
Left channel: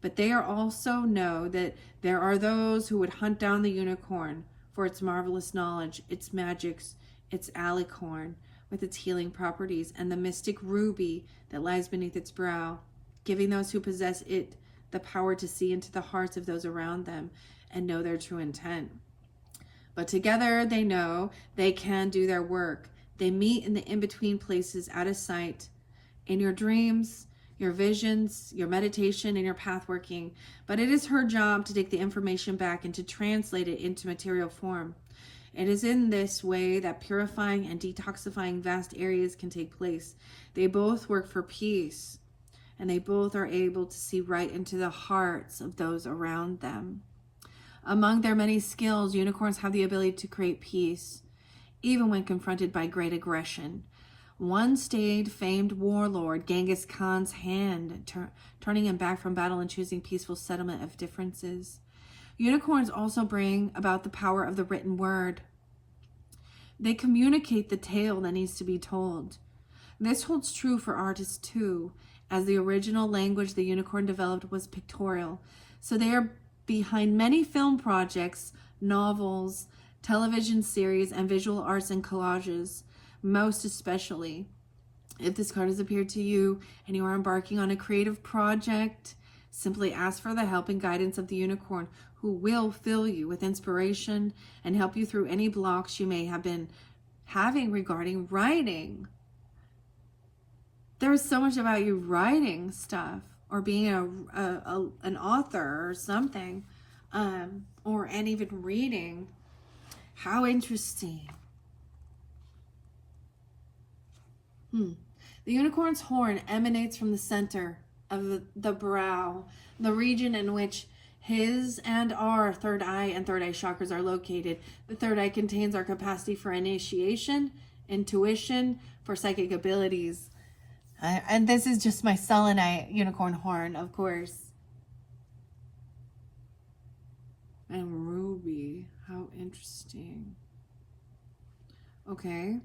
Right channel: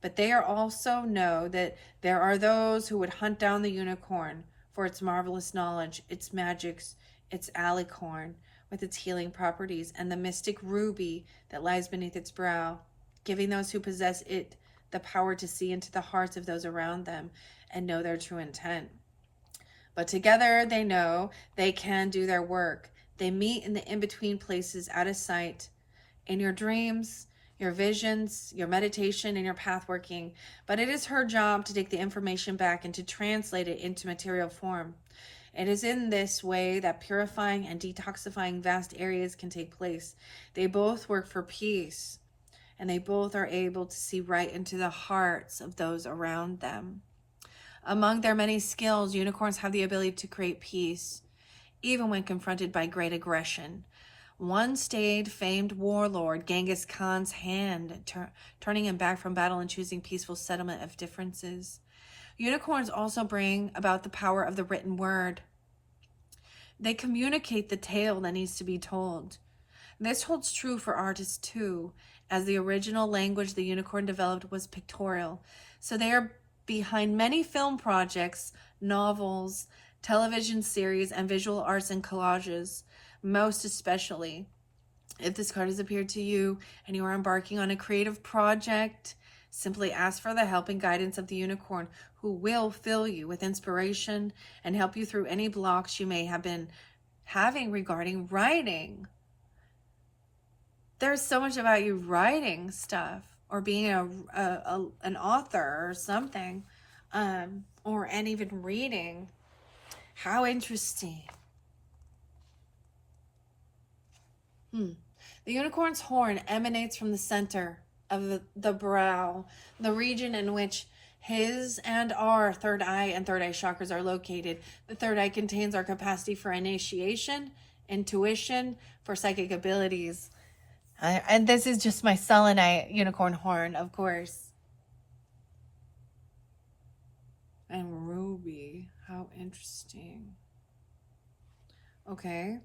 But they are also know that there are those who would hunt down the unicorn for its marvelous knowledge, its magics, its alicorn with its healing properties, and the mystic ruby that lies beneath its brow, giving those who possess it the power to see into the hearts of those around them and know their true intent. But together they know they can do their work. They meet in the in-between places out of sight, in your dreams, your visions, your meditation, and your path working. But it is her job to take the information back and to translate it into material form. It is in this way that purifying and detoxifying vast areas can take place. They both work for peace, and they both are able to see right into the hearts of those around them. Among their many skills, unicorns have the ability to create peace, even when confronted by great aggression. One stayed famed warlord Genghis Khan's hand, turning him back from battle and choosing peaceful settlement of differences. Unicorns also bring about the power of the written word. They communicate the tale that needs to be told. This holds true for artists too, as the original language the unicorn developed was pictorial. So they are behind many film projects, novels, television series, and visual arts and collages, most especially. If this card has appeared to you and you are embarking on a creative project, simply ask for the help and guidance of the unicorn, who will fill you with inspiration and help you through any blocks you may have been having regarding writing. There's so much about you writing stuff or being an author or something, and even reading. How interesting. The unicorn's horn emanates from the center of the brow, the region in which his and our third eye and third eye chakras are located. The third eye contains our capacity for initiation, intuition, for psychic abilities. And this is just my selenite unicorn horn, of course. And ruby. How interesting. Okay.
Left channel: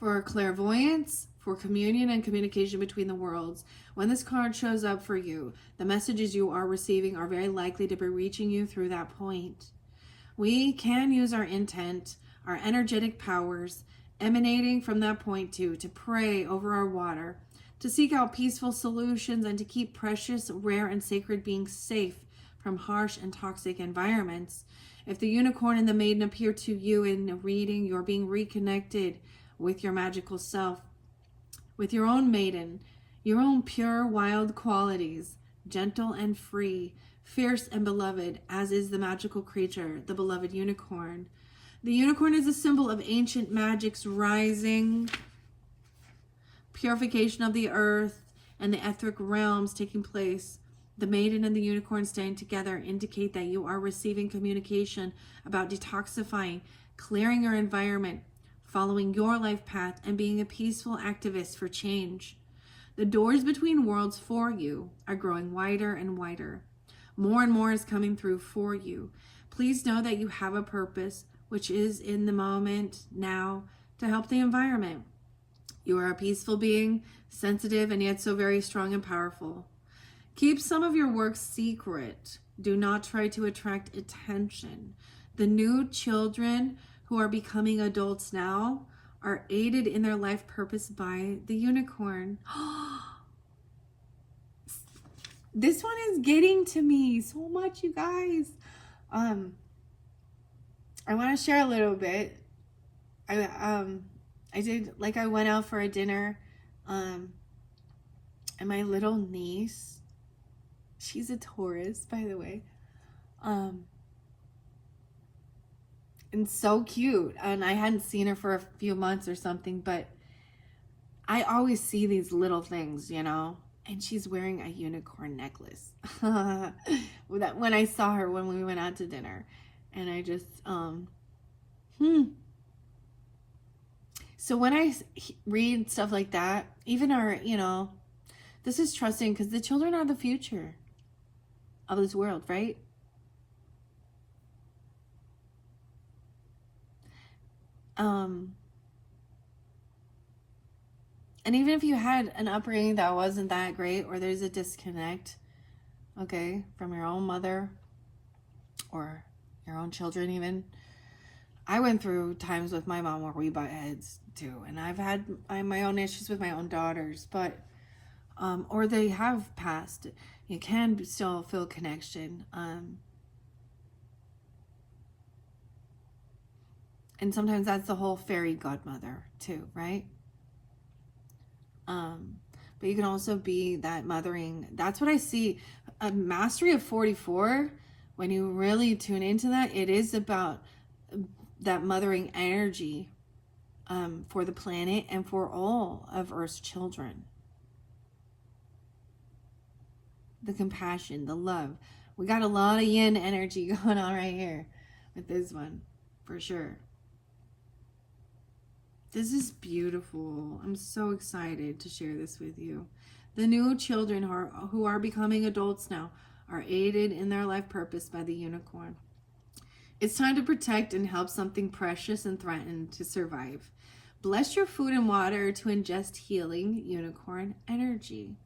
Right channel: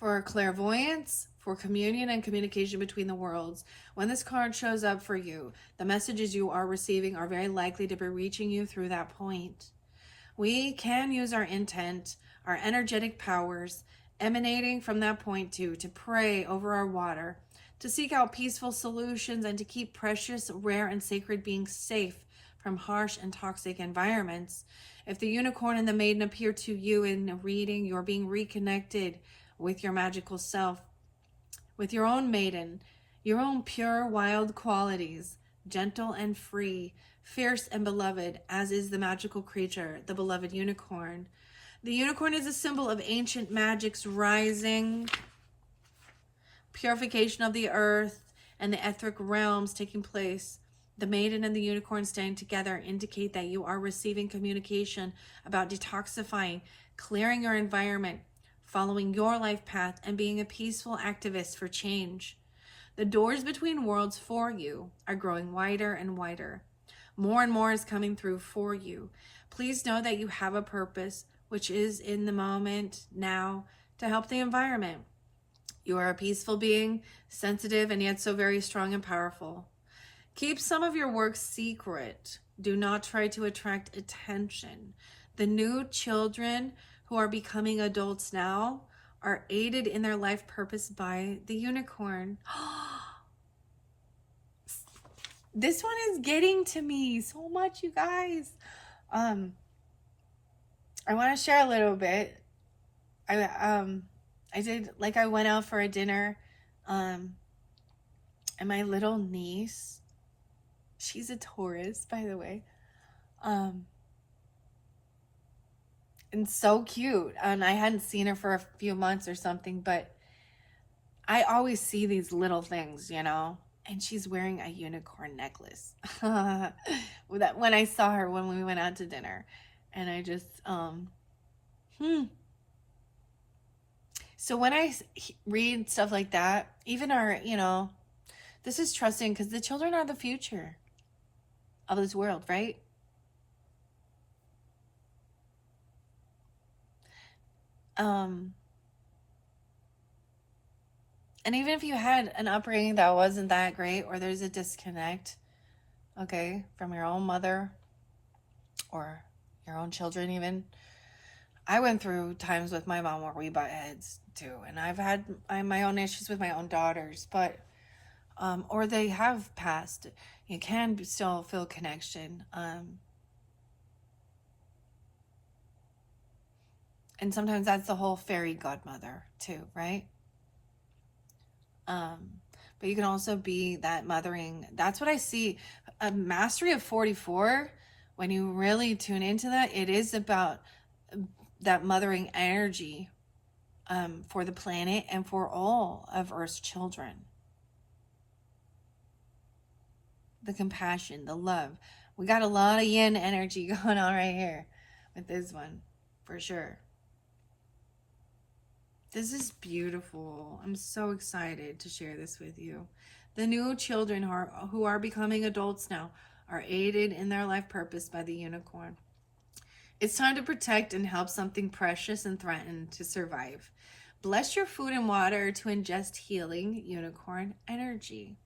For clairvoyance, for communion and communication between the worlds. When this card shows up for you, the messages you are receiving are very likely to be reaching you through that point. We can use our intent, our energetic powers, emanating from that point too, to pray over our water, to seek out peaceful solutions, and to keep precious, rare, and sacred beings safe from harsh and toxic environments. If the unicorn and the maiden appear to you in a reading, you're being reconnected with your magical self, with your own maiden, your own pure, wild qualities, gentle and free, fierce and beloved, as is the magical creature, the beloved unicorn. The unicorn is a symbol of ancient magic's rising, purification of the earth, and the etheric realms taking place. The maiden and the unicorn staying together indicate that you are receiving communication about detoxifying, clearing your environment, following your life path, and being a peaceful activist for change. The doors between worlds for you are growing wider and wider. More and more is coming through for you. Please know that you have a purpose, which is in the moment now, to help the environment. You are a peaceful being, sensitive, and yet so very strong and powerful. Keep some of your work secret. Do not try to attract attention. The new children who are becoming adults now are aided in their life purpose by the unicorn. This one is getting to me so much, you guys. I want to share a little bit. I went out for a dinner, and my little niece, she's a Taurus, by the way, and so cute. And I hadn't seen her for a few months or something, but I always see these little things, you know. And she's wearing a unicorn necklace. When I saw her when we went out to dinner, and I just So when I read stuff like that, even our, this is trusting, because the children are the future of this world, right? And even if you had an upbringing that wasn't that great, or there's a disconnect, okay, from your own mother or your own children even. I went through times with my mom where we butt heads too, and I've had my own issues with my own daughters, but or they have passed. You can still feel connection, and sometimes that's the whole fairy godmother too, right? But you can also be that mothering. That's what I see. A mastery of 44, when you really tune into that, it is about that mothering energy for the planet and for all of Earth's children. The compassion, the love. We got a lot of yin energy going on right here with this one, for sure. This is beautiful. I'm so excited to share this with you. The new children who are becoming adults now are aided in their life purpose by the unicorn. It's time to protect and help something precious and threatened to survive. Bless your food and water to ingest healing unicorn energy.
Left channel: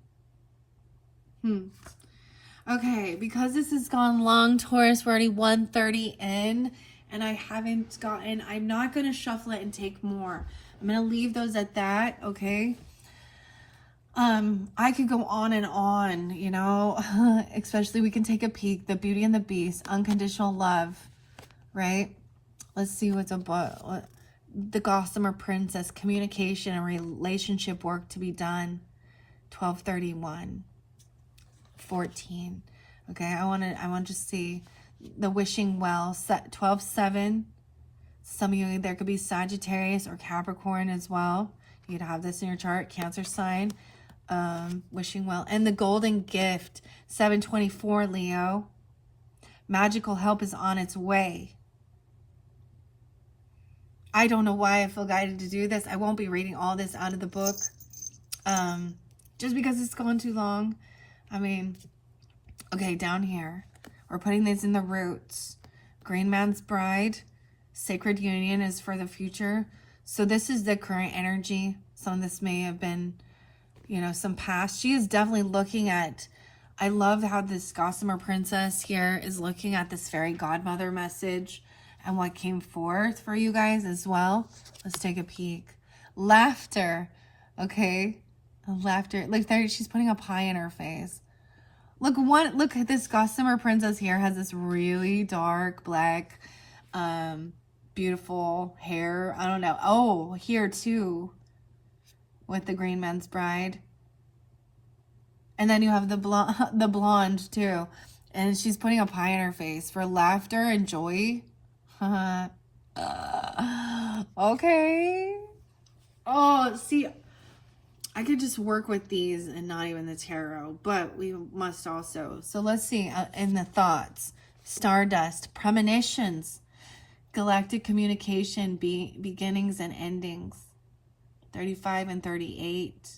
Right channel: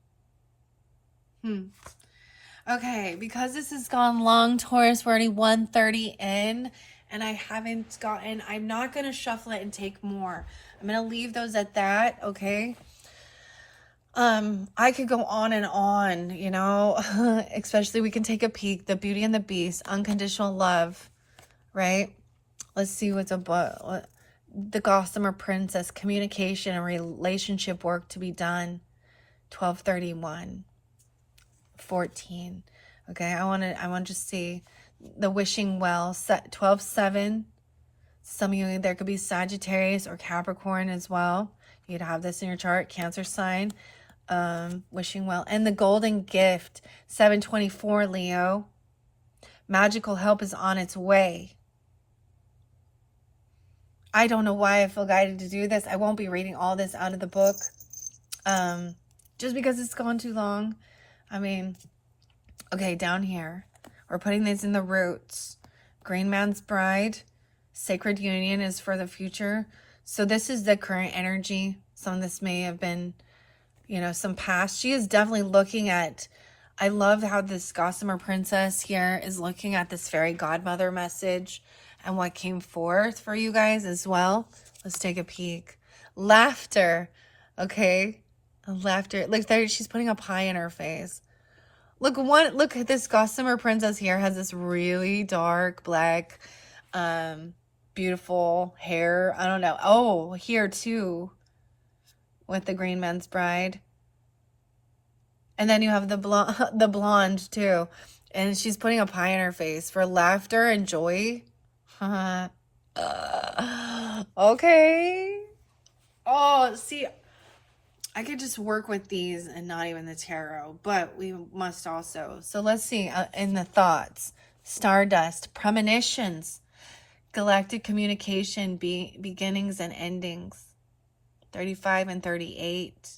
Okay, because this has gone long, Taurus, we're already 1:30 in, and I'm not going to shuffle it and take more. I'm going to leave those at that, okay? I could go on and on, you know, especially we can take a peek. The Beauty and the Beast, unconditional love, right? Let's see what's above. The Gossamer Princess, communication and relationship work to be done. 1231. 14. Okay, I want to see the Wishing Well, 12-7. Some of you, there could be Sagittarius or Capricorn as well. You'd have this in your chart, Cancer sign. Wishing Well. And the Golden Gift, 724, Leo. Magical help is on its way. I don't know why I feel guided to do this. I won't be reading all this out of the book. Just because it's gone too long. I mean, okay, down here, we're putting these in the roots. Green Man's Bride, Sacred Union is for the future. So this is the current energy. Some of this may have been, you know, some past. She is definitely looking at, I love how this Gossamer Princess here is looking at this fairy godmother message and what came forth for you guys as well. Let's take a peek. Laughter, okay? Laughter. Look there, she's putting a pie in her face. Look at this Gossamer Princess here has this really dark black, beautiful hair. I don't know. Oh, here too, with the Green Man's Bride. And then you have the blonde too, and she's putting a pie in her face for laughter and joy. Okay. Oh, see. I could just work with these and not even the tarot, but we must also. So let's see in the thoughts. Stardust, premonitions, galactic communication, beginnings and endings. 35 and 38.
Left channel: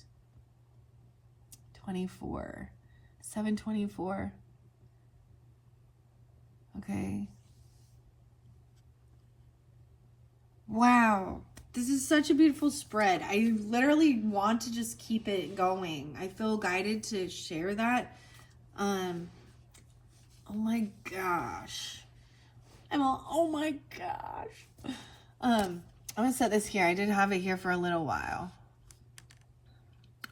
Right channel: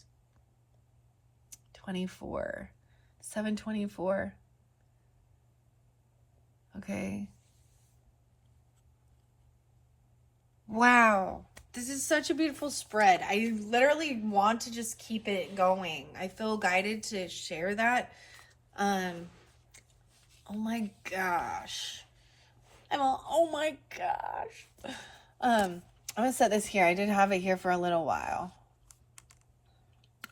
24. 724. Okay. Wow. This is such a beautiful spread. I literally want to just keep it going. I feel guided to share that. Oh my gosh. Oh my gosh. I'm gonna set this here. I did have it here for a little while.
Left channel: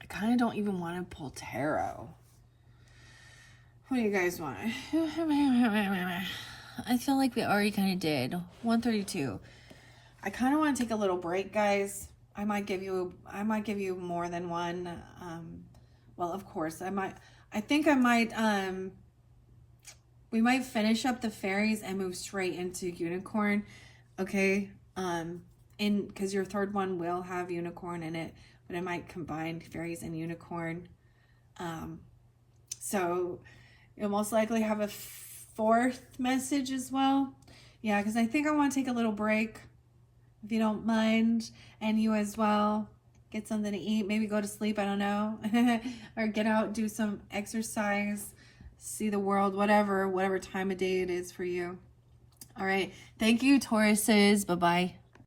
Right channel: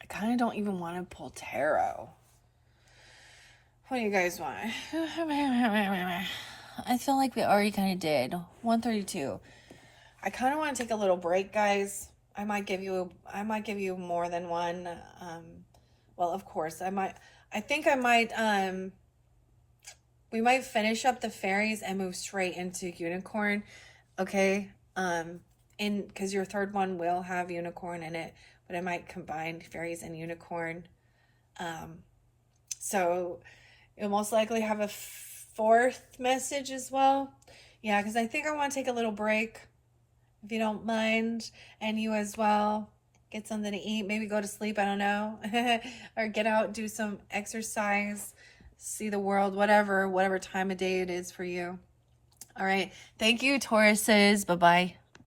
I kind of don't even want to pull tarot. What do you guys want? I feel like we already kind of did. 132. I kind of want to take a little break, guys. I might give you more than one. Well, of course, we might finish up the fairies and move straight into unicorn. Okay. Because your third one will have unicorn in it, but I might combine fairies and unicorn. So you'll most likely have a fourth message as well. Yeah, because I think I want to take a little break. If you don't mind, and you as well, get something to eat, maybe go to sleep, I don't know, or get out, do some exercise, see the world, whatever time of day it is for you. All right. Thank you, Tauruses. Bye-bye.